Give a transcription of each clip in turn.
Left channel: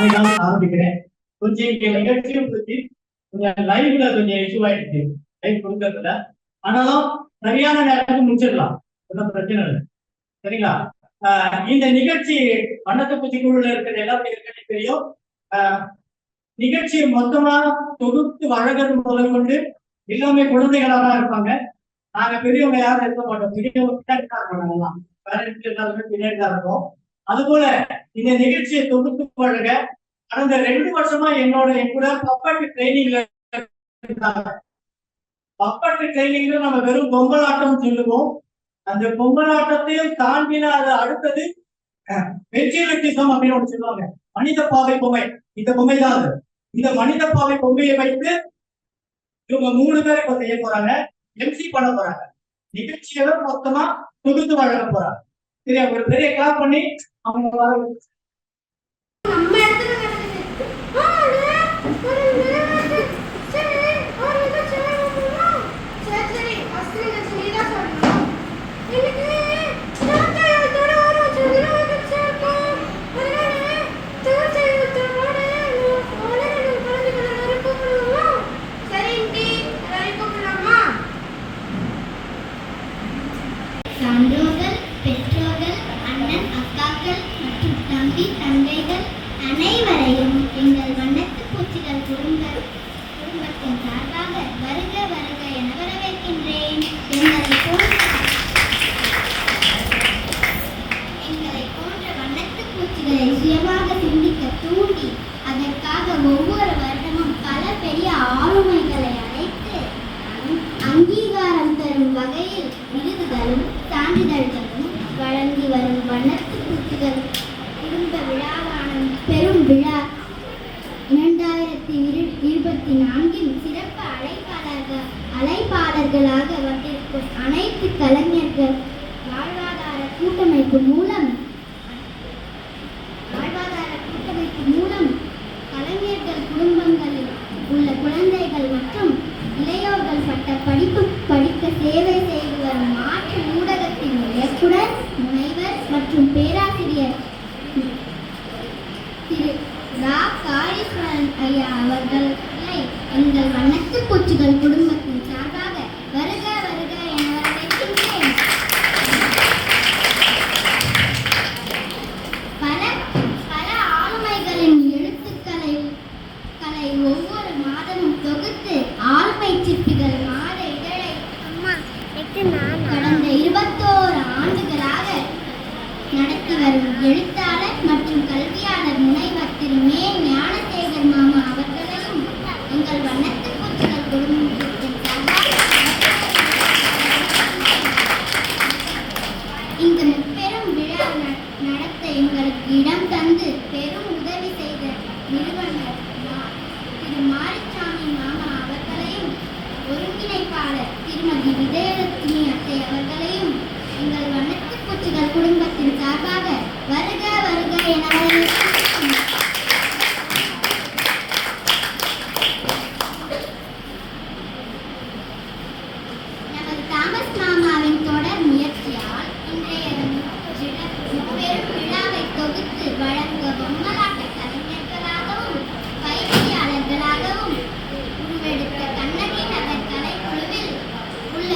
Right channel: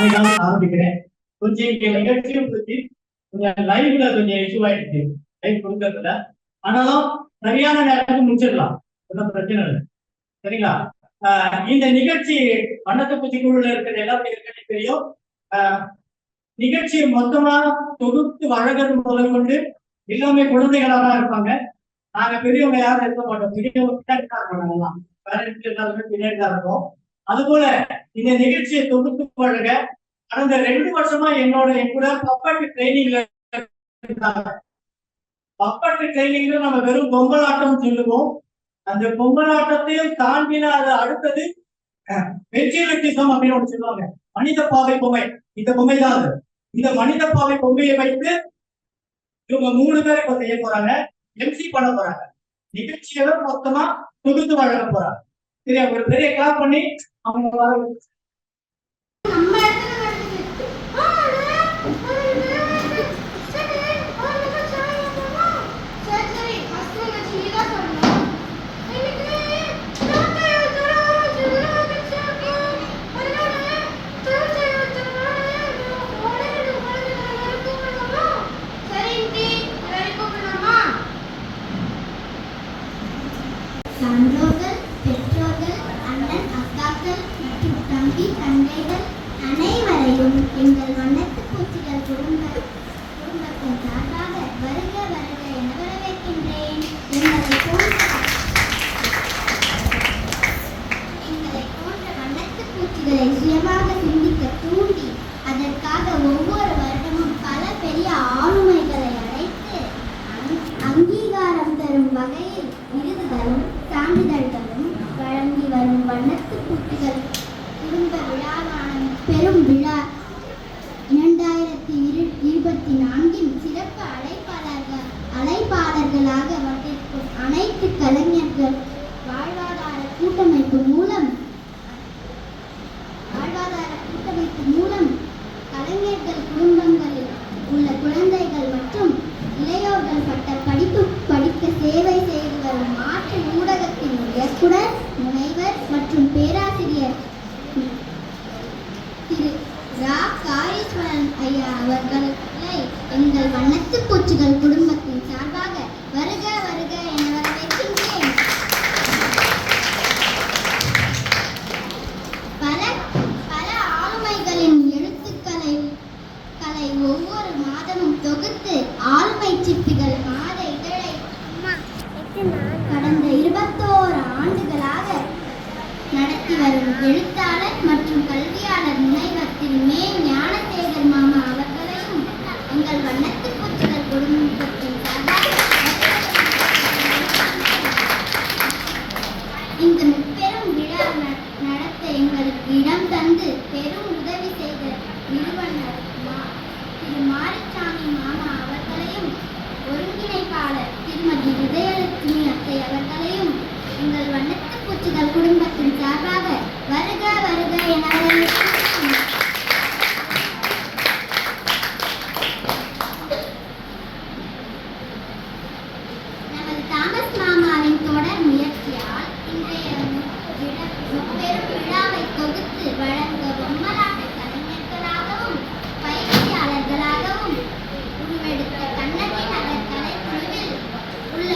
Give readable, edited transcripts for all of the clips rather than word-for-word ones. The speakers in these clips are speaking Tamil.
நானே தான் ஆரம்பிக்கிறேன். கொஞ்சம் இங்க நிகழ்ச்சியும் பத்தி கொஞ்சம் லைவ்ல கொஞ்சம் இஷ்யூ ஆயிடுச்சு, லைவ் கொடுக்கறதுல. ஆனாலும் சரியான நேரத்துக்கு முடிச்சிடலாம், ஒன்றும் பிரச்சனை இல்லை. சரிங்களா? இந்த நிகழ்ச்சி வண்ணத்து பூச்சி குழுல இருக்கிற எல்லாருக்கும் ஏற்கனவே தெரியும். நிகழ்ச்சியை மொத்தமா தொகுத்து வழங்குறது முதல் கொண்டு எல்லாமே குழந்தைகளா தான் இருப்பாங்க. நாங்க பெரியவங்க யாரும் இருக்க மாட்டோம், பெரியவங்க பின்னாடி தான் இருப்போம், பேரண்ட்ஸ் எல்லாருமே பின்னாடி தான் இருப்போம். அது போல இந்த நிகழ்ச்சியை தொகுத்து வழங்க கடந்த 2 வருஷமா என் கூட பப்பாட்டு ட்ரைனிங்ல பப்பாட்டு ட்ரைனிங்ல நம்ம வெறும் பொம்மலாட்டம் சொல்லுவோம். அந்த பொம்மலாட்டத்தையும் தாண்டின அது அடுத்தது வெற்றிலிசம் அப்படின்னு ஒன்று சொல்லுவாங்க. மனித பாவை பொம்மை, இந்த பொம்மை தான் அது. இந்த மனித பாவை பொம்மையை வைத்து இவங்க 3 பேரை இப்ப செய்ய போறாங்க, எம்சி பண்ண போறாங்க. நிகழ்ச்சியை மொத்தமா தொகுத்து வழங்க போறாங்க. சரியா? ஒரு பெரிய கிளாப் பண்ணி அவங்க வர சான்றோர்கள், பெற்றோர்கள், அண்ணன் அக்காக்கள் மற்றும் தம்பி தங்கைகள் அனைவரையும் எங்கள் வண்ணத்து பூச்சிகள் குடும்பத்தின் சார்பாக வருக வருக என வரவேற்கின்றேன். எங்களை போன்ற வண்ணத்து பூச்சிகளை சுயமாக சிந்திக்க தூண்டி அதற்காக ஒவ்வொரு வருடமும் பல பெரிய ஆளுமைகளை அழைத்து அங்கீகாரம் தரும் வகையில் விருதுகளும் சான்றிதழ்களும் வழங்கி வரும் வண்ணத்து பூச்சிகள் குடும்ப விழாவான பெரும் விழா 2024 சிறப்பு அழைப்பாளர்களாக வந்திருக்கும் அனைத்து கலைஞர்கள் வாழ்வாதார கூட்டமைப்பு மூலம் கலைஞர்கள் குடும்பங்களில் உள்ள குழந்தைகள் மற்றும் இளையோர்கள் பட்ட படிப்பு படிக்க சேவை செய்து வரும் மாற்று ஊடகத்தின் இயக்குனர், முனைவர் மற்றும் பேராசிரியர் திரு ரா. காளீஸ்வரன் ஐயா அவர்களை எங்கள் வண்ணத்து பூச்சிகள் குடும்பத்தின் சார்பாக வருக வருக என வரவேற்கின்றேன். பல ஆளுமைகளின் எழுத்துக்களை ஒவ்வொரு மாதமும் தொகுத்து ஆளுமை சிற்பிகள் மாத இதழை கடந்த 21 ஆண்டுகளாக நடத்தி வரும் எழுத்தாளர் மற்றும் கல்வியாளர் முனைவர் திரு மே. ஞானசேகர் மாமா அவர்களையும் எங்கள் வண்ணத்து பூச்சிகள் குடும்பத்தின் இங்கு பெரும் விழா நடத்த எங்களுக்கு இடம் தந்து பெரும் உதவி செய்த நிறுவனர் திரு மாரிசாமி மாமா அவர்களையும் ஒருங்கிணைப்பாளர் திருமதி விஜயலட்சுமி அத்தை அவர்களையும் எங்கள் வண்ணத்து பூச்சிகள் குடும்பத்தின் சார்பாக வருக வருக என வரவேற்கிறேன். நமது தாமஸ் மாமாவின் தொடர் முயற்சியால் இன்றைய பெரும் விழாவை தொகுத்து வழங்க பொம்மலாட்ட கலைஞர்களாகவும் பயிற்சியாளர்களாகவும் உருவெடுத்த கண்ணகி நகர் கலைக்குழுவில் உள்ள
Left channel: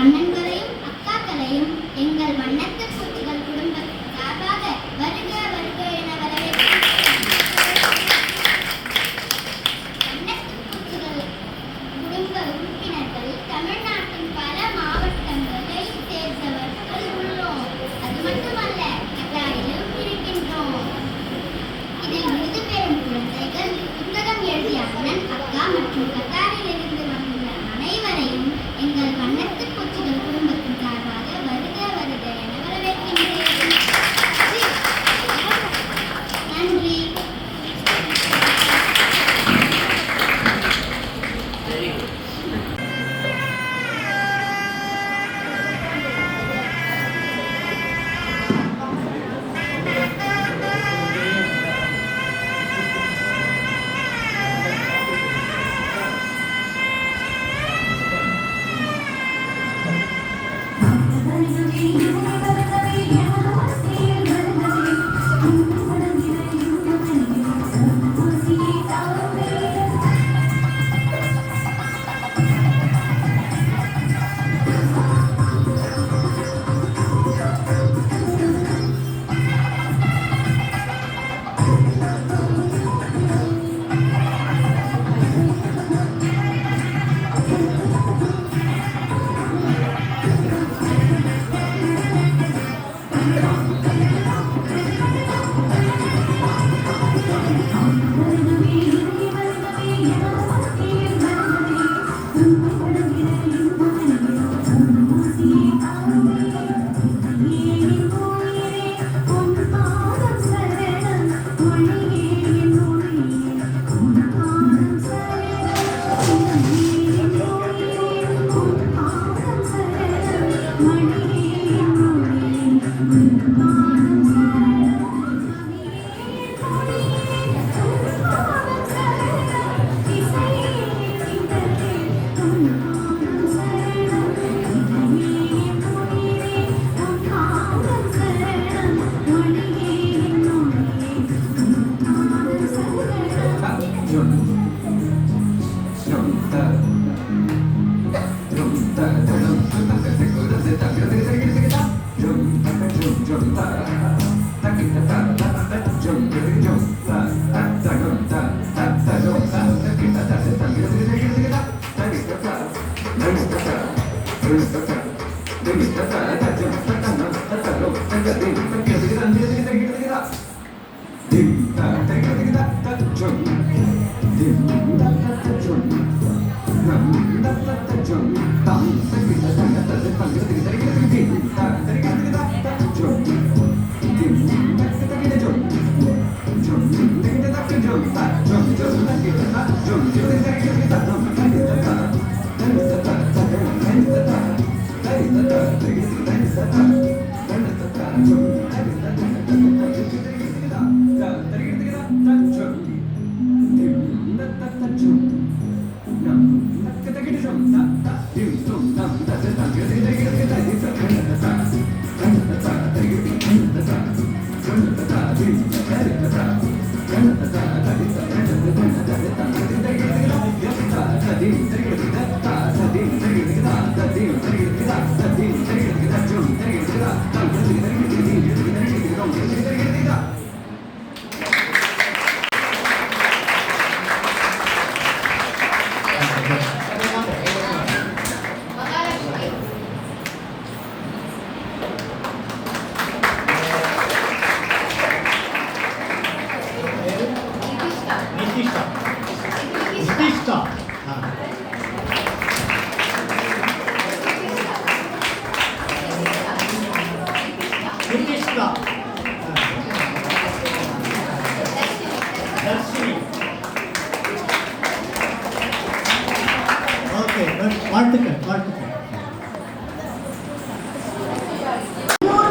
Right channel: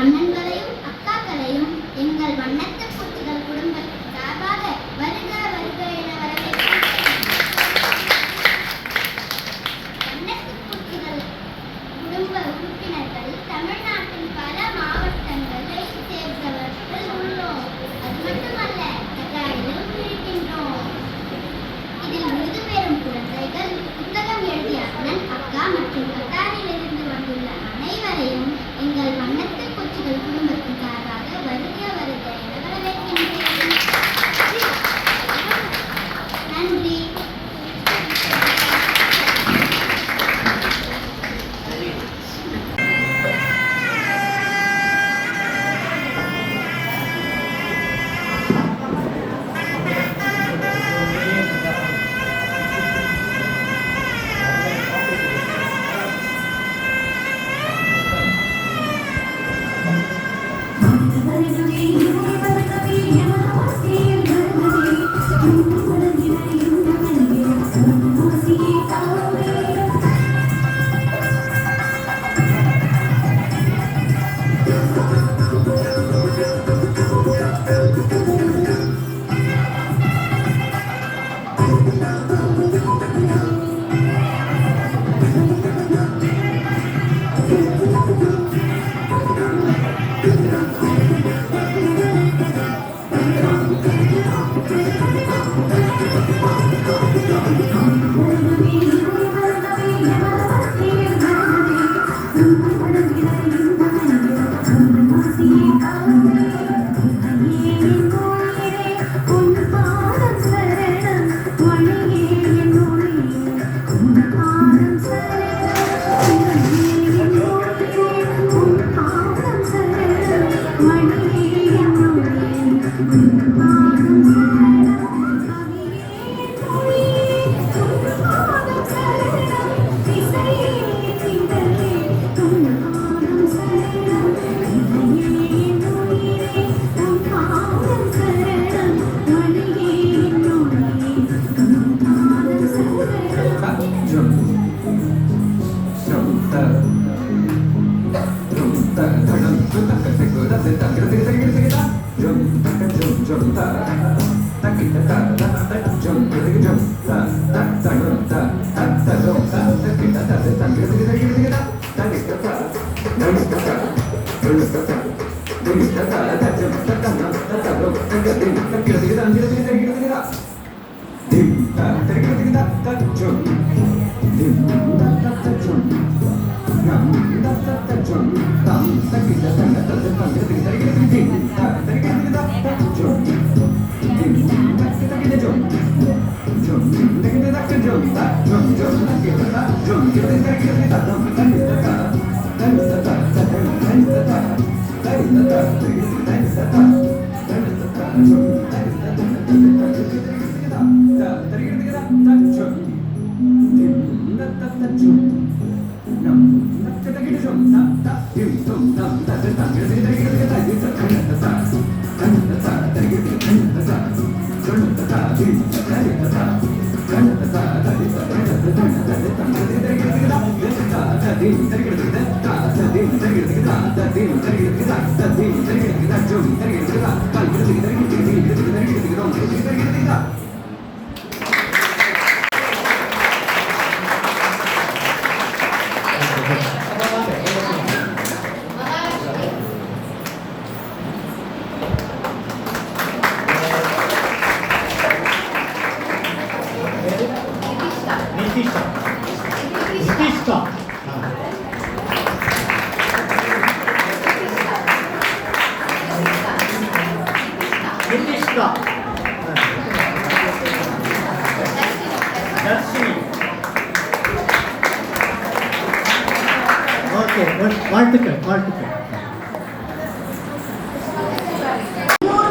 அண்ணன்களையும் அக்காக்களையும் எங்கள் வண்ணத்து பூச்சிகள் குடும்பத்தின் சார்பாக வருக வருக என வரவேற்கிறேன். வண்ணத்து பூச்சிகள் குடும்ப உறுப்பினர்கள் தமிழ்நாட்டின் பல மாவட்டங்களை சேர்ந்தவர்கள் உள்ளோம். அது மட்டுமல்ல, கத்தாரிலும் இருக்கின்றோம். இதில் விருது பெறும் குழந்தைகள், புத்தகம் எழுதிய அண்ணன் அக்கா மற்றும் கத்தாரிலிருந்து வந்துள்ள அனைவரையும் எங்கள் வண்ணத்து பூச்சிகள் குடும்பத்தின் சார்பாக வருக வருக என வரவேற்கின்றேன். நன்றி.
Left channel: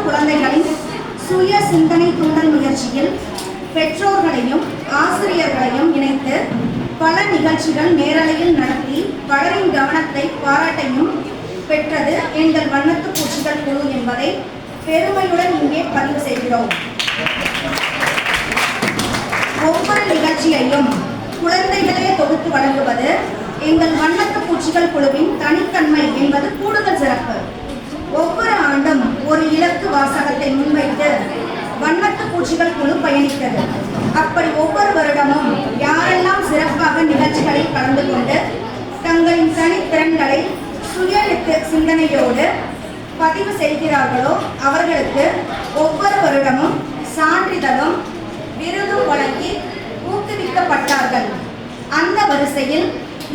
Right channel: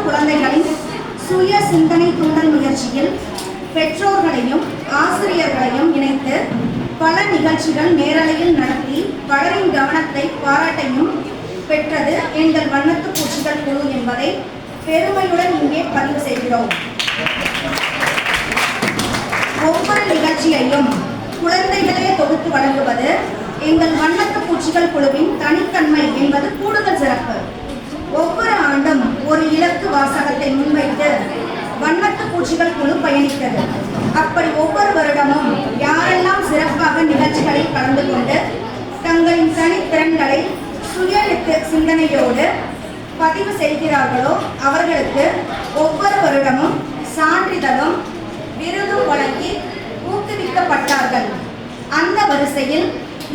குழந்தைகளின் சுய சிந்தனை தூண்டல் முயற்சியில் பெற்றோர்களையும் ஆசிரியர்களையும் இணைத்து பல நிகழ்ச்சிகள் நேரலையில் நடத்தி பலரின் கவனத்தை பாராட்டையும் பெற்றது எங்கள் வண்ணத்து பூச்சிகள் குழு என்பதை பெருமையுடன் இங்கே பதிவு செய்கிறோம். ஒவ்வொரு நிகழ்ச்சியையும் குழந்தைகளே தொகுத்து வழங்குவது எங்கள் வண்ணத்து பூச்சிகள் குழுவின் தனித்தன்மை என்பது கூடுதல் சிறப்பு. ஒவ்வொரு ஆண்டும் ஒரு இலக்கு வாசகத்தை முன்வைத்து வண்ணத்து பூச்சிகள் குழு பயணித்தது. அப்படி ஒவ்வொரு வருடமும் யாரெல்லாம் சிறப்பாக நிகழ்ச்சிகளில் கலந்து கொண்டு தங்களின் தனித்திறன்களை சுய சிந்தனையோடு பதிவு செய்கிறார்களோ அவர்களுக்கு ஒவ்வொரு வருடமும் சான்றிதழும் விருதும் வழங்கி ஊக்குவிக்கப்பட்டார்கள். அந்த வரிசையில்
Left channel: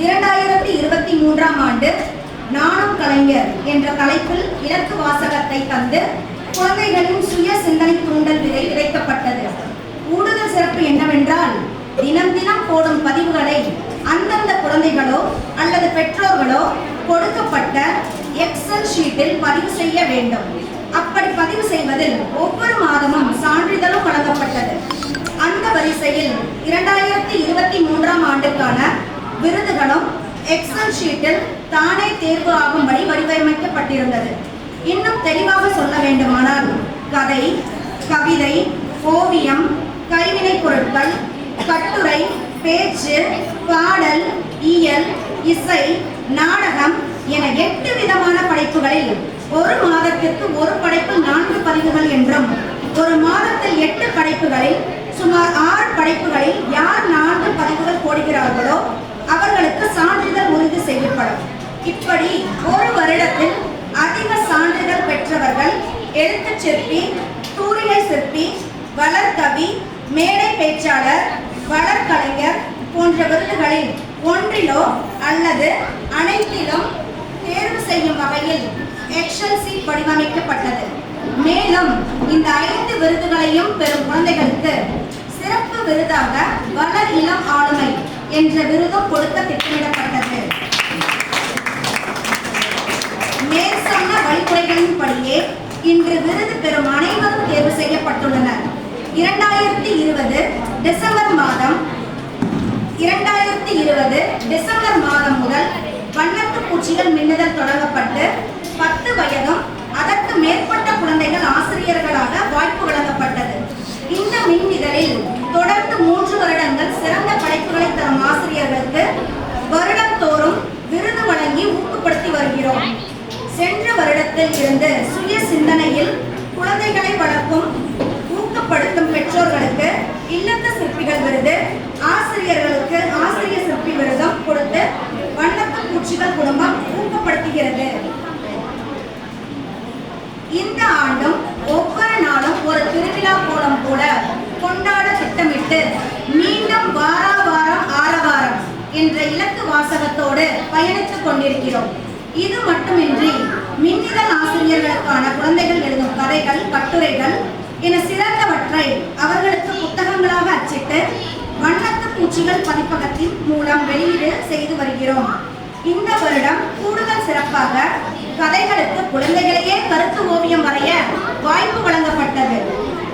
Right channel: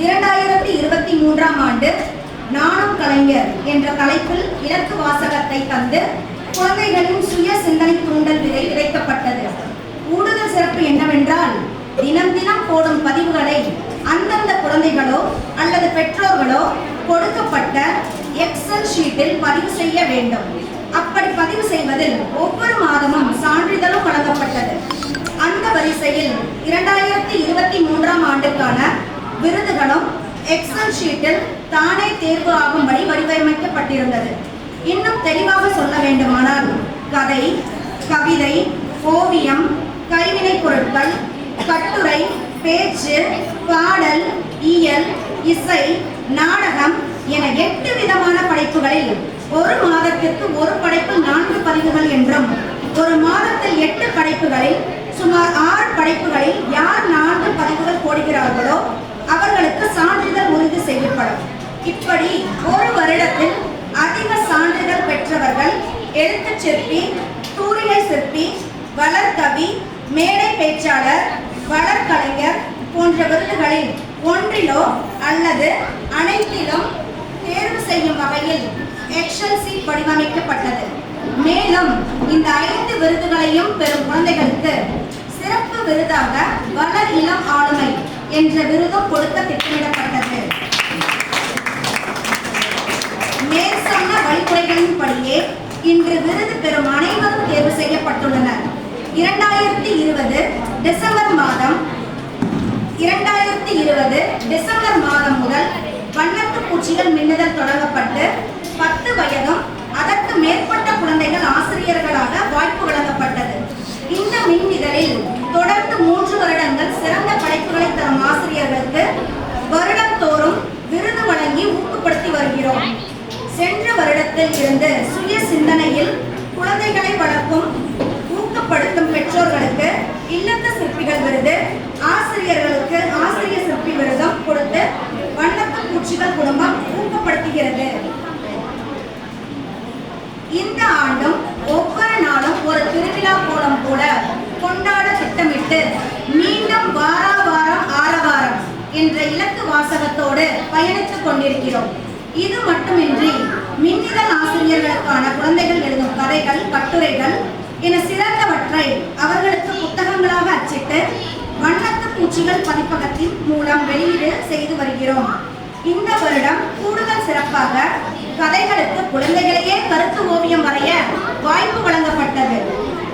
2023ஆம் ஆண்டு நானும் கலைஞர் என்ற தலைப்பில் இலக்கு வாசகத்தை தந்து குழந்தைகளின் சுய சிந்தனை தூண்டல் விதை விதைக்கப்பட்டது. கூடுதல் சிறப்பு என்னவென்றால் தினம் தினம் போடும் பதிவுகளை அந்தந்த குழந்தைகளோ அல்லது பெற்றோர்களோ கொடுக்கப்பட்ட எக்ஸல் ஷீட்டில் பதிவு செய்ய வேண்டும். அப்படி பதிவு செய்வதில் ஒவ்வொரு மாதமும் சான்றிதழும் வழங்கப்பட்டது. அந்த வரிசையில் 2023ஆம் ஆண்டுக்கான விருதுகளும் எக்ஸல் ஷீட்டில் தானே தேர்வு ஆகும்படி வடிவமைக்கப்பட்டிருந்தது. இன்னும் தெளிவாக சொல்ல வேண்டுமானால் கதை, கவிதை, ஓவியம், கைவினை பொருட்கள், கட்டுரை, பேச்சு, பாடல், இயல், இசை, நாடகம் என 8 விதமான படைப்புகளில் ஒரு மாதத்திற்கு ஒரு படைப்பில் 4 பதிவுகள் என்றும் ஒரு மாதத்தில் 8 படைப்புகளில் சுமார் 6 படைப்புகளில் யார் 4 பதிவுகள் போடுகிறார்களோ அவர்களுக்கு சான்றிதழ் உறுதி செய்யப்படும். இப்படி ஒரு வருடத்தில் அதிக சான்றிதழ் பெற்றவர்கள் எழுத்துச் சிற்பி, தூரிகை சிற்பி, வளர்கவி, மேடை பேச்சாளர், வளர்கலைஞர் போன்ற விருதுகளில் ஒன்றிலோ அல்லது அனைத்து வடிவமைக்கப்பட்டது. மேலும் இந்த 5 விருதுகளையும் பெறும் குழந்தைகளுக்கு சிறப்பு விருதாக வளர் இளம் ஆளுமை என்ற விருதும் கொடுக்க திட்டமிடப்பட்டது. மேற்சொன்ன வழிமுறைகளின்படியே இன்று விருது பெறும் அனைவரும் தேர்வு செய்யப்பட்டுள்ளனர். 2020 டிசம்பர் மாதம் முதல் வண்ணத்து பூச்சிகள் மின்னுதல் தொடங்கப்பட்டு 10 வயதும் அதற்கு மேற்பட்ட குழந்தைகள் ஆசிரியர்களாக வாய்ப்பு வழங்கப்பட்டது. இந்த மின்னிதழில் தொடர்ந்து 3 வருடங்கள் சிறந்த படைப்புகளை தரும் ஆசிரியர்களுக்கு வருடந்தோறும் விருது வழங்கி ஊக்கப்படுத்தி வருகிறோம். சென்ற வருடத்தில் இருந்து சுய சிந்தனையில் குழந்தைகளை வளர்க்கும் ஊக்கப்படுத்தும் பெற்றோர்களுக்கு இல்லத்த சிற்பிகள் விருது, ஆசிரியர்களுக்கு ஆசிரியர் சிற்பி விருதும் கொடுத்து வண்ணத்து பூச்சிகள் குடும்பம் ஊக்கப்படுத்துகிறது. இந்த ஆண்டும் ஒவ்வொரு நாளும் ஒரு திருவிழா கோலம் போல கொண்டாட திட்டமிட்டு மீண்டும் வாரம் ஆரவாரம் என்ற இலக்கு வாசகத்தோடு பயணித்துக் கொண்டிருக்கிறோம். இது மட்டுமின்றி மின்னிதழ் ஆசிரியர்களுக்கான குழந்தைகள் எழுதும் கதைகள், கட்டுரைகள் என சிறந்தவற்றை அவர்களுக்கு புத்தகங்களாக அச்சிட்டு வண்ணத்து பூச்சிகள் பதிப்பகத்தின் மூலம் வெளியீடு செய்து வருகிறோம். இந்த வருடம் கூடுதல் சிறப்பாக கதைகளுக்கு குழந்தைகளையே கருத்து ஓவியம் வரைய வாய்ப்பு வழங்கப்பட்டது.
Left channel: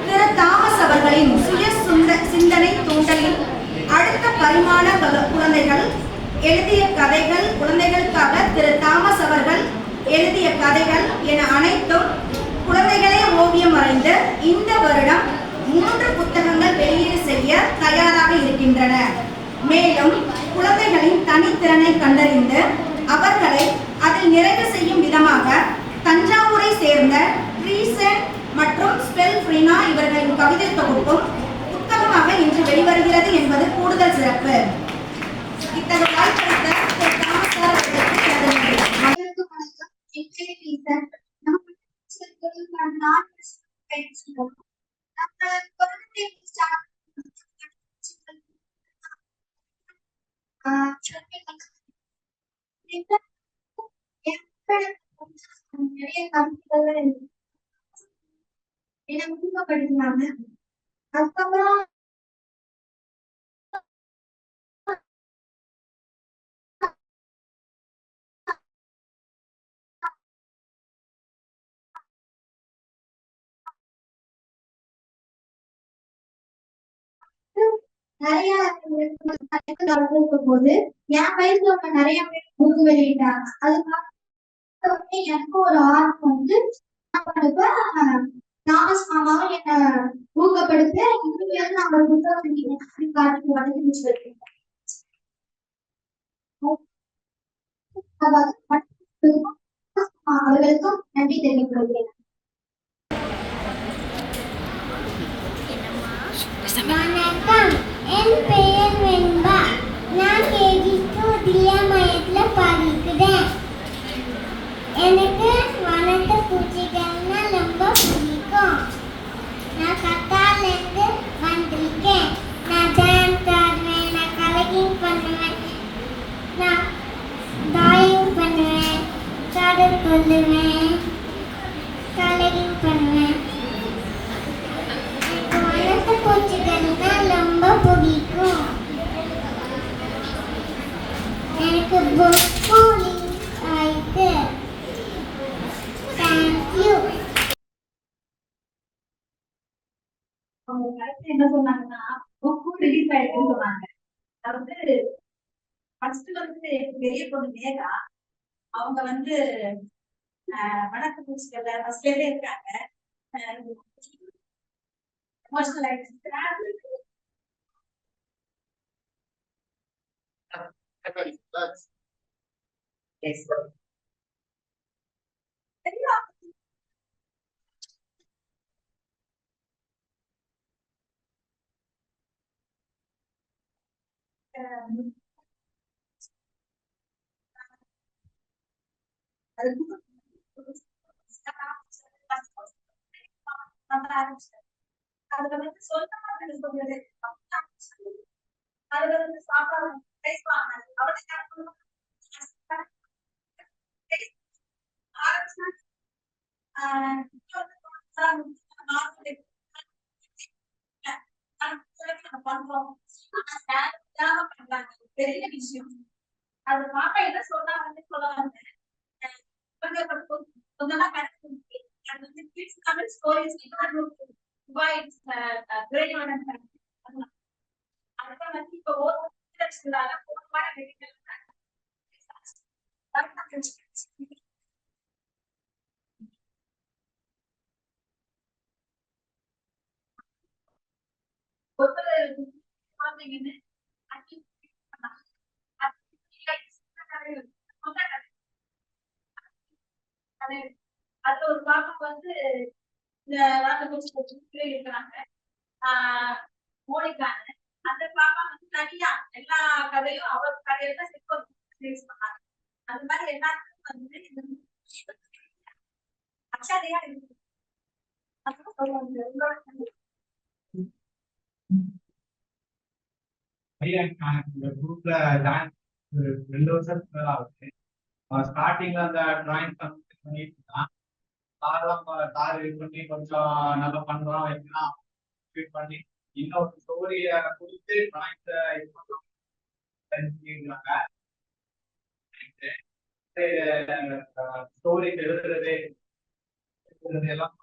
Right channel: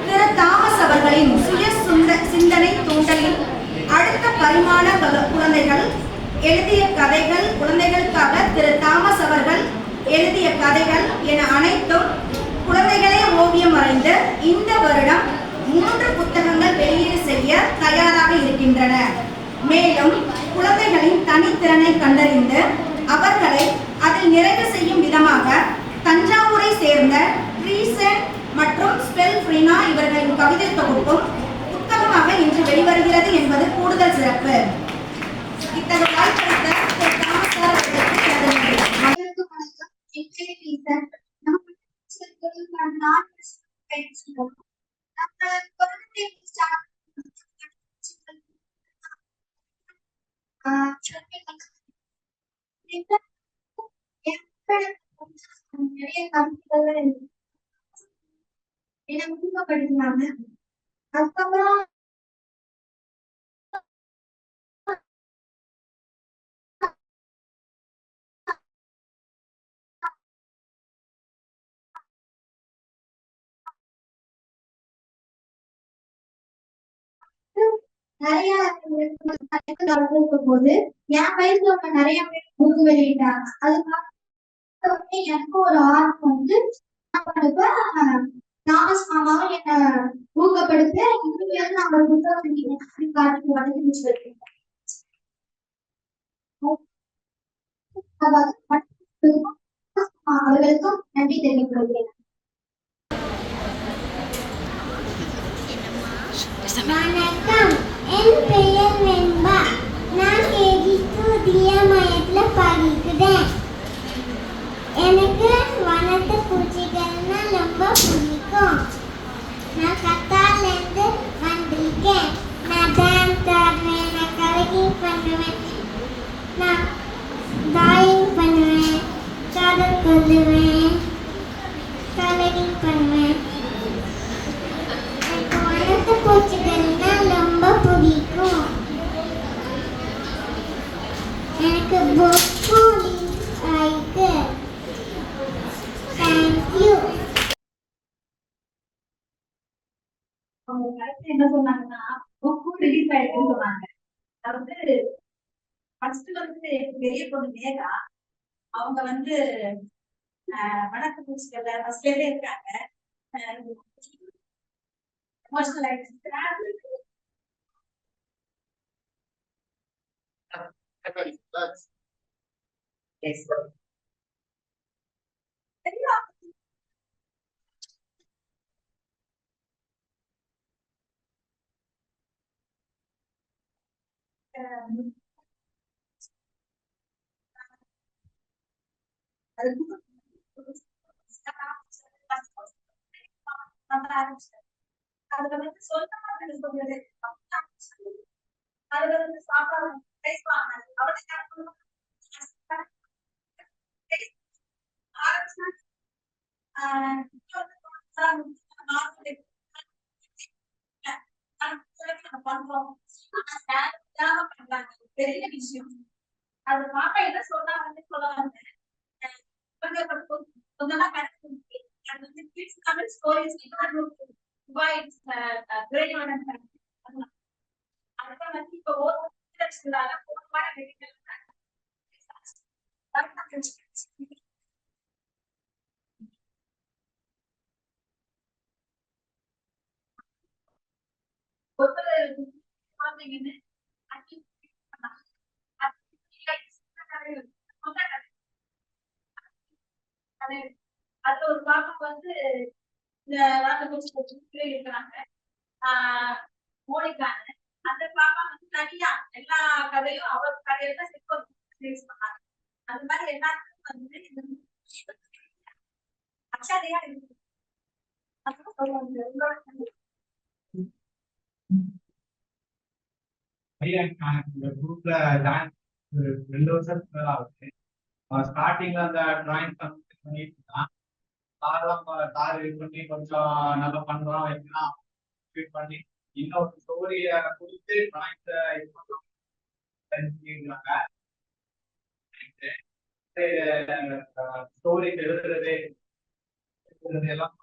திரு தாமஸ் அவர்களின் சுய சிந்தனை தூண்டலில் அடுத்த பரிமாண குழந்தைகள் எழுதிய கதைகள், குழந்தைகளுக்காக திரு தாமஸ் அவர்கள் எழுதிய கதைகள் என அனைத்தும் குழந்தைகளே ஓவியம் வரைந்து இந்த வருடம் 3 புத்தகங்கள் வெளியீடு செய்ய தயாராக இருக்கின்றன. மேலும் குழந்தைகளின் தனித்திறனை கண்டறிந்து அவர்களை அதில் நிறைவு செய்யும் விதமாக தஞ்சாவூரை சேர்ந்த ட்ரீசன் மற்றும் ஸ்பெல் ஃப்ரீனா இவர்களின் கவிதை தொகுப்பும் புத்தகமாக இன்று வெளிவருகிறது என்பது கூடுதல் சிறப்பு. இத்தகைய வாய்ப்பளித்த திரு தாமஸ் சார் அவர்களுக்கு எனது நன்றி. நிறைய கருத்துக்கள் என்ன ஊக்கப்படுத்தினாங்க. அதுக்கப்புறம் நிறைய இருக்கும் போது என் வயசுல உள்ள நிறைய பேர் புக்கு வெளியிட்டாங்க. அது பார்த்த உடனே எனக்கு ஒரு ஆர்வம் வந்து தாமஸ் மாமாவும் என்ன ஊக்கப்படுத்த இனிமேல் நான் ஒரு புத்தகம் காட்டி வளர்த்து வச்சிருக்கேன். அவர்களுக்கும் நன்றி தெரிவித்துள்ளேன். வணக்கம், என் பெயர் வெண்பா. நான் தியாமயத்துல படிக்கிறேன். எனக்கு வண்ணத்து பூச்சிகள்னா ரொம்ப பிடிக்கும். நான் கத்தால இருந்து வந்திருக்கேன். நான் டான்ஸ் ஆடுவேன், நான் கலரிங் பண்ணுவேன், நான் டிராயிங் பண்ணுவேன், கதை சொல்லுவேன், கலரிங் பண்ணுவேன். பூச்சிகள்னா ரொம்ப பிடிக்கும். எனக்கு புக்கு ஆயிட்டு. தேங்க்யூ. அவங்க கருத்து என்ன சொன்னாங்கன்னா புக்கு ரிலீஸ் ஆயிருக்குன்னு சொன்னாங்க. அதாவது ஃபர்ஸ்ட் வந்து பெரிய பொண்ணு மேகா அவங்க வந்து வணக்க பூச்சிகள்ல ஃபர்ஸ்ட்ல இருக்காங்க. எமோஷனல் ஆயிடுச்சு. Yes. அதுல வந்து சொந்தமாக சொல்றது அதுல வந்து சாப்பாடு பேசுவாங்க. அவளுக்கு விஷயம். அது பாப்பா என்ன சொன்னா வந்து சொல்ல வந்தேன். கொஞ்சம் கரெக்ட். அது வந்து kids Tamil stories it's grade one and அதுதான் வந்து இப்போ ஓடுறாங்க போன மெடிக்கல் ஒருத்தர் குழந்தைங்கன்னு அது ஒரு பாப்பா வந்து இந்த ராஜகோஷத்துல இருக்கிறாங்க. மோனிகான்னு அந்த பாப்பா வந்து தனியா எல்லா கதையும் அவர் கதையில தான் ரிலீஸ் பண்ணாங்க. அந்த மாதிரி எல்லாருக்கும் வந்து அச்சாதையா இருக்கு. இந்த குரூப்ல ஜாயின் 2 வருஷத்துக்கு மேல ஆகுது. ஸ்டார்டிங்ல அந்த டிராயிங் பண்ணிட்டு இருந்தான். சார் இது பண்ணி கொஞ்சம் நல்லா பண்றோம் வைக்கலாம் பண்ணி இன்னொரு ஸ்டோரிய கொடுத்து டிராயிங்ஸ இது பண்றோம் ஸ்டோரி எழுதுறது எல்லாம்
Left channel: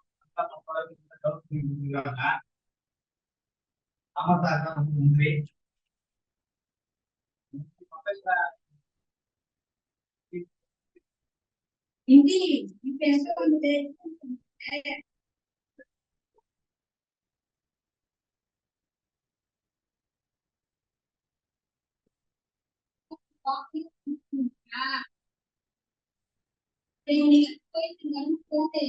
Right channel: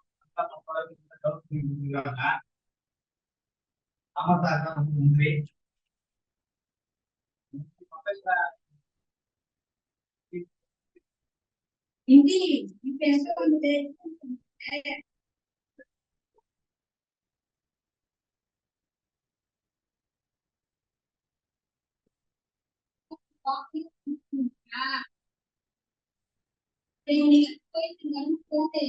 ஆமா சார் தான் ரொம்ப நன்றி. ஹிந்தி பேச வந்து போட்டு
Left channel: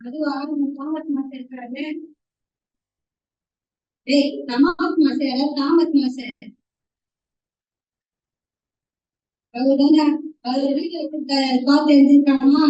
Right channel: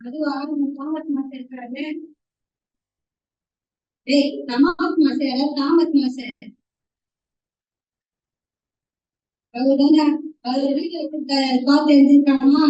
அது 6 மாசம் இருக்கிறது. தாமத் மாசம் அதுதான் அது வீட்டுல பார்த்து எழுதிருக்காமா.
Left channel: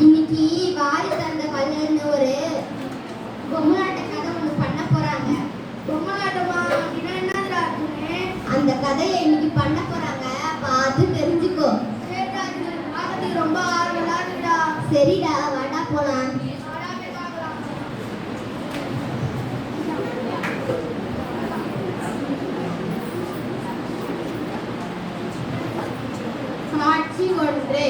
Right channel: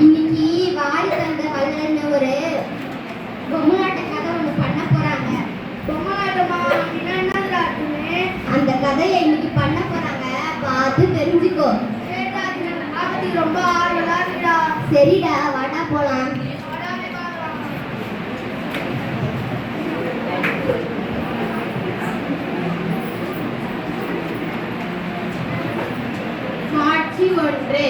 இன்னைக்கு வாரி தந்த வல்லன்னு ஒரு பொம்மலாட்ட கதை ஒண்ணு பண்ண போறாங்க. பொம்மலாட்டமா அப்படின்னா என்னதுடா இருக்குன்னு அந்த கதையை இன்னைக்கு பண்ண போறாங்க. பார்த்து தெரிஞ்சுக்கோ. ரொம்ப ஆர்வலா இருக்குடா. சரிடா வாடா போலாம். காட்சி 1.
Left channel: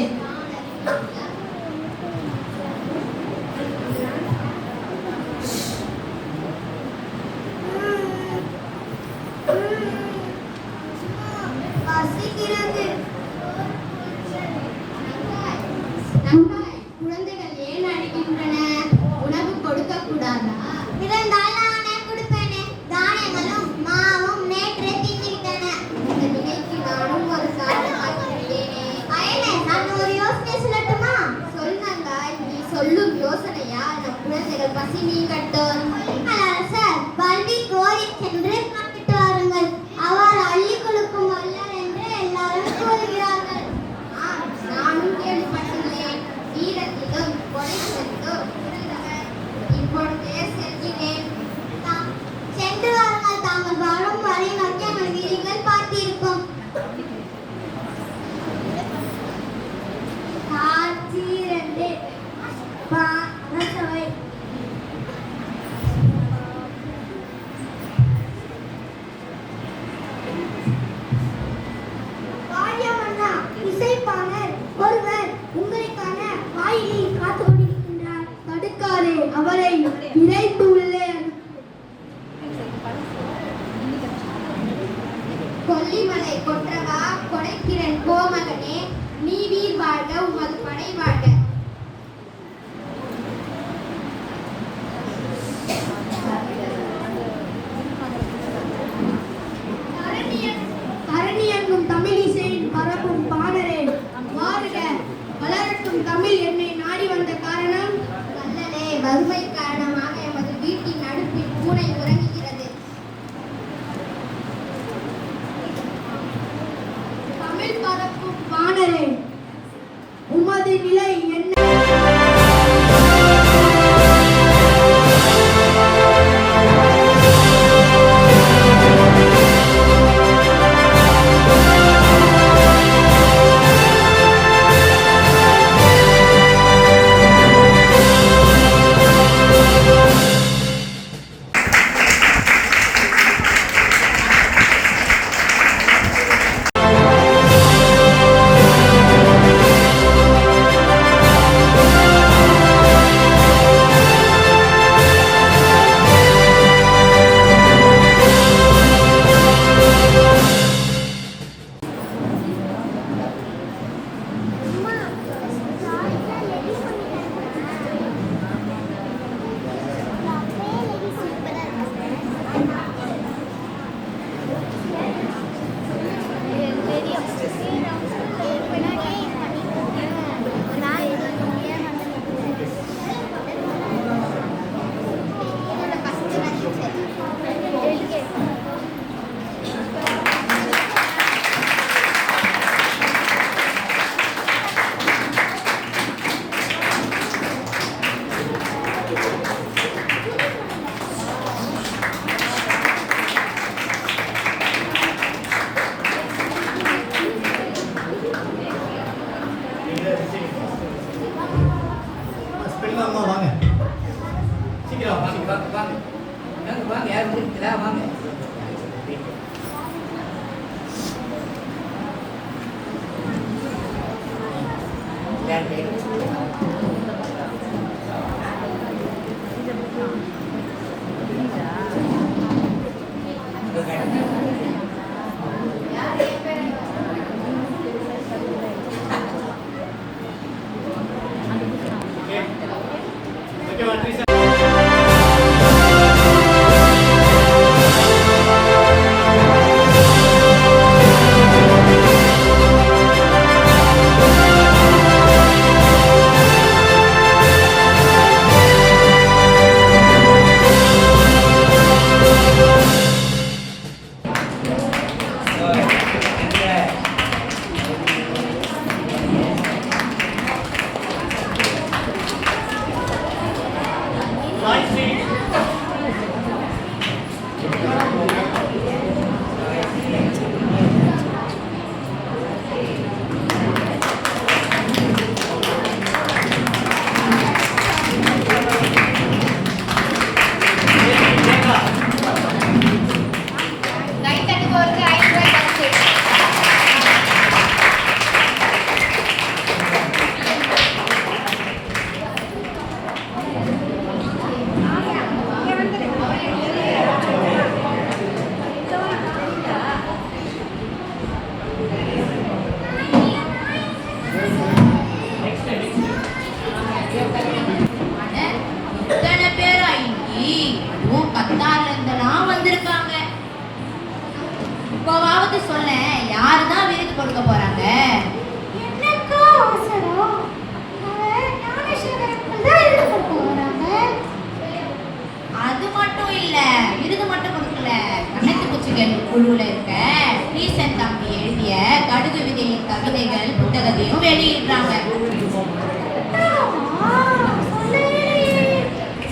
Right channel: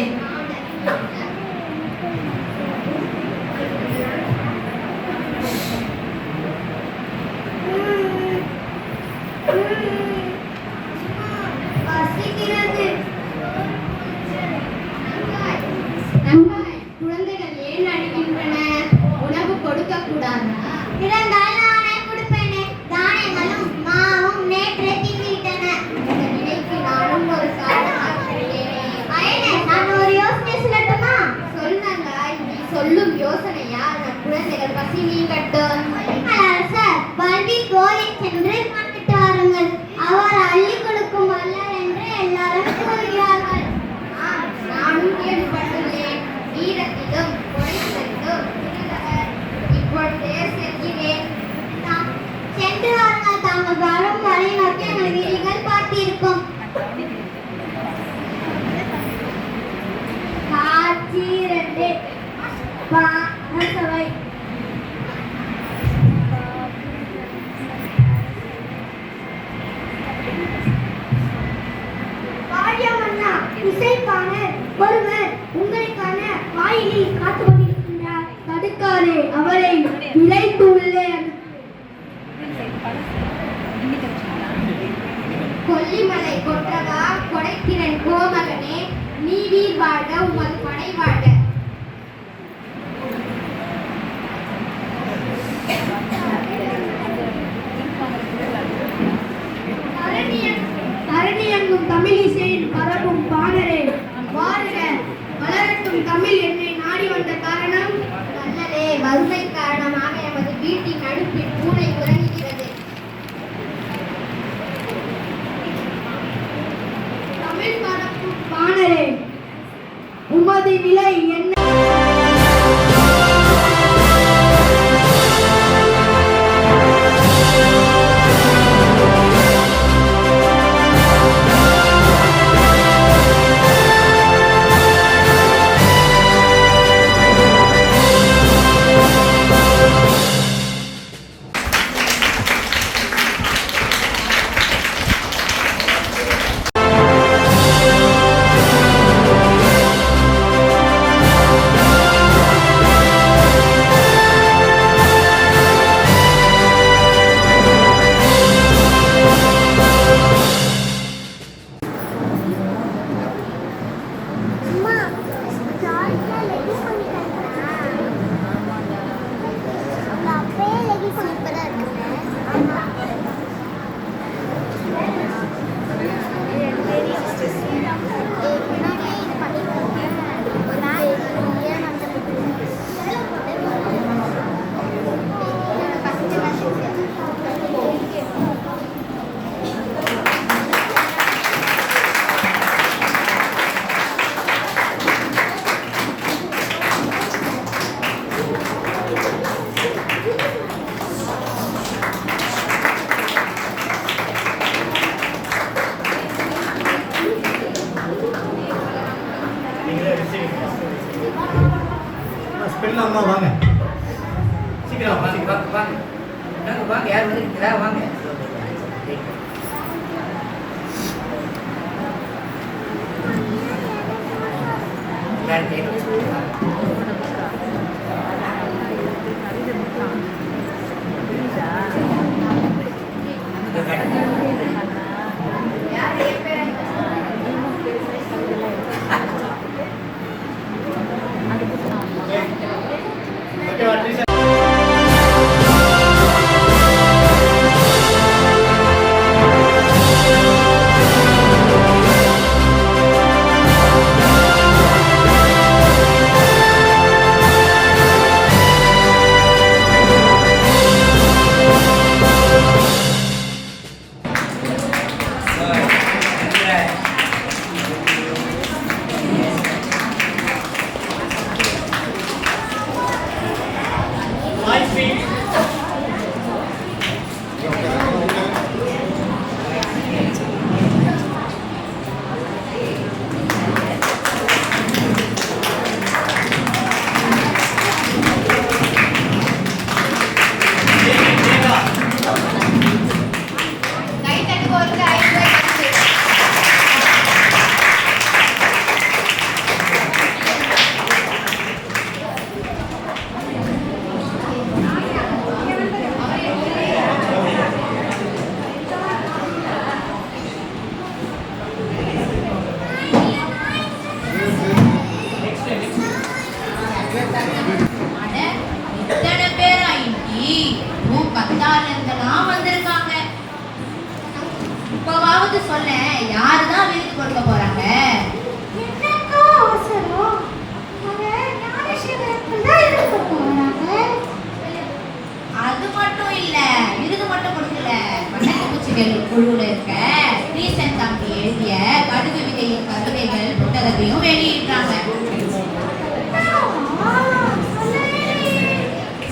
குழந்தைகள் ஏன் அழுகின்றன? உணவு கொடுக்க கூடாதா? இருந்தால் நானே கொடுப்பேனே. தானியங்களும் மாவும் நேற்று தின்னுவிட்டன. இந்த நிலைக்கு நானும் ஒரு நான் ஒரு யோசனை சொல்லட்டுமா? சொல்லுங்க. நீ சொல்லும் யோசனையா நம் குழந்தைகள் பசி நீங்கட்டும். சார் பள்ளி கோரி சென்று வாங்கிட்டு வாருங்கள். அவர் அள்ளி கொடுக்கும் வல்லர் என்று எல்லாரும் கூறுகிறார்கள். நானும் கேள்விப்பட்டுள்ளேன். வீரத்திலும் கொடைத்திலும் இருந்தவர். இப்பொழுதே செல்கிறேன். சென்று வாருங்கள். தாங்கள் வரும் வரை நோக்கி வீடுகள் பார்த்திருக்கும். காட்சி 2. பாசவை இசைப்பாளர் ஒருவர் உங்களுக்கான வாயிலில் காத்து கொண்டிருக்கின்றார். தடுக்காதே, அவரை விரைத்து உள்ளே. கொல்லிமலை கொற்றவா, கொடைத்திறன் கோமகனே, நீ வீர் வாழ்க. உமது படை அம்மா வாங்க சீக்கிரம் வாங்க வாங்க வாங்க வாங்க வாங்க யார் வந்துருக்கீங்களா வாங்க குழுல இருக்க ரீசன் தம்பி எழுதிய கடுகு விதையின் கவிதைகள் புத்தகத்தையும் வெளியிடுறாங்க.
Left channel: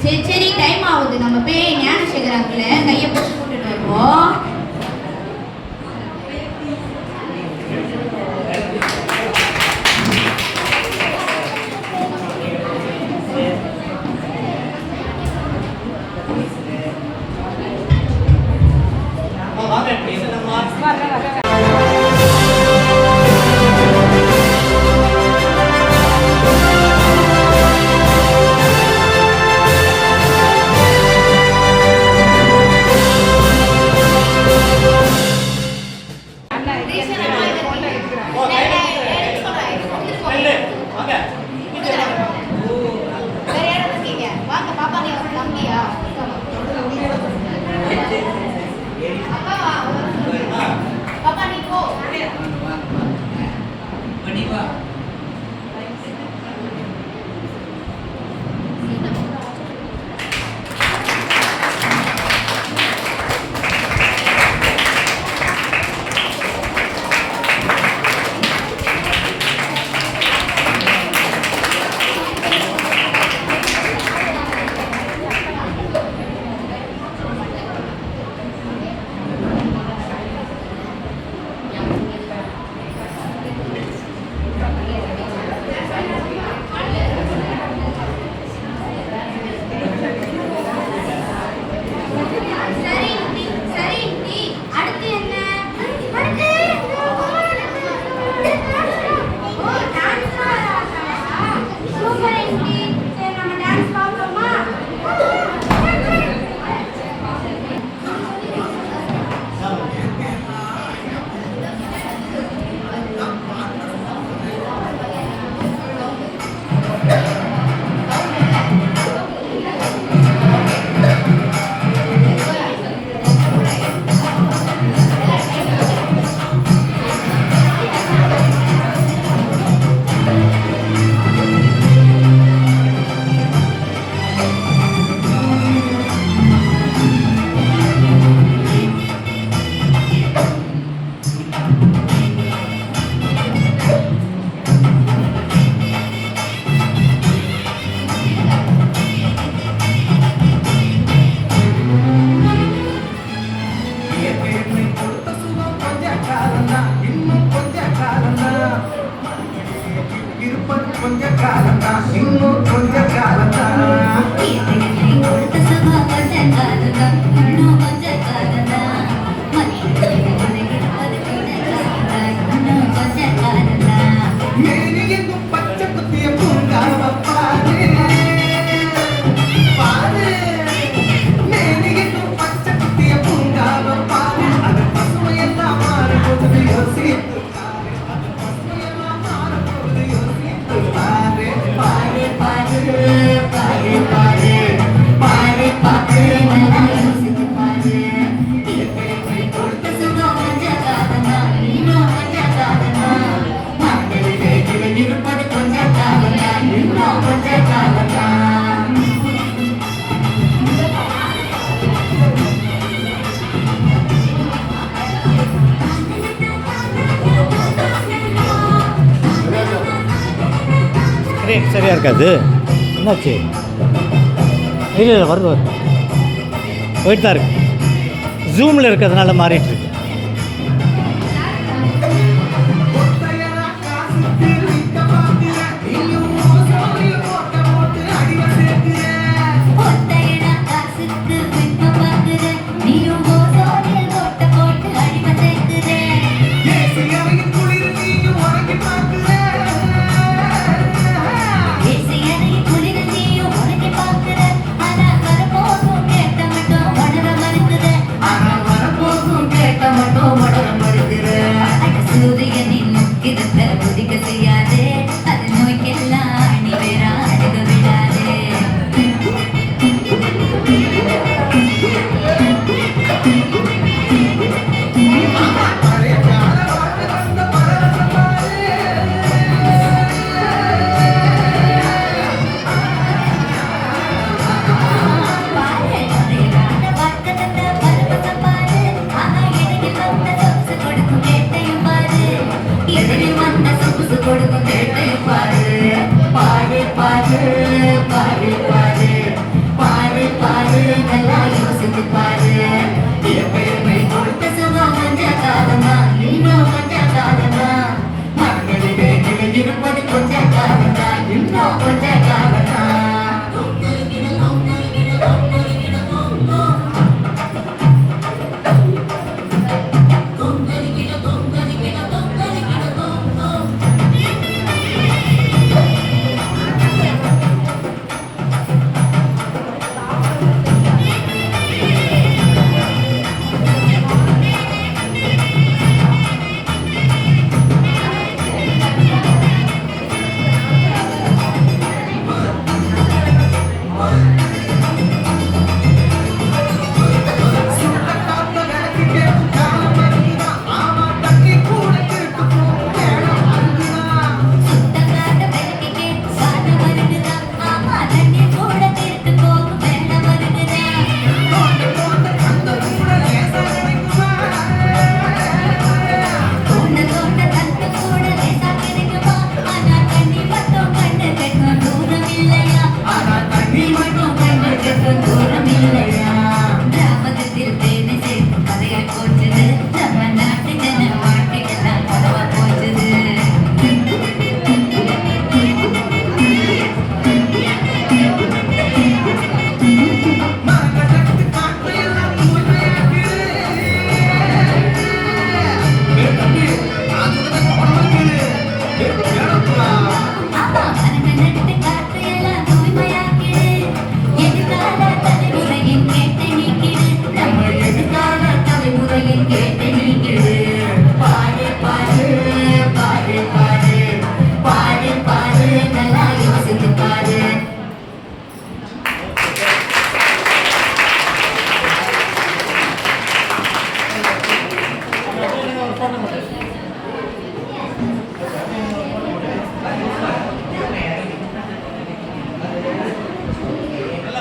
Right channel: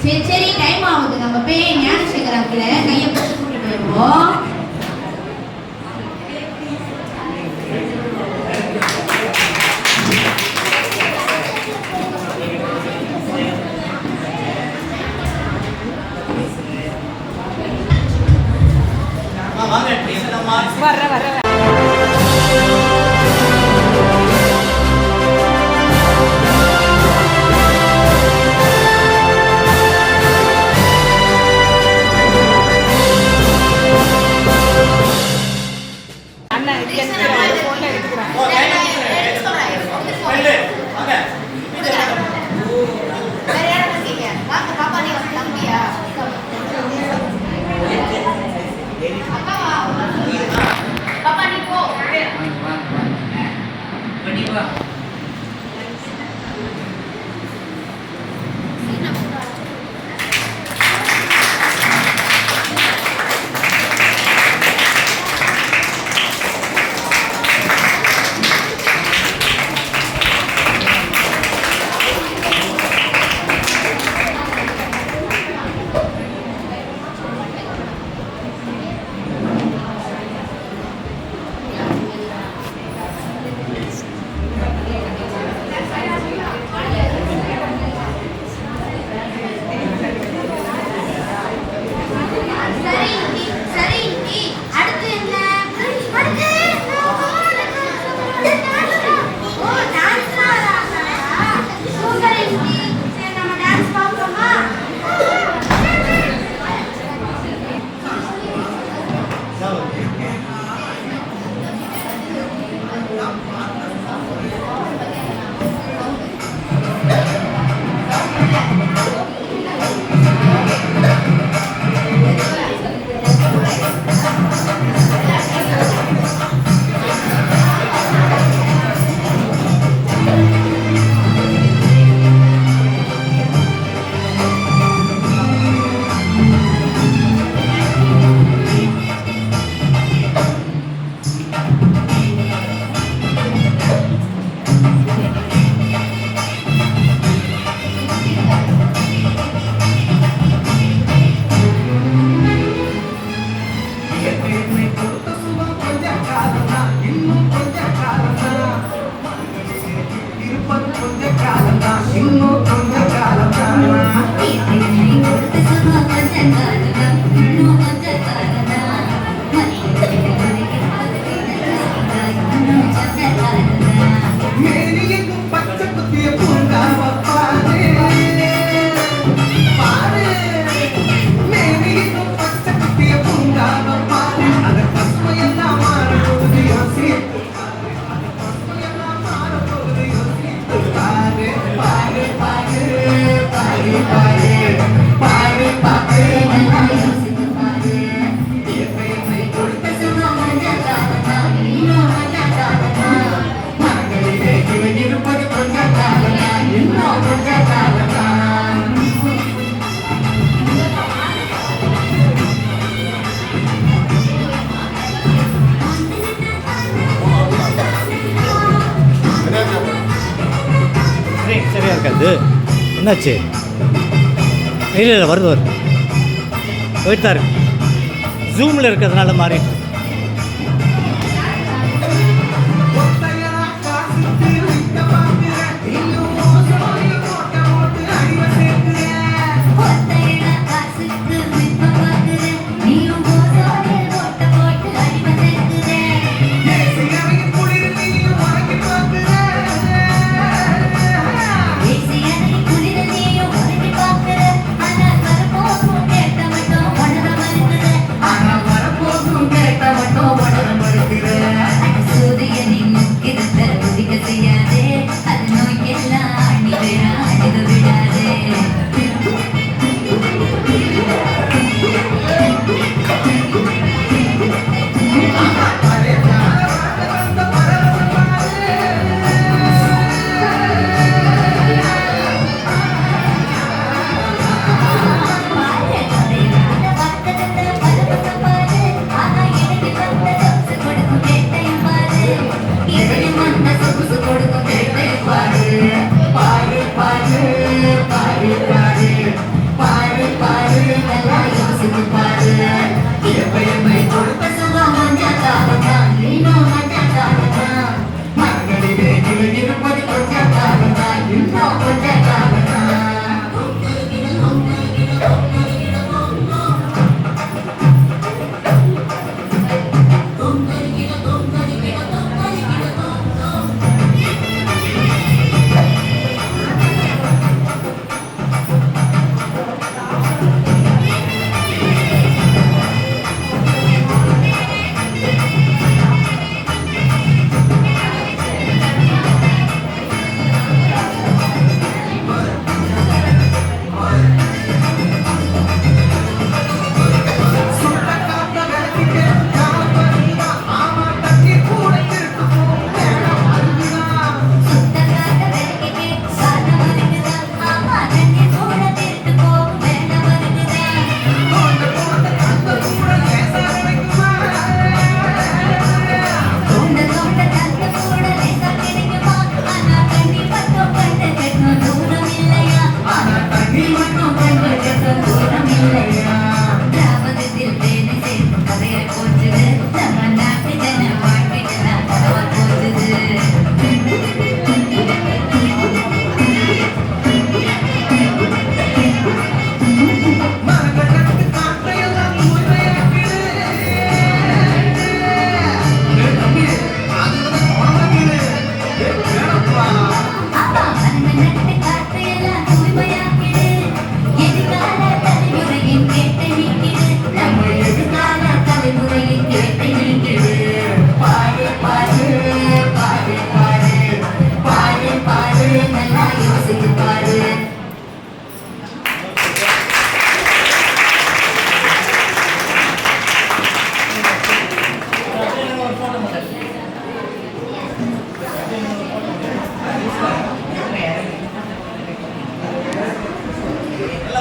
சரி சரி டைம் ஆகுது, நம்ம போய் ஞானசேகர் அங்கிள கையை பிடிச்சு கூட்டிட்டு வருவோம். சரியா இருக்காது. என்னாச்சு? இல்லை இல்லை, வருது வருது, போயிட்டு தான் இருக்கு. ஜூமில் இருக்கிறதுனால மாறிட்டு இருக்கு.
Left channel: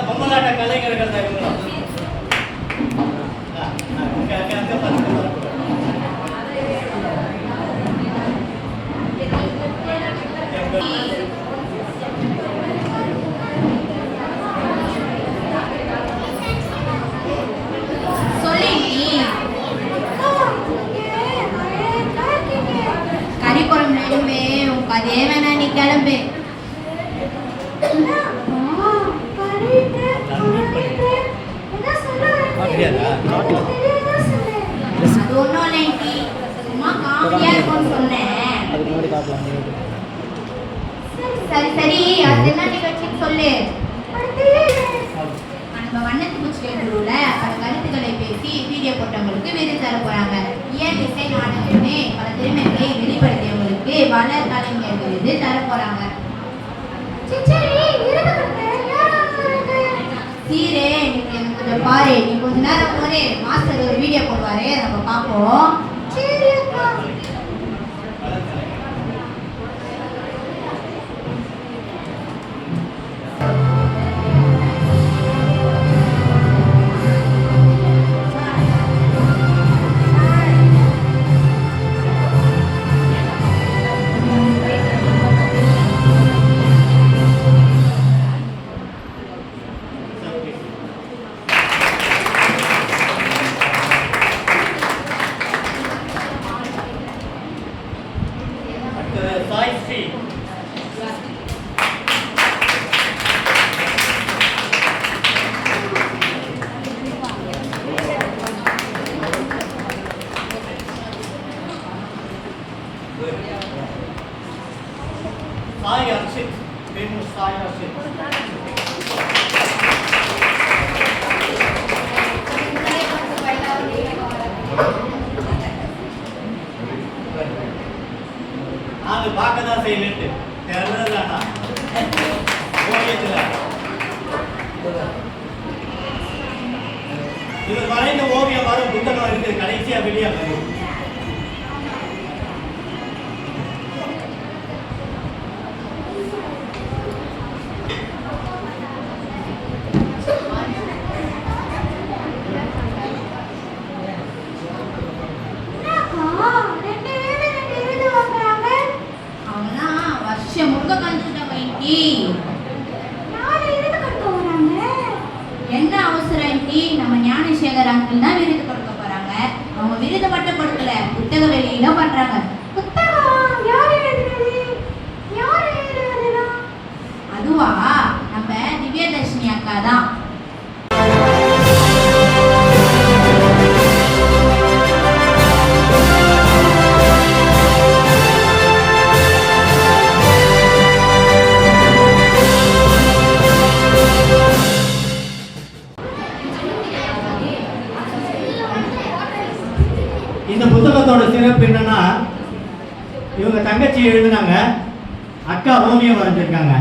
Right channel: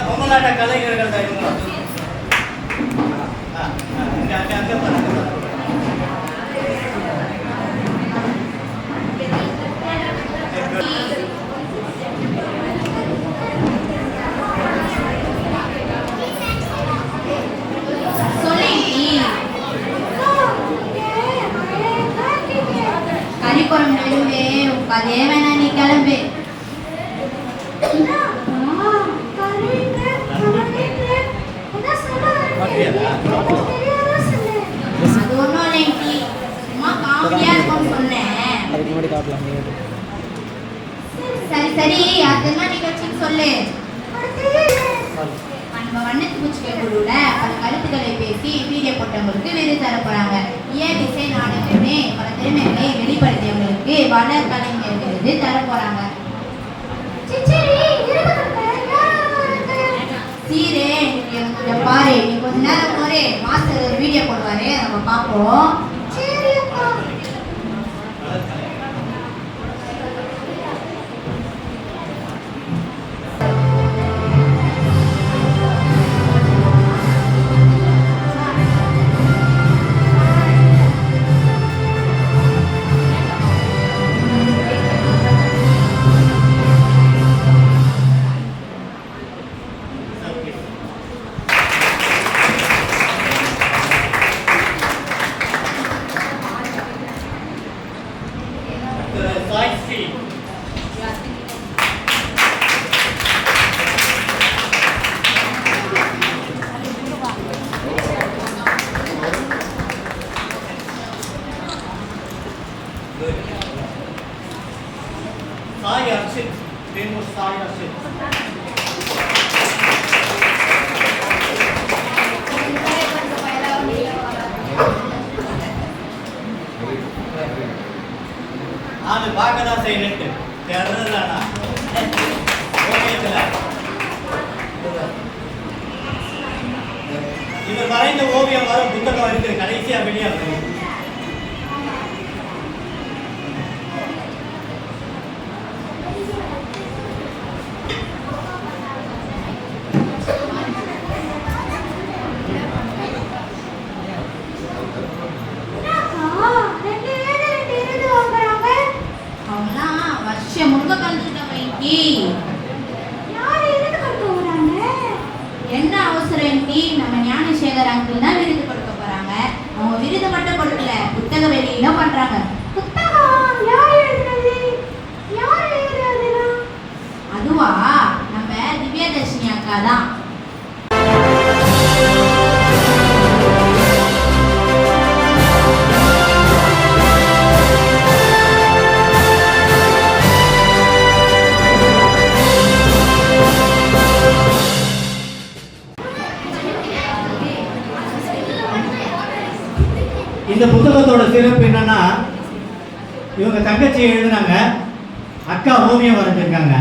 பொம்மலாட்ட கலைஞர்கள் தான் இருக்கணும். அங்கே பாருங்க. அதே வேணா நீ கிளம்பு. அது ஒன்றும் இல்லைன்டி, சும்மா காமெடியா இருக்கும்னு சொன்னேன். அதுக்கு முன்னாடி காட்டலாம். சரி சரி, அது என்ன நிகழ்ச்சின்னு சொல்லு. நம்ம வண்ணத்து பூச்சி குழுல பல கருத்துக்களை பேசி வீடியோ போட்டவங்களுக்கு விருது தர போறாங்க. ஏன் இசை நாடகமே பல திறமைகளை வெளிப்படுத்தியவங்களுக்கு வள கலைஞர் விருது தர போறாங்க. போட்டு மாஸ்டர் ஒரு வீடியோ போடுவாரு, நம்ம பார்ப்போம். சரி அக்கா. சாய் ஸ்ரீ. சாய் அர்ஷித். பேர் சாய் அர்ஷித். அது பார்க்க தான் செய்யணுட்டு தெரியலண்ணா ஓவியத்தில் இவர் வரைந்த ஓவியம் வரும் புத்தகம் இருக்குது கடைசியா வெளியாகுது. என்ன அவசரம் டி? நம்ம ஞானசேகர் அங்கிள் தான் விருது கொடுக்க போறாங்க. அவங்க விருது மட்டும் கொடுக்கல, புத்தக வெளியீடும் பண்றாங்க. அதுவா, நம்ம திவ்யதர்ஷினி அக்கா தான். இந்த புத்தகத்தோட சிறப்பு என்னன்னா, இவங்க தங்கச்சி எழுதுனாங்க, அக்கா ஓவியம் வரைஞ்சிருக்காங்க.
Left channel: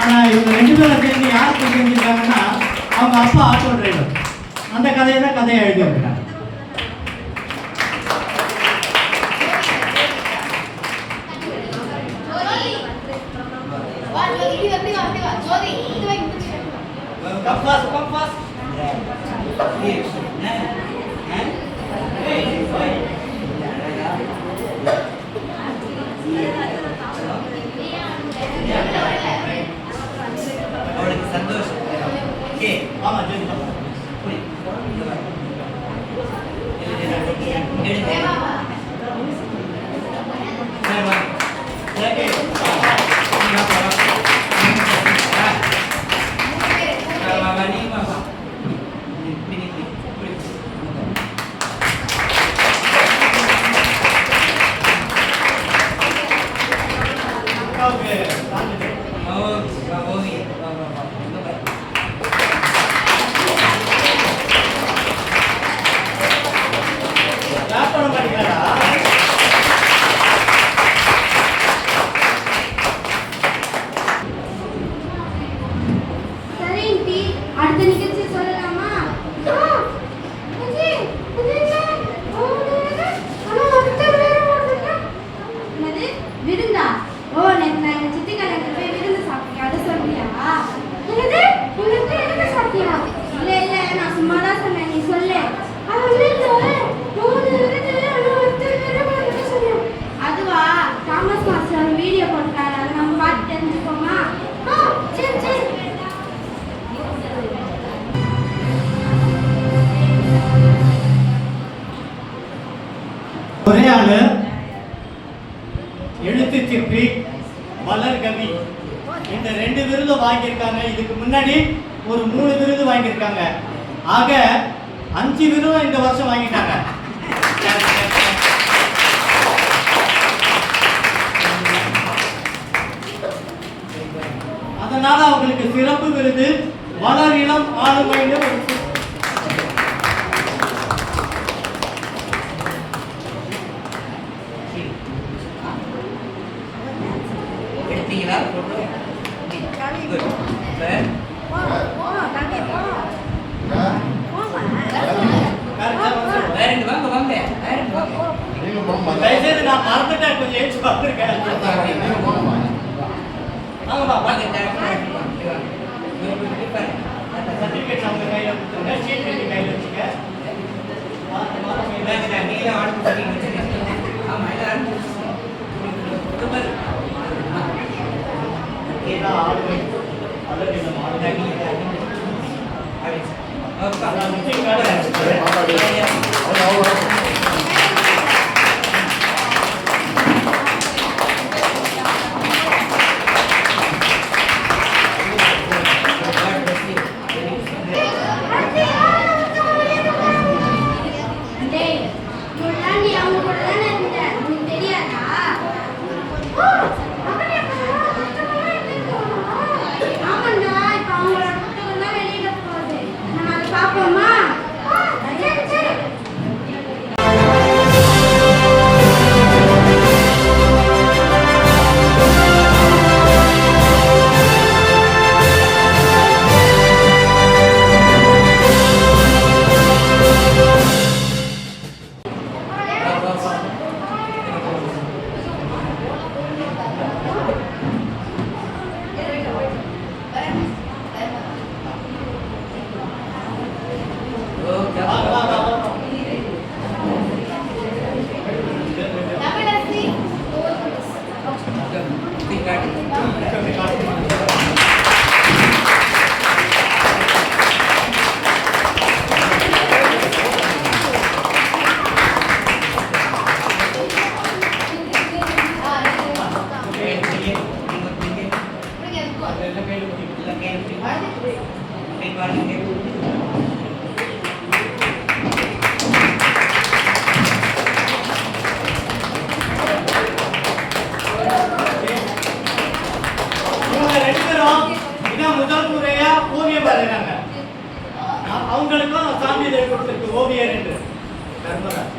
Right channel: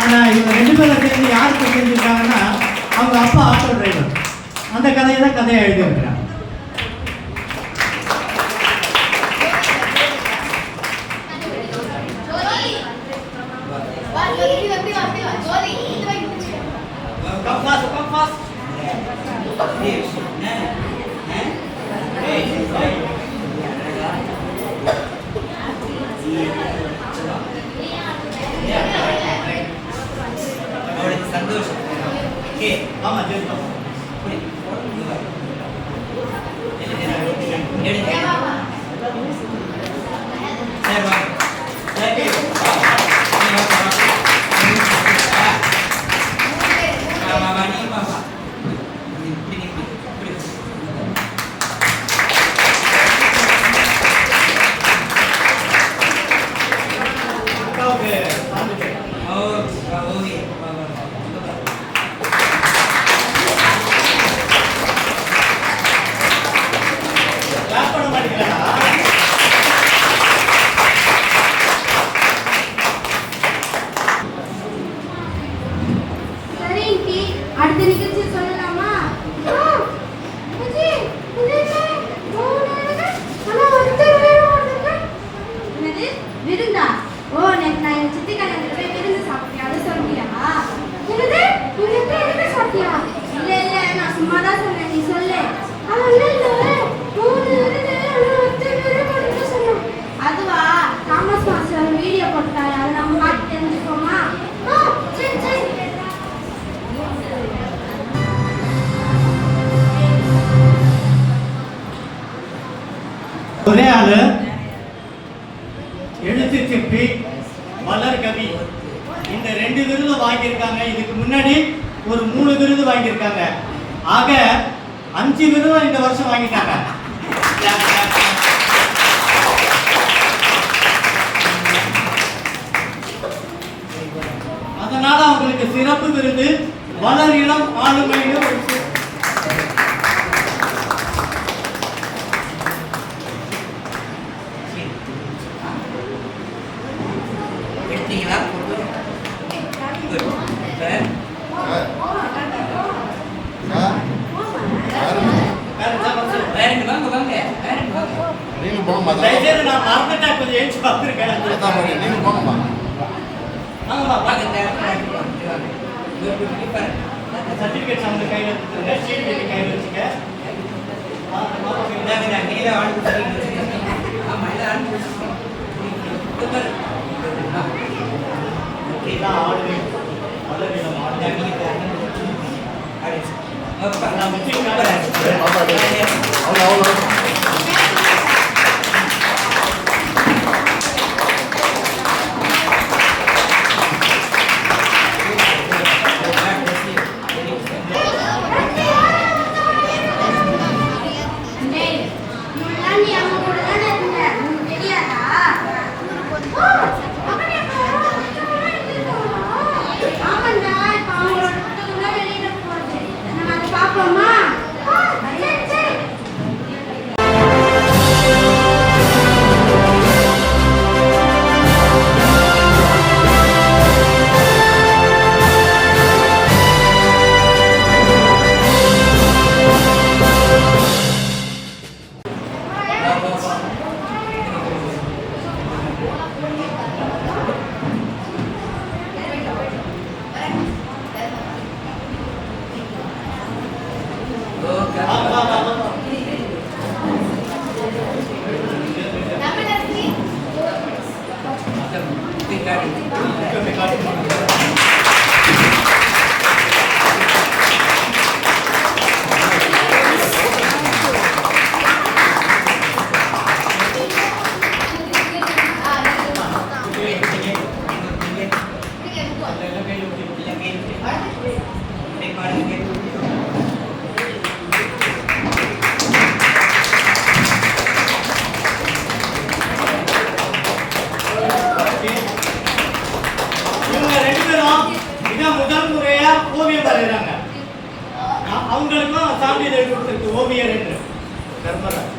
ஆனா இவங்க 2 பேரும் சேர்ந்து யாருக்கு செஞ்சிருக்காங்கன்னா, அவங்க அப்பா ஆட்டோ டிரைவர். அந்த கதையை தான் கதையை எழுதி வைக்கிறாங்க. சந்தோஷம். ஆமா சரி பாப்பா. ஒரே ஆளு எழுத்து சிற்பி, மலர் கவி, இந்த 2 விருது வாங்கியிருக்காங்க. இதுக்கு முன்னாடி ஒரு 3 விருது வாங்கியிருக்காங்க. ஆக 5 விருது இந்த வருஷம் வாங்கிட்டாங்க. அதனால அவங்களுக்கு சிறப்பு விருது மலர் இளம் ஆளுமையில Good. தயவுசெய்து நான் மறந்துட்டேன், கொஞ்சம் ஏற்றி பார்த்துருக்கேன். ஆமாம்மா, சர்டிஃபிகேட் அவங்க கையில் கொடுத்துருங்க, ஷீட் எழுதி கையில் வச்சுக்க. இதான் ஆடுவேன், அல்லது நம்ம ஆடுவேன். அவங்களுக்கும் சான்றிதழ் கொடுத்துருக்கு, ஓவியர் என்று. தர்மராஜ்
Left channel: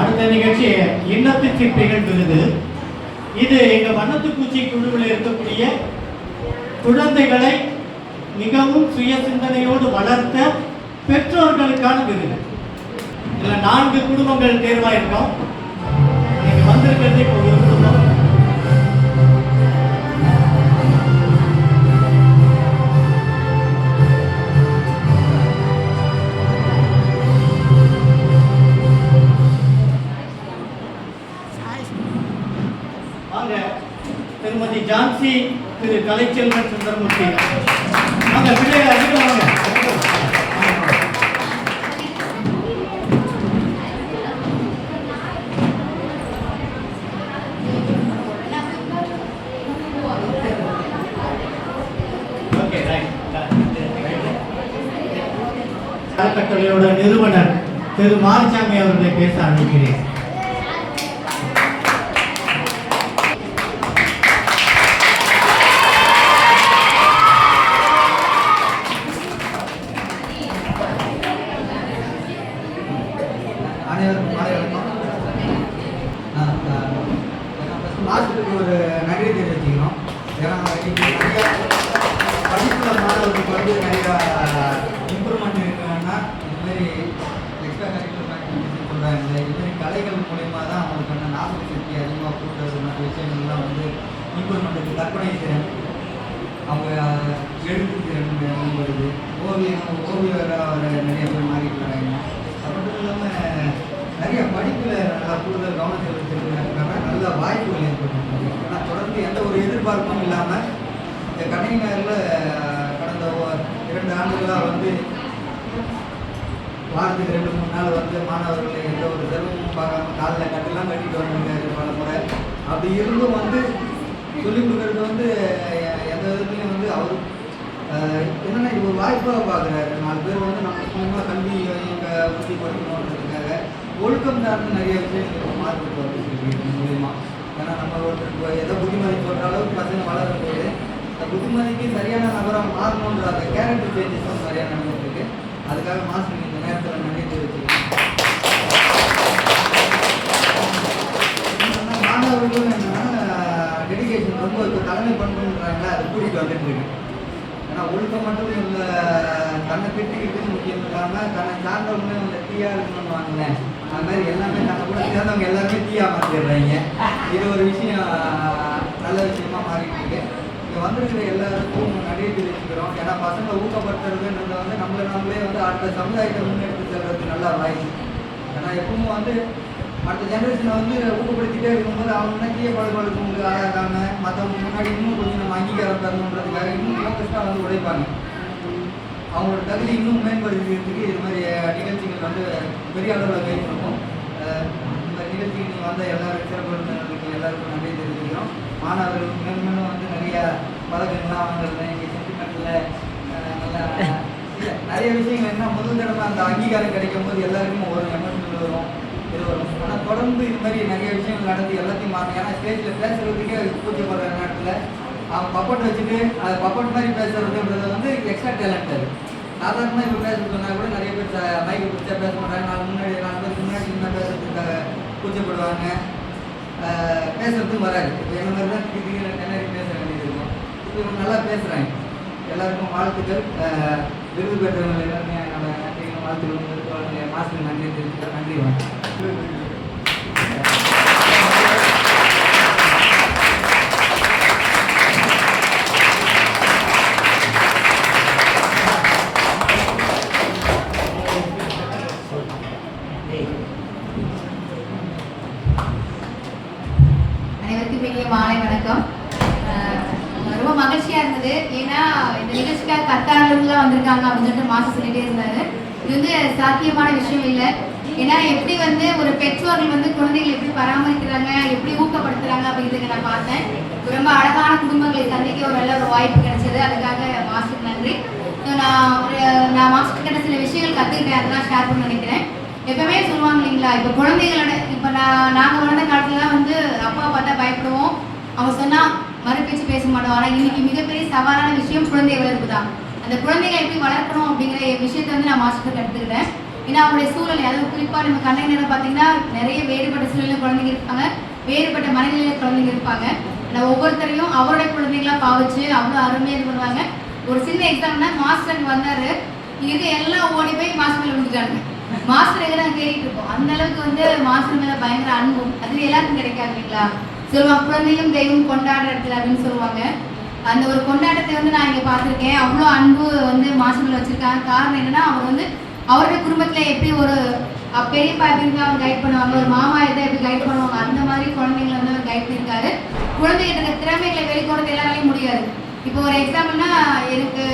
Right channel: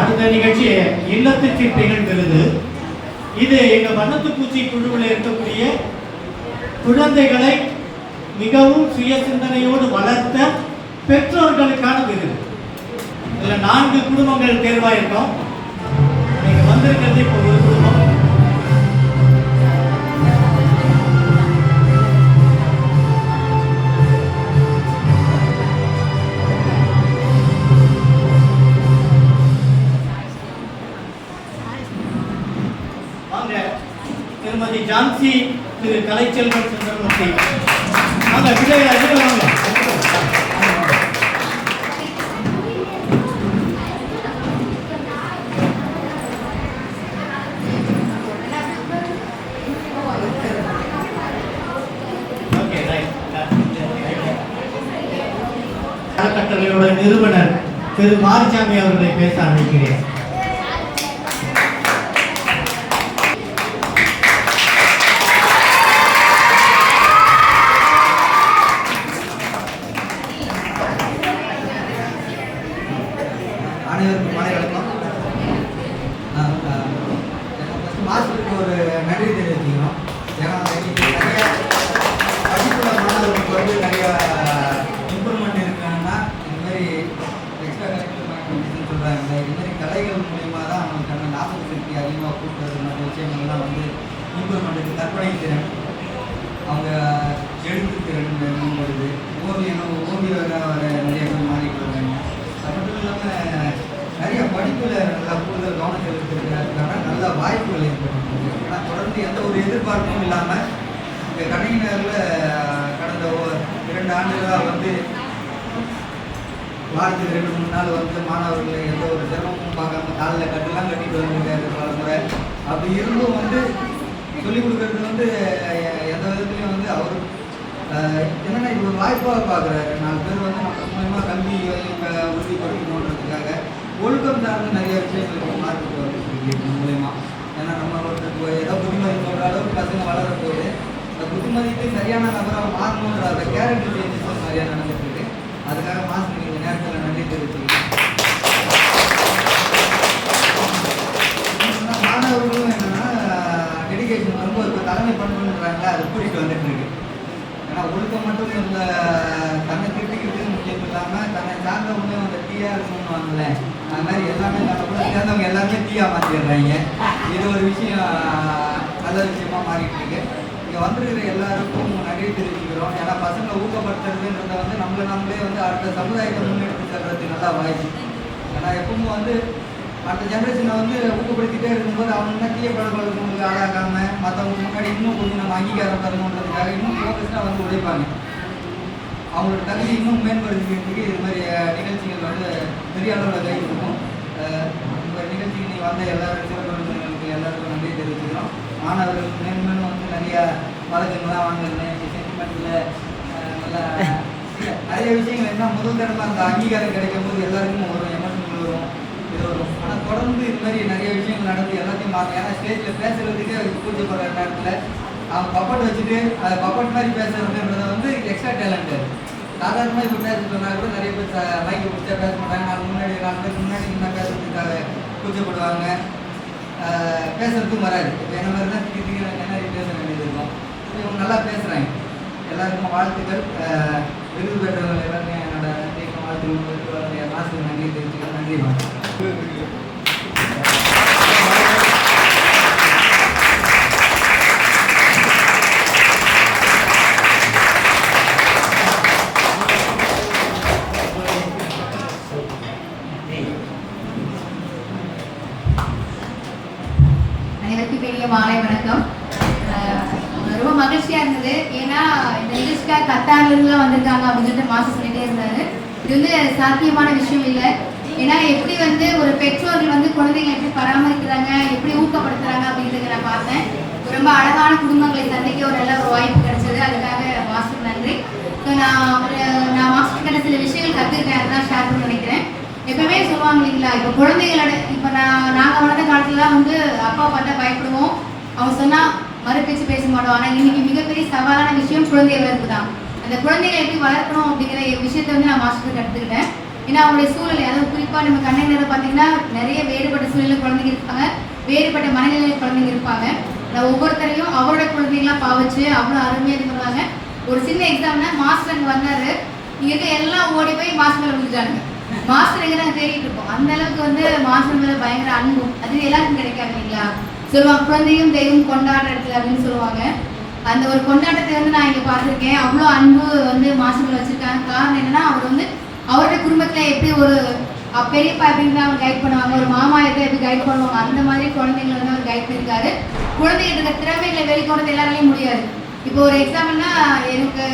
அடுத்த நிகழ்ச்சி இல்லத்து சிற்பிகள் விருது. இது எங்க வண்ணத்துப்பூச்சி குழுவில் இருக்கக்கூடிய குழந்தைகளை மிகவும் சுய சிந்தனையோடு வளர்த்த பெற்றோர்களுக்கான விருது. இதுல 4 குடும்பங்கள் தேர்வாயிருக்கோம். நீங்க வந்திருக்கிறது இப்போ ஒரு குடும்பம். திருமதி ஜான்சி திரு கலைச்செல்வன் சுந்தரமூர்த்தி வாங்க, விஜய் அதுக்கு வாங்க. அறக்கட்டளையோட நிறுவனர் திரு மாரிசாமி அவர்களை பேச அழைக்கிறேன். அனைவருக்கும் மாலை வணக்கம். மாஸ்டருக்கு ஒரு நன்றி தெரிவிக்கிறோம். ஏன்னா இன்னைக்கு நிறையா படிப்புள்ள மாணவர்களுக்கு வந்து நிறையா இம்ப்ரூவ்மெண்ட் இருக்குன்னா இதுமாரி எக்ஸ்ட்ரா கரிக்குலர் ஆக்டிவிட்டிஸ்ன்னு சொல்கிறாங்க. இதுமாரி கலைகள் மூலயமா தான் அவங்களுக்கான ஞாபக சக்தி அதிகமாக கூட்டுறது மற்ற விஷயங்கள்லாம் வந்து இம்ப்ரூவ்மெண்ட்டுக்கு கற்பனை திறன், அவங்க எழுத்து திறன் வருது. ஓவியராக நிறைய பேர் மாறிட்டு இருக்காங்க. அது மட்டும் இல்லாமல் நிறைய படிப்பில் நல்லா கூடுதல் கவனம் செலுத்திருக்கிறாங்க. நல்ல வாய்ப்புகள் ஏற்பட்டு ஆனால் தொடர்ந்து எந்த ஒரு எதிர்பார்ப்பும் இல்லாமல் இந்த கலைஞரில் கடந்த 2 ஆண்டுகளாக வந்து வாரத்துக்கு 2-3 நாள் வந்து மாணவர்களை எந்த ஒரு சிரமமும் பார்க்காம காலில் கட்டெல்லாம் கட்டிட்டு வந்திருக்காரு பல முறை. அப்படி இருந்தும் வந்து சொல்லிக் கொடுக்கறது வந்து எந்த விதத்துலையும் வந்து அவர் என்னென்னா இது ஒரு வாய்ப்பாக பார்க்குறாரு. 4 பேர் வந்து நம்ம மூலமாக கல்வி உறுதி படிக்கணுன்றதுக்காக ஒழுக்கம் சார்ந்து நிறைய விஷயங்கள் மாற்றிட்டு வருது இது மூலயமா. ஏன்னா நம்ம ஒரு ஏதோ புத்திமதி சொல்கிற அளவுக்கு பசங்க வளர போகுது. அந்த புத்திமதிக்கு சரியான நபராக மாறணுன்ற அந்த கேரக்டர் சேஞ்சஸ் நிறையா நடந்துட்டு இருக்கு. அதுக்காக மாஸ்டர் இந்த நேரத்தில் நன்றி தெரிவிச்சுக்கிறேன். மாணவர்களும் என்னென்னா டெடிகேஷன் ரொம்ப இப்போ தலைமை பண்புன்றாங்களே அது கூட்டிகிட்டு வந்துட்டு இருக்கு. ஏன்னா ஒழுக்கம் மட்டும் இல்லை, தன்னை திட்டிக்கிட்டு முக்கியம் இல்லாமல் தன்னை சார்ந்தவங்க அந்த டீயாக இருக்கணும்னு வாங்கலேன். அது மாதிரி எல்லாமே நம்ம கூட சேர்ந்தவங்க எல்லாருமே டீயாக மாற்றிடுறாங்க. இது ஒரு விஷயம் நல்ல விஷயமா மாறிட்டு இருக்கு. இங்கே வந்திருக்கிற எல்லாருக்கும் நிறைய தெரிவிச்சுக்கிறோம். ஏன்னா பசங்களை ஊக்கப்படுத்துறதுன்றதை வந்து நம்மளே வந்து அடுத்த சமுதாயத்தை முன்னெடுத்து செல்றதுக்கு நல்லா வாய்ப்பு. ஏன்னா எப்பவும் வந்து அடுத்த ஜென்ரேஷனை வந்து ஊக்கப்படுத்திட்டே இருக்கும்போது அவங்க தான் டீய பழக்கங்களுக்கு ஆளாகாமல் மற்றவங்க முன்னாடி இன்னும் கொஞ்சம் நம்ம அங்கீகாரம் தரணுன்றதுக்காக இன்னும் ஃபோக்கஸ்டாக வந்து உழைப்பாங்க. அவங்களோட தகுதி இன்னும் மேம்படுத்திக்கிறதுக்கு இது மாதிரி நிகழ்ச்சிகள் வந்து பெரிய அளவில் கை கொடுக்கும். இந்த நிகழ்ச்சிக்கு நீங்கள் வந்த எல்லாருக்கும் சிறப்பு எல்லாருக்கும் நன்றி தெரிவிச்சுக்கிறோம். மாணவர்கள் மேலும் வந்து நிறைய பழக்கங்கள்லாம் வாங்குறது சென்டிமெண்ட்டில் நல்லா நிறைய விஷயங்கள் என்ன முதல் தடவை அந்த அங்கீகாரம் கிடைக்கும் போது எல்லாருக்கும் ஒரு எமோஷனல் வரும், இது வரும். ஆனால் தொடர்ந்து இது மாதிரி நிறைய விஷயங்கள் நடந்து எல்லாத்தையும் மாற்றி. ஏன்னா ஸ்டேஜில் பேசுகிறதுக்கே கூச்சப்படுற நேரத்தில் அவங்க பப்பட் வச்சுட்டு அது பப்பட் மாதிரி பேசுறதுன்றதை வந்து எக்ஸ்ட்ரா டேலண்ட். சாதாரணமாக இப்போ பேச சொன்னால் கூட நிறைய பேர் மைக்கை பிடிச்சா பேச மாட்டாங்க. நாலு பேர் முன்னாடி இன்னும் பேசுறதுக்காக கூச்சப்படுவாங்க, பேசுறதுக்கும் வராது. இப்போ என்ன மாதிரி தான் திடீர்னு நிறைய பேச வேண்டியது இருக்கும். இவங்க நல்லா பேசுகிறாங்க. எல்லாருக்கும் வாழ்த்துக்கள். விருது பெற்றவங்க எல்லாருமே வாழ்த்துக்கள் மாசுக்கு நன்றி தெரிவிச்சுக்கிறேன். நன்றி வணக்கம். அனைவருக்கும் பெரிய மாலை வணக்கம். ரொம்ப மகிழ்ச்சியா இருந்தது. ஏன்னா இந்த நிகழ்ச்சிக்காக கத்தாண்டவர்கள்லாம் வந்திருக்காங்க அப்படின்னு சொல்லிட்டு மாசம் சொல்லிட்டே இருந்தாரு. இது வந்து சாத்தியமான விஷயம் இல்லை. ஏன்னா எப்படி வந்து ஒரு பெற்றோர்கள் வந்து குழந்தைகளை எப்படி பராமரிக்கிறாங்க, எப்படி ஊக்கப்படுத்துறாங்க அப்படிங்கிறத நான் பார்த்தேன். ரொம்ப அழகான குடும்பங்களை சந்திக்க ஒரு நல்ல ஒரு வாய்ப்பு கிடைச்சது. அதுக்காக மாஸ்டருக்கு நன்றி. ஸோ நான் மாஸ்டர் கிட்ட சில விஷயங்கள் கற்றுக்கிட்டேன், அதெல்லாம் ஷேர் பண்ண நினைக்கிறேன். எப்பவுமே சொல்லுவாங்க இல்லைங்களா, இப்போ குழந்தைகளோட இப்போ நாங்கள் வளர்ந்த காலத்துலலாம் வந்து அப்பா பார்த்தா பயப்படுவோம், அவங்க சொன்னால் மறுபேச்சு பேச மாட்டோம். ஆனால் இன்னைக்கு மிகப்பெரிய சவாலான விஷயம் குழந்தை வளர்ப்பு தான். அந்த குழந்தைகளை எப்படி வளர்க்கணும் அப்படிங்கிற விஷயத்த வந்து நான் மாஸ்டருக்கு கற்றுக்கிட்டேன். ஏன்னா அவங்களுடைய சூழ்நிலை, அதாவது குறிப்பாக நம்ம கண்ணை நேரம் பார்த்தீங்கன்னா நிறைய வேறுபட்ட சூழ்நிலை குழந்தைங்க இருப்பாங்க, வேறுபட்ட மனநிலை குழந்தைங்க இருப்பாங்க. நான் ஒவ்வொருத்தரையும் அவருடைய குழந்தைங்களாம் பாவிச்சு அவ்வளோ அருமையாக இது பண்ணுவாங்க. ஒரு சின்ன எக்ஸாம்னா மாஸ்டர் அங்கே வந்தார், இங்கே இருக்க எல்லாம் ஓடி போய் மாஸ்டர் மேலே விழுந்துட்டாங்க. மாஸ்டர் எங்கே நாங்கள் தேடிட்டு இருப்போம். அந்த அளவுக்கு வந்து மாஸ்டர் மேலே பயங்கர அன்பும் அது எல்லாருக்கும் கிடைக்காது இல்லைங்களா. சொல்லுவாங்க குழந்தையும் தெய்வம் கொண்டாடுற இடத்துல அப்படின்னு சொல்லுவாங்க. அந்த ஒரு கொண்டாட்டத்தை வந்து நான் இங்கே பார்த்துருக்கேன். அவ்வளோ அன்பு வந்து மாஸ்டர் மேலே வச்சுருக்காங்க. காரணம் என்னன்னா அவர் வந்து அவருடைய குடும்பத்தில் எப்படி ஒரு பெரியப்பா எப்படி இருந்தால் அவர் கைட் பண்ணுவாங்க, ஒரு மாமா எப்படி கைட் பண்ணுவாங்க, அந்த மாதிரி குழந்தைங்களை வந்து அவர் கைட் பண்ணியிருக்காரு. குழந்தைகிட்ட இருக்க திறமைகளை வெளிக்கொண்டு எல்லாராலையும் முடியாது. இப்போ ஒரு எக்ஸாம்பிள்னா எனக்கு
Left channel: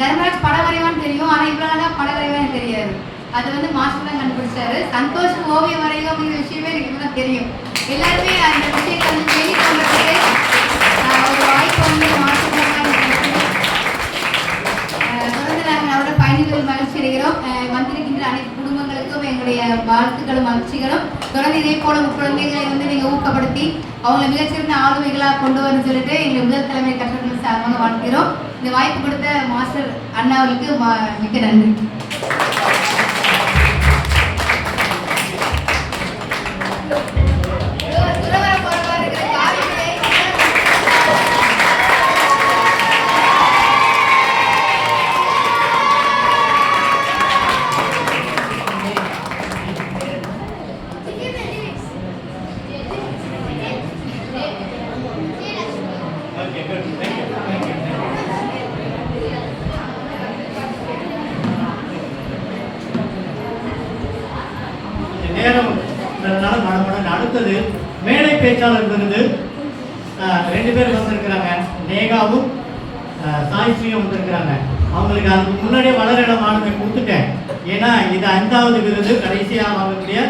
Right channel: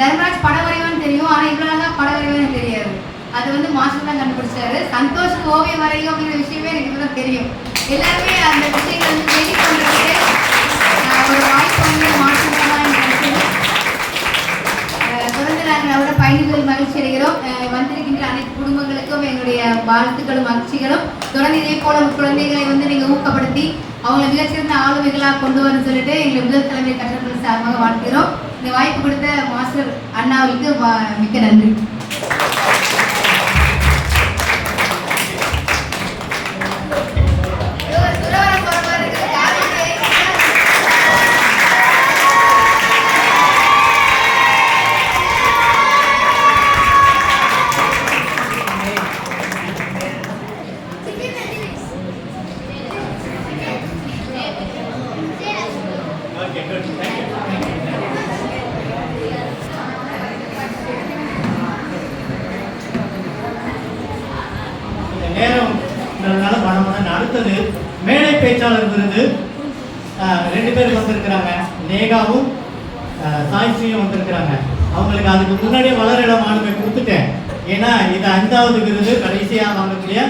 தர்மராஜ் படம் வரைவான்னு தெரியும், ஆனால் இவ்வளோ தான் படம் வரைவான்னு தெரியாது. அது வந்து மாஸ்டர் தான் கண்டுபிடிச்சாரு. சந்தோஷ் ஓவியம் வரையும் அப்படிங்கிற விஷயமே எனக்கு தான் தெரியும். எல்லாருமே அந்த விஷயத்தை வந்து வெளிக்கொண்டு ஒரு வாய்ப்பு வந்து மாஸ்டர் தான் தொடர்ந்து நாங்கள் அவரோட பயணிகள் மகிழ்ச்சி அடைகிறோம். வந்திருக்கின்ற அனைத்து குடும்பங்களுக்கும் எங்களுடைய வாழ்த்துக்களும் மகிழ்ச்சிகளும். தொடர்ந்து இதே போல குழந்தைகளை வந்து நீங்கள் ஊக்கப்படுத்தி அவங்களை மிகச்சிறந்த ஆளுமைகளாக கொண்டு வரணும்னு சொல்லிட்டு எங்களை முதல் தலைமை கற்றவர்கள் சார்பாக வாழ்க்கிறோம். இந்த வாய்ப்பு கொடுத்த மாஸ்டர் அண்ணாவுக்கு மிக்க நன்றி. அடுத்தது மேடை பேச்சாளர் விருது 2 பேர் வந்திருக்கிறாங்க. நேகாவும் சாய்ஸ்ரீயும் வந்திருக்கிறாங்க. அவங்களுக்கு அதுக்கு முன்னாடியே வளரிடம் ஆளுமை கொடுத்துட்டேன். ஏன்னா இது 5வது விருது, கடைசியாக வாங்கக்கூடிய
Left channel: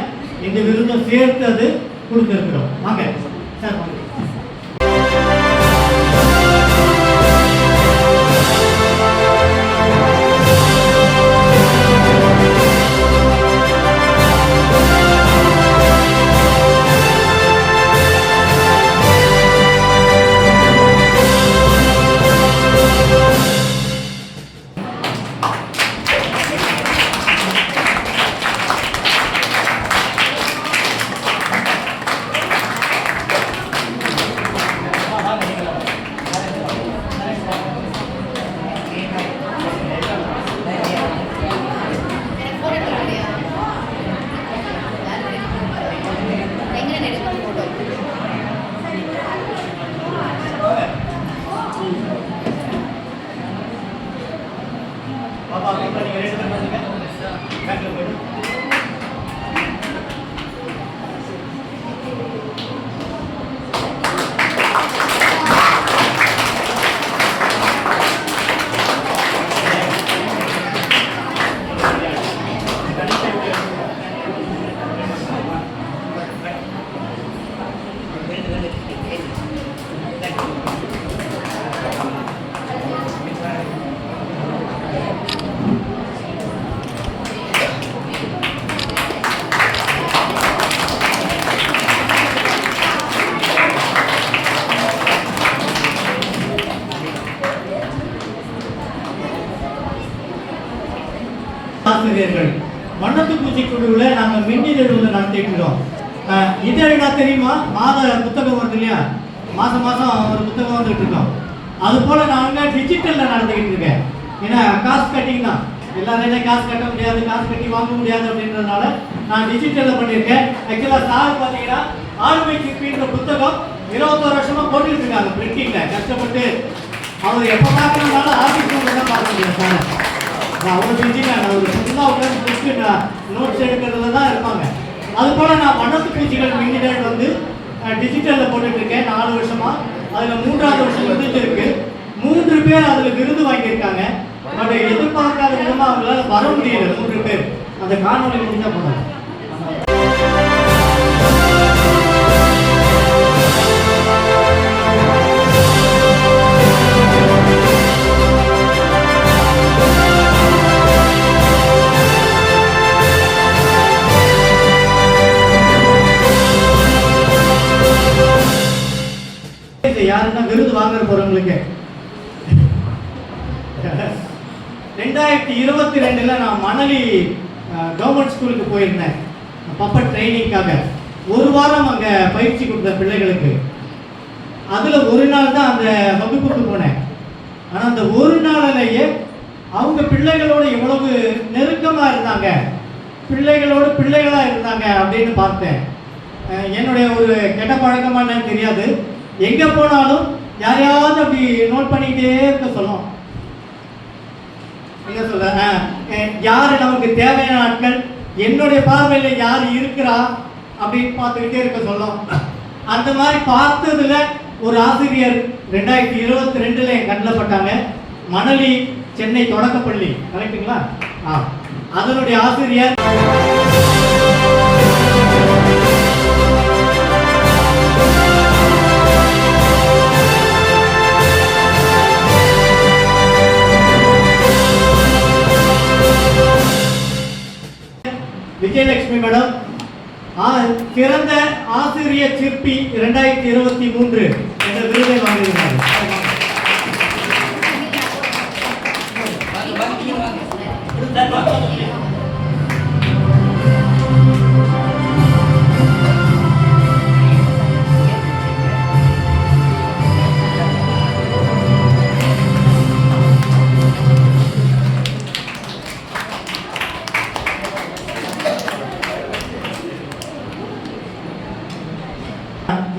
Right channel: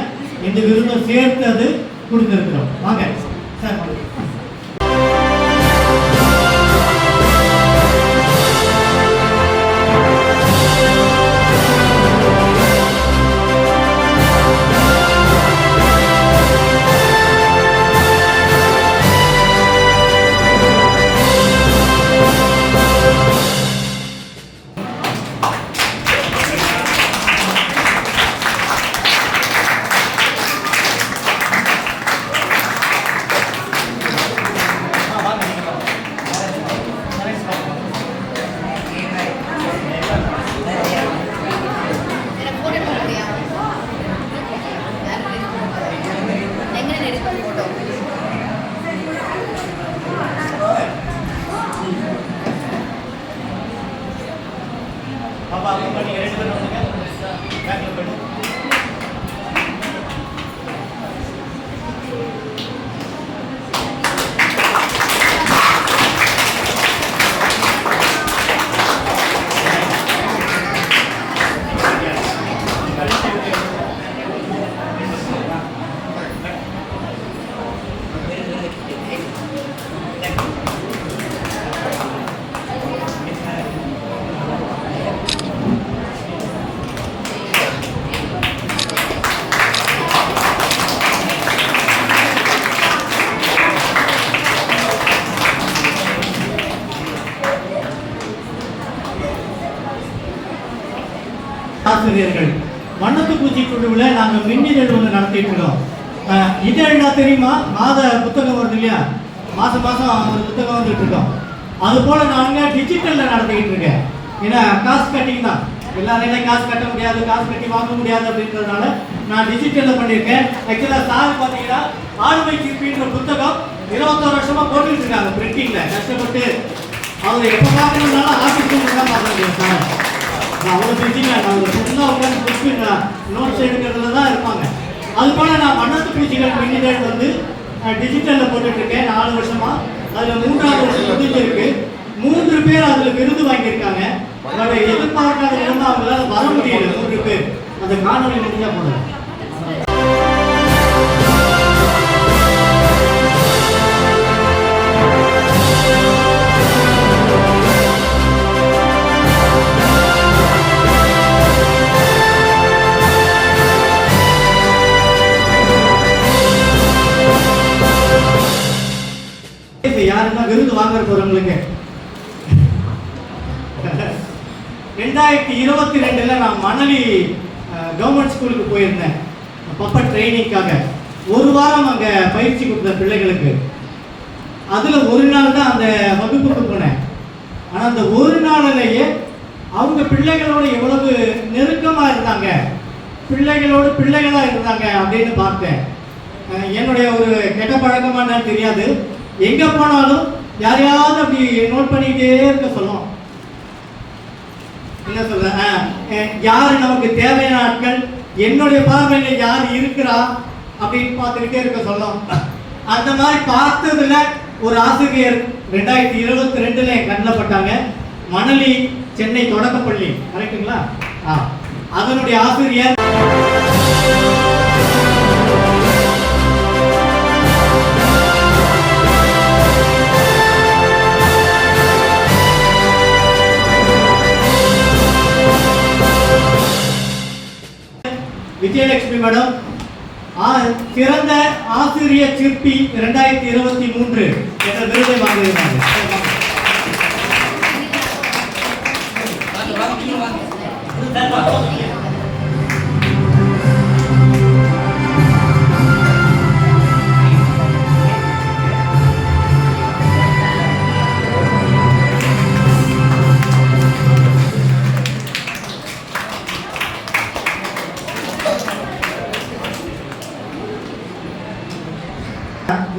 இந்த விருதும் சேர்த்து அது கொடுத்துருக்குறோம். வாங்க சார். குழுவில் நாங்கள் மின்னிதழ் ஒன்று நடத்திட்டு இருக்கோம். இதழ்னா தெரியுமா? மாத புத்தகம் வருது இல்லையா, மாதம் ஒரு புத்தகம் வந்துட்டு இருக்கோம். அது போல் நாங்கள் டிஜிட்டலில் நடத்திக்கிட்டு இருக்கேன். ஏன்னா காசு கட்டிங் தான், எல்லாரையும் காசு கட்ட முடியாது, காசு கட்டி வாங்க முடியாது அப்படின்றதுனால நான் டிஜிட்டலில் பண்ணியிருக்கேன். ஆக்சுவலாக சார் பார்த்தீங்கன்னா ஆளுமை சிற்பின்ற புத்தகம் 21 வருஷமா போட்டுட்டு இருக்காங்க பிரிண்டிங்கில் கஷ்டப்பட்டு. அவர் எப்போ பார்க்கணுன்னாலும் ஆஃபீஸ் ரூமில் தான் பார்க்க முடியும் சார். அவ்வளோ பிரிண்டிங்க அவங்க ஃபுல்லாக உட்காந்து புடிச்சு நோட்ஸ் எடுக்கிறதுல தான் இருப்பாங்க. அது போல் நான் வண்ணத்து பிடிச்சிகள் மின்னிதழ் வந்து டிஜிட்டலில் போட்டுட்டு இருக்கேன் 4 வருஷமா. அதில் 3ஆவது வருஷம் முடிஞ்சிருக்கு. 3 பேர் அதில் விருது வாங்கியிருக்காங்க. பட் எதிர்பார்க்காத விதமாக அவங்களால வர முடியல 3 பேர். அந்த காணொலி முடிஞ்சா போனோம். யாருன்னா விருது வாங்க போறவங்களுக்கு 2022 நான் மணலி கவர்மெண்ட் ஸ்கூலுக்கு போயிருந்தேன் பப்பட் ட்ரைனிங்காக. 1 வாரம் அங்கே பயிற்சி கொடுத்த பிள்ளைகளுக்கு. அதில் 1 நாள் தான் அந்த வகுப்புக்கு போனேன். ஆனால் அந்த 1 நாளிலேயே அவங்க பிள்ளைகளோடு எவ்வளவு நெருக்கமாக இருந்தாங்க, பிள்ளைகளாக இருந்தாங்க அப்படின்னு பார்த்தேன். என்னுடைய ஒரு கெட்ட பழக்கமான தெரியாது, எங்கே போனாலும் யாரையாவது அப்படி நோட் பண்ணிக்கிட்டே இருக்க சொல்லும். என்ன சொல்ல, யார் நமக்கு தேவையான ஆட்கள், என்னுடைய பார்வையில் யார் இருக்கிறா அப்படின்னு பார்த்துக்கிட்டே இருக்க சொல்லும். அந்த மாதிரி பார்த்ததுல ஒரு ஆசிரியர் 2022 என் கண்ணில் பட்டாங்க. மணலி சென்னை தொடக்கப்பள்ளி, கரெக்டுங்களா? அதனுடைய ஆசிரியர் விஜயலட்சுமி மேடம் சிறந்த ஆசிரியர் சிற்பி 2023 என்ற விருதை வாங்கியிருந்தாங்க.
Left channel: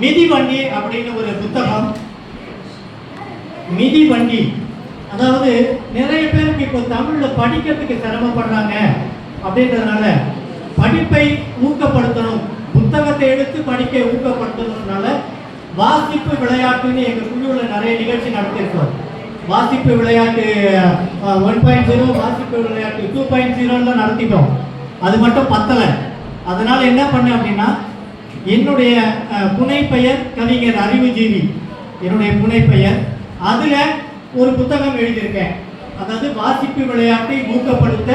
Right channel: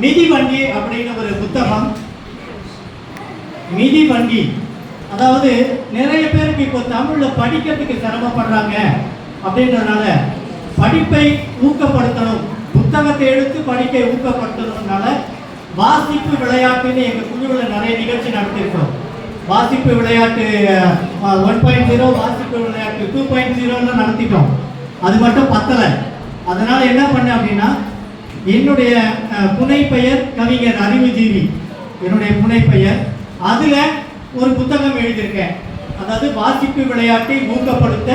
மிதிவண்டி அப்படின்னு ஒரு புத்தகம். மிதிவண்டி அதாவது நிறைய பேருக்கு இப்போ தமிழ்ல படிக்கிறதுக்கு சிரமப்படுறாங்க அப்படின்றதுனால படிப்பை ஊக்கப்படுத்தணும், புத்தகத்தை எடுத்து படிக்க ஊக்கப்படுத்தணும்னால வாசிப்பு விளையாட்டுன்னு எங்கள் குழுவில் நிறைய நிகழ்ச்சி நடத்திருக்கோம். வாசிப்பு விளையாட்டு 1.0, வாசிப்பு விளையாட்டு 2.0 நடத்திட்டோம். அது மட்டும் பத்தலை. அதனால என்ன பண்ணேன் அப்படின்னா, என்னுடைய புனைப்பெயர் கவிஞர் அறிவுஜீவி, என்னுடைய புனைப்பெயர். அதில் ஒரு புத்தகம் எழுதியிருக்கேன், அதாவது வாசிப்பு விளையாட்டை ஊக்கப்படுத்த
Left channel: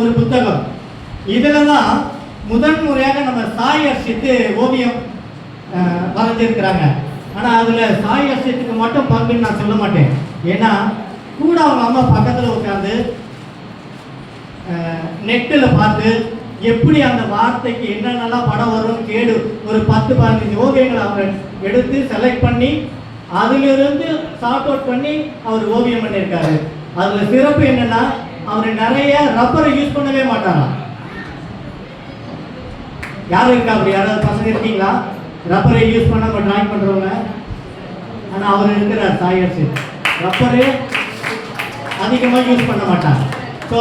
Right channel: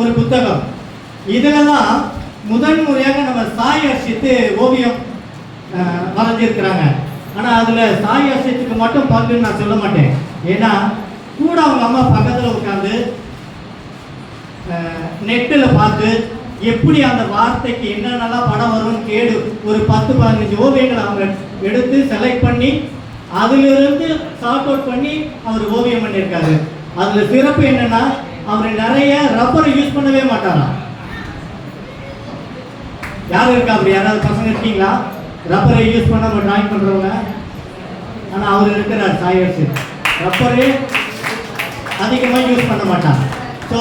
ஒரு புத்தகம். இதில் தான் முதன் முறையாக நம்ம சாய் அர்ஷித்து ஓவியம் வரைஞ்சிருக்கிறாங்க. ஆனால் அதில் சாய் அர்ஷித்துக்கு மட்டும் பங்குன்னு நான் சொல்ல மாட்டேன். ஏன்னா கூட அவங்க அம்மா பக்கத்தில் உட்காந்து நெட்டில் பார்த்து எப்படி அந்த வார்த்தைக்கு என்னென்னலாம் படம் வரும் கேடு ஒரு 10-15 ஓவியங்களை அவங்க எடுத்து செலக்ட் பண்ணி அதிலிருந்து சார்ட் அவுட் பண்ணி அவர் ஓவியம் பண்ணியிருக்காரு. அதில் சிறப்பு என்னன்னா, அவர் நிறைய ரப்பரை யூஸ் பண்ணவே மாட்டாராம். யாரும் இருக்கா அப்படி யாராவது பசங்க இருக்கீங்களா ரப்பரை யூஸ் பண்ணாம டிராயிங் பண்ணுறவங்க? ஆனால் அவர் இருக்கிறார் சாயர்ஸு, ரப்பரே அதிகமாக யூஸ் பண்ண மாட்டாங்க. ஸோ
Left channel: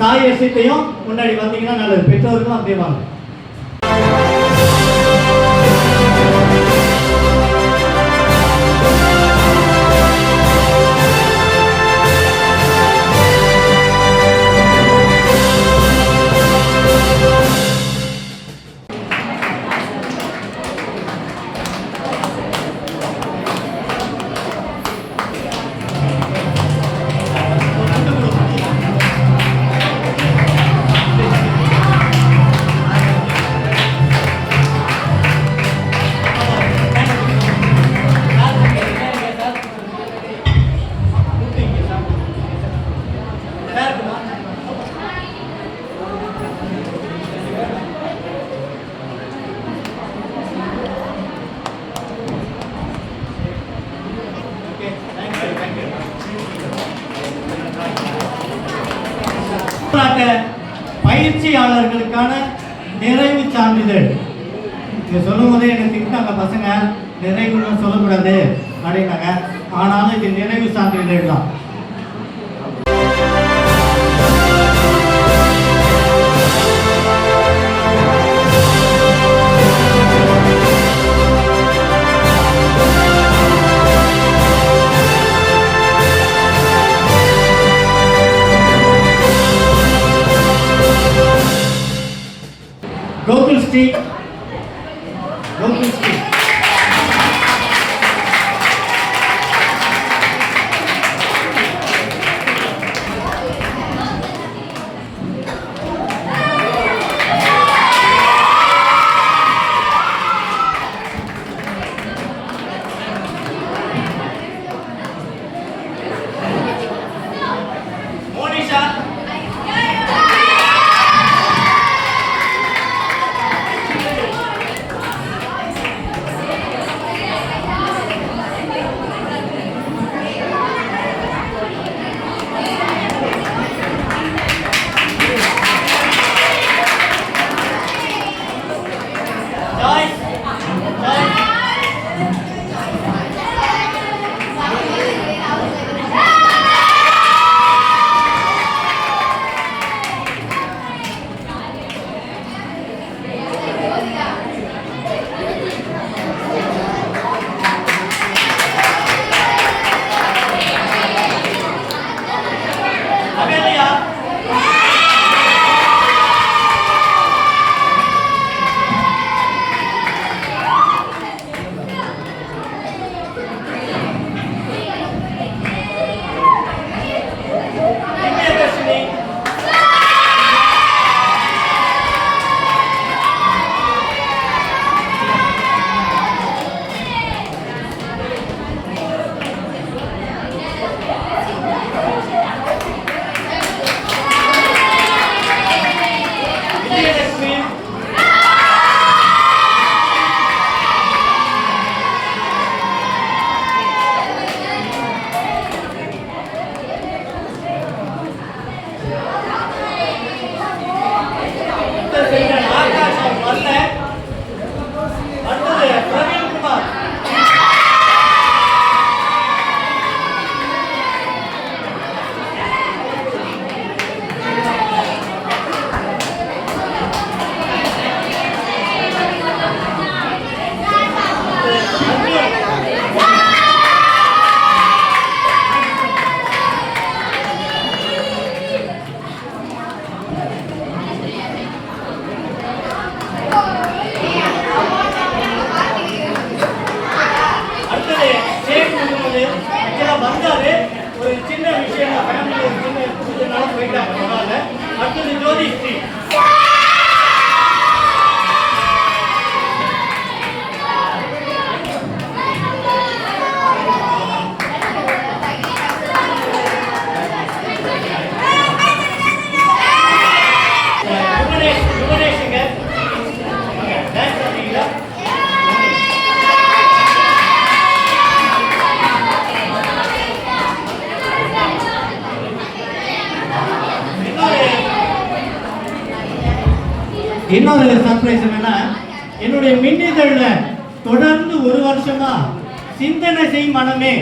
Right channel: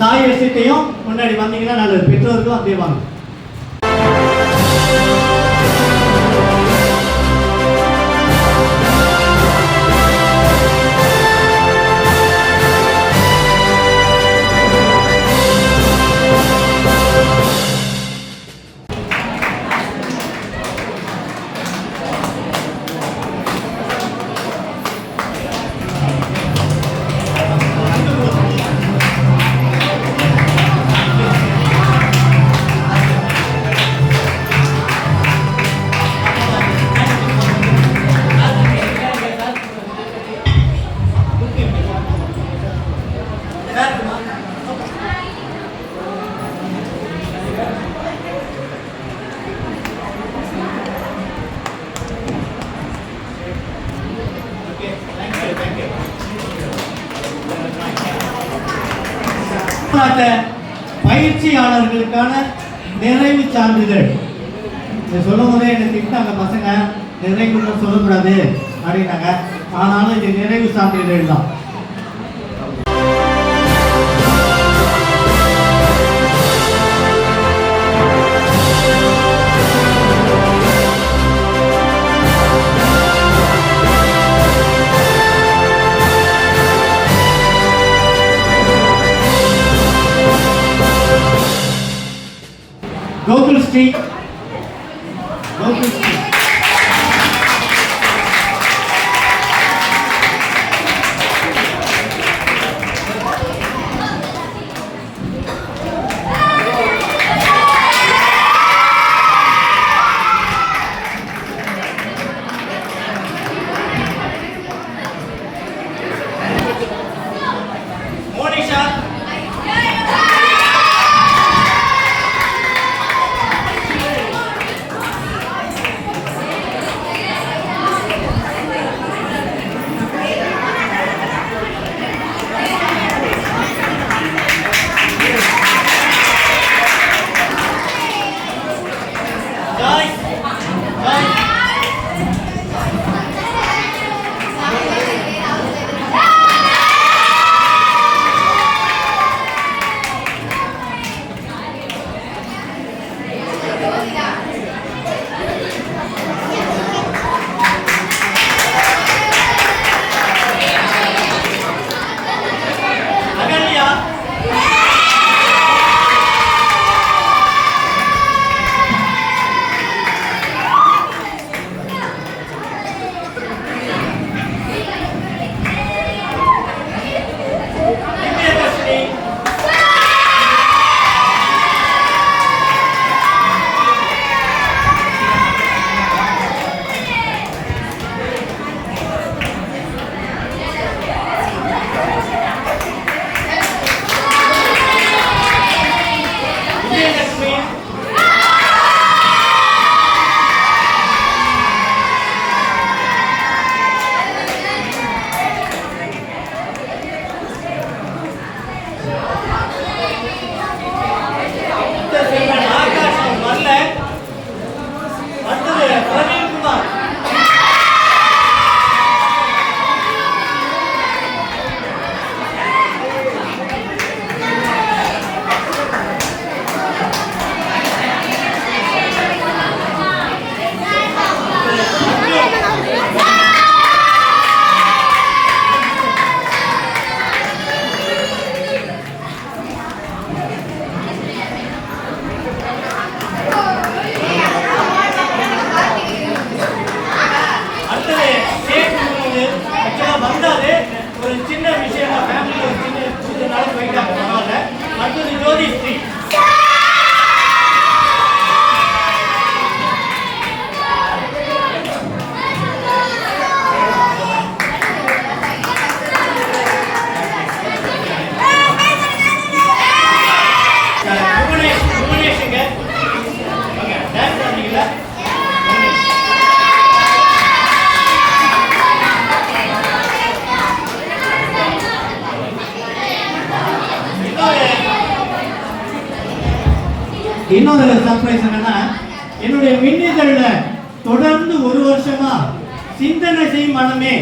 சாயர்ஸையும் முன்னாடி வந்தீங்கன்னா நல்லது, பெற்றோர்களும் அப்படியே வாங்க. இதற்கான நிறைவு சான்றிதழ். இது சொல்லும் போதே எனக்கு திட்டாங்க பசங்க, நிறைவுன்னு சொல்லக்கூடாது அப்படின்னாங்க. ஆனாலும் இது நிறைவு சான்றிதழ் தான். Gokul Street. Gokul Street. Monisha. ஒரு சின்ன விஷயம் ஃபேமிலி ஒரு சின்ன நாள் போயிட்டாங்க பரவாயில்ல. அடுத்தது ஜோதி ஸ்ரீ. புவனேஷுங்க டான்ஸ் பண்ணீங்களா? இன்னொரு சர்ப்ரைஸ் என்னன்னா, என்னுடைய மின்னிதழ்ல தொடர்ந்து ஒரு வருஷமா சிந்தனை செய் மனமே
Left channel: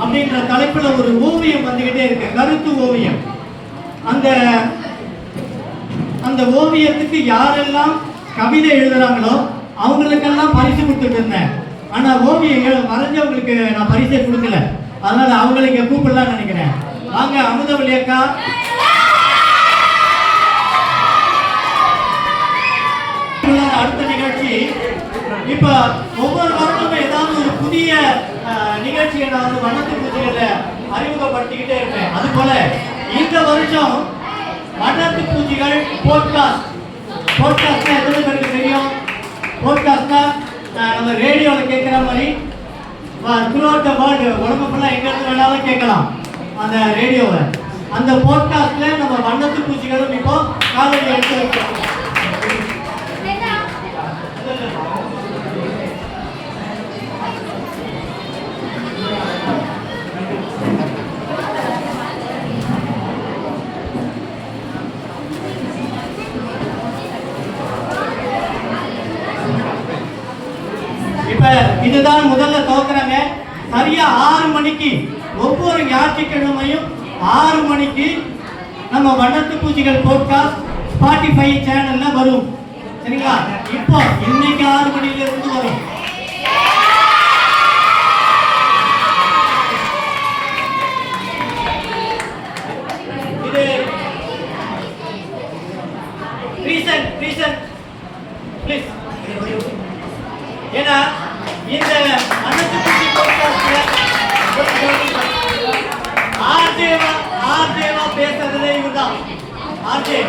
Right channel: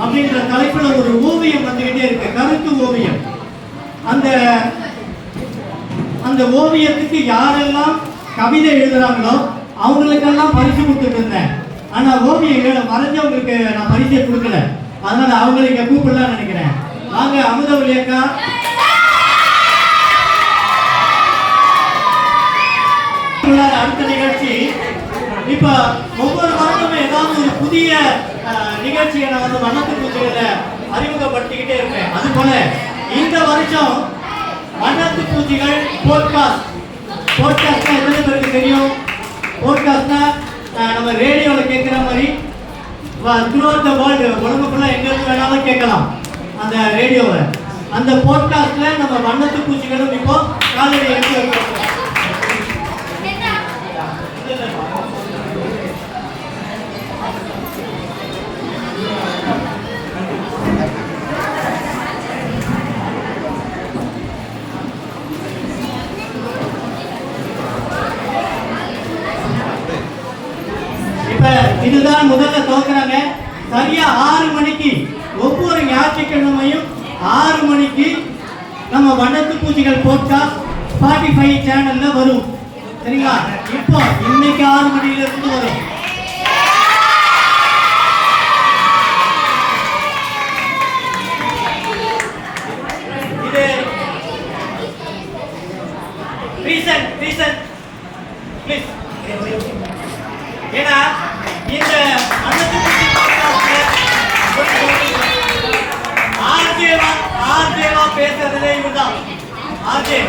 அப்படின்ற தலைப்புல ஒரு ஓவியம் வந்துகிட்டே இருக்கு, கருத்து ஓவியம். அந்த ஓவியத்துக்கு யாரெல்லாம் கவிதை எழுதுறாங்களோ அவங்களுக்கெல்லாம் பரிசு கொடுத்துட்டு இருந்தேன். ஆனா ஓவியங்கள் வரைஞ்சவங்களுக்கு நான் பரிசை கொடுக்கல. அதனால அவங்களை இங்க கூப்பிடலாம்னு நினைக்கிறேன். வாங்க அமுதவல்லி அக்கா. அடுத்த நிகழ்ச்சி இப்ப ஒவ்வொரு வாரமும் ஏதாவது ஒரு புதிய நிகழ்ச்சியை நான் வந்து வண்ணத்து பூச்சிகளை அறிமுகப்படுத்திக்கிட்டே இருக்கேன். அது போல இந்த வருஷம் வண்ணத்து பூச்சிகள் போட்காஸ்ட். போட்காஸ்ட்னா எத்தனை பேருக்கு தெரியும்? போட்காஸ்ட்னா நம்ம ரேடியோவில் கேட்குற மாதிரி த்ரூஅவுட் த வேர்ல்டு, உலகம் ஃபுல்லாக எங்கே வேணாலும் கேட்கலாம் அந்த ரேடியோவை. அந்த போட்காஸ்ட்ல நம்ம வண்ணத்து பூச்சிகளும் இப்போ காலையில் எடுத்து வைக்கிறோம். இதுதான் முதல்ல துவக்குறாங்க. சரியா 6 மணிக்கு ஒவ்வொரு ஞாயிற்றுக்கிழமையும் 6 மணிக்கு நம்ம வண்ணத்து பூச்சிகள் போட்காஸ்ட் Spotify சேனல்ல வரும். சரிங்களா? இப்போ இன்னைக்கு 6 மணில இருந்து வரும். இது ரீசன் ப்ளீஸ். ஏன்னா இந்த வண்ணத்து பூச்சி போட்காஸ்ட்ல ஆர்ஜேவா பேசுறதுல இவர்தான் ஆர்ஜே.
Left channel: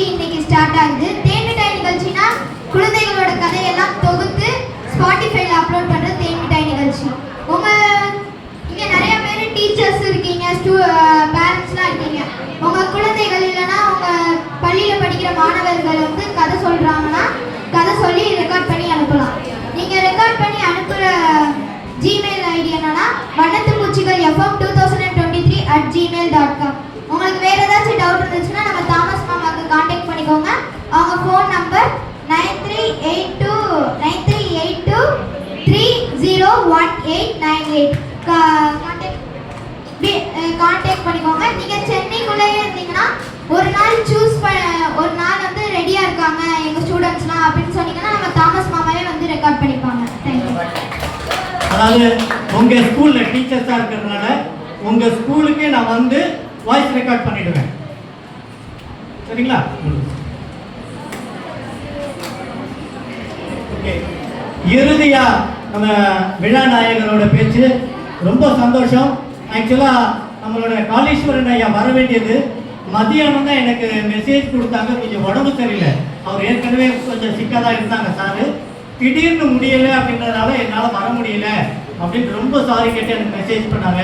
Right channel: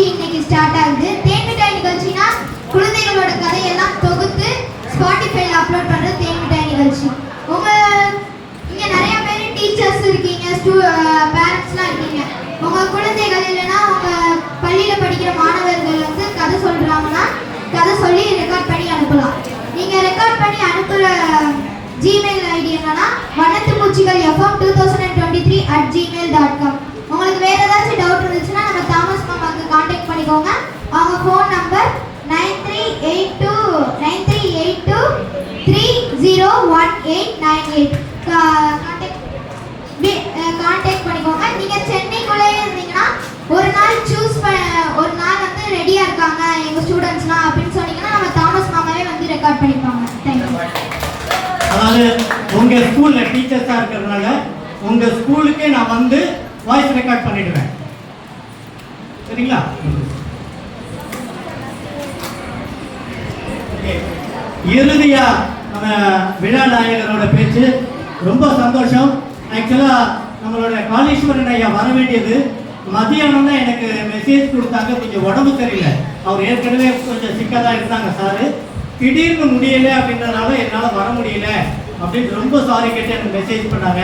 இன்னைக்கு ஸ்டார்ட் ஆகுது. தேன் மிட்டாய் நிகழ்ச்சினா குழந்தைகளோட கதையெல்லாம் தொகுத்து ஸ்பாட்டிஃபைல அப்லோட் பண்ற தேன் மிட்டாய் நிகழ்ச்சி. இங்க நிறைய பேர் டீச்சர்ஸ் இருக்கீங்க, பேரண்ட்ஸ்லாம் இருக்கீங்க. உங்க குழந்தைகள் இல்லைன்னா உங்க பள்ளியில படிக்கிற மாணவர்கள் வந்து கதை சொல்றாங்கன்னா கதை சொல்லி ரெக்கார்ட் பண்ணி அனுப்பலாம். நீங்க ரெக்கார்ட் பண்ணி அனுப்புற ஜிமெயில் ஐடி என்னன்னா vannathumuchikal.fm2023@gmail.com. உங்களுக்கு வேற ஏதாச்சும் டவுட் இருந்துச்சுன்னா நம்ம தாமஸ் மாமாக்கு காண்டாக்ட் பண்ணிக்கோங்க. அவங்க ஃபோன் நம்பர் 9382301898. காண்டாக்ட் பண்ணிக்கோங்க. நீங்க சென்னைக்குள்ளே இருந்தீங்கன்னா ஒரு நாள் வந்து ரெடியா இருக்காங்க எங்க ஸ்டூடெண்ட்ஸ்லாம் அப்படின்னு சொன்னீங்கன்னா நம்ம தாமஸ் மாமாவே வந்து ரெக்கார்ட் பண்ணிப்பாங்க. தேங்க்யூ. அதாவது உங்க ஸ்கூல்ல டீச்சர்ஸா இருக்கிறதுனால உங்க ஸ்கூலுக்கே நான் வந்து வாய்ஸ் ரெக்கார்ட் பண்ணிடுவேன். சரிங்களா? ஓகே. இறுதியா நம்ம விழா நாயகரோட பேச்சு ரொம்ப சந்தோஷம். ஆக்சுவலா நம்மளோட காளீஸ்வரன் ஐயா வர வேண்டியது மதியானம் தான் எனக்கு மெசேஜ் கொடுத்தாங்க. கொஞ்சம் உடம்பு சரியில்லை, அவர் ஏற்கனவே கொஞ்சம் சிக்கா தான் இருந்தாங்க சார். திடீர்னு முடியலை அப்படின்றதுனால என்னால் வர முடியல அப்படின்னு ரொம்ப சாரி கேட்டு எனக்கு மெசேஜ் பண்ணாங்க.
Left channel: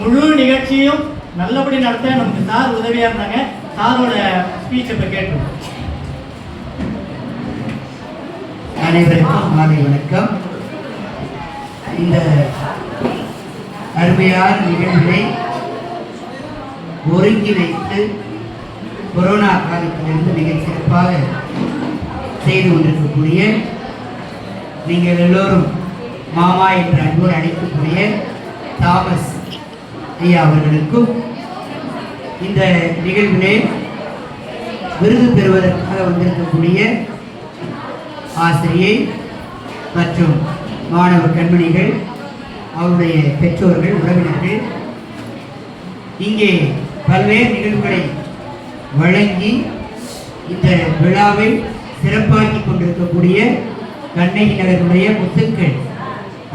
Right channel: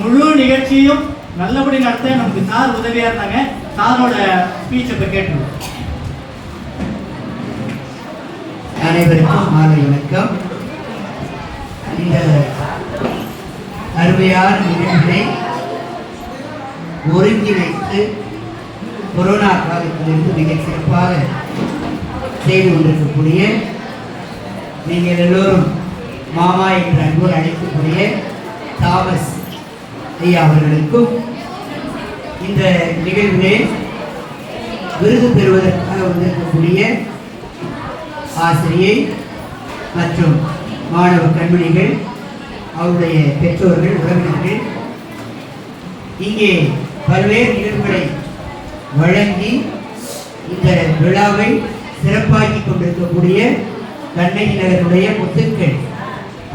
முழு நிகழ்ச்சியும் நல்லபடி நடத்த நமக்கு சார் உதவியா இருந்தாங்க. சாரோட ஸ்பீச் இப்ப கேட்டுருவோம். அனைவருக்கும் மாலை வணக்கம். இந்த அருமையான நிகழ்வை ஒருங்கிணைத்து கொரோனா காலத்திலிருந்து மிக சிறப்பாக செய்து கொண்டிருக்கக்கூடிய நீங்கள் எல்லோரும் மாமா என்ற அன்போடு அழைக்கக்கூடிய தாமஸ் ஐயா அவர்களுக்கும் இந்த நிகழ்விலே விருது பெறுவதற்காக வந்திருக்கக்கூடிய ஆசிரியை மற்றும் மாணவ கண்மணிகள், அவருடைய பெற்றோர்கள், உறவினர்கள், இங்கே பல்வேறு நிகழ்வுகளை வழங்கி இந்த விழாவை சிறப்பாக்கி கொண்டிருக்கக்கூடிய கண்ணகி நகருடைய முத்துக்கள்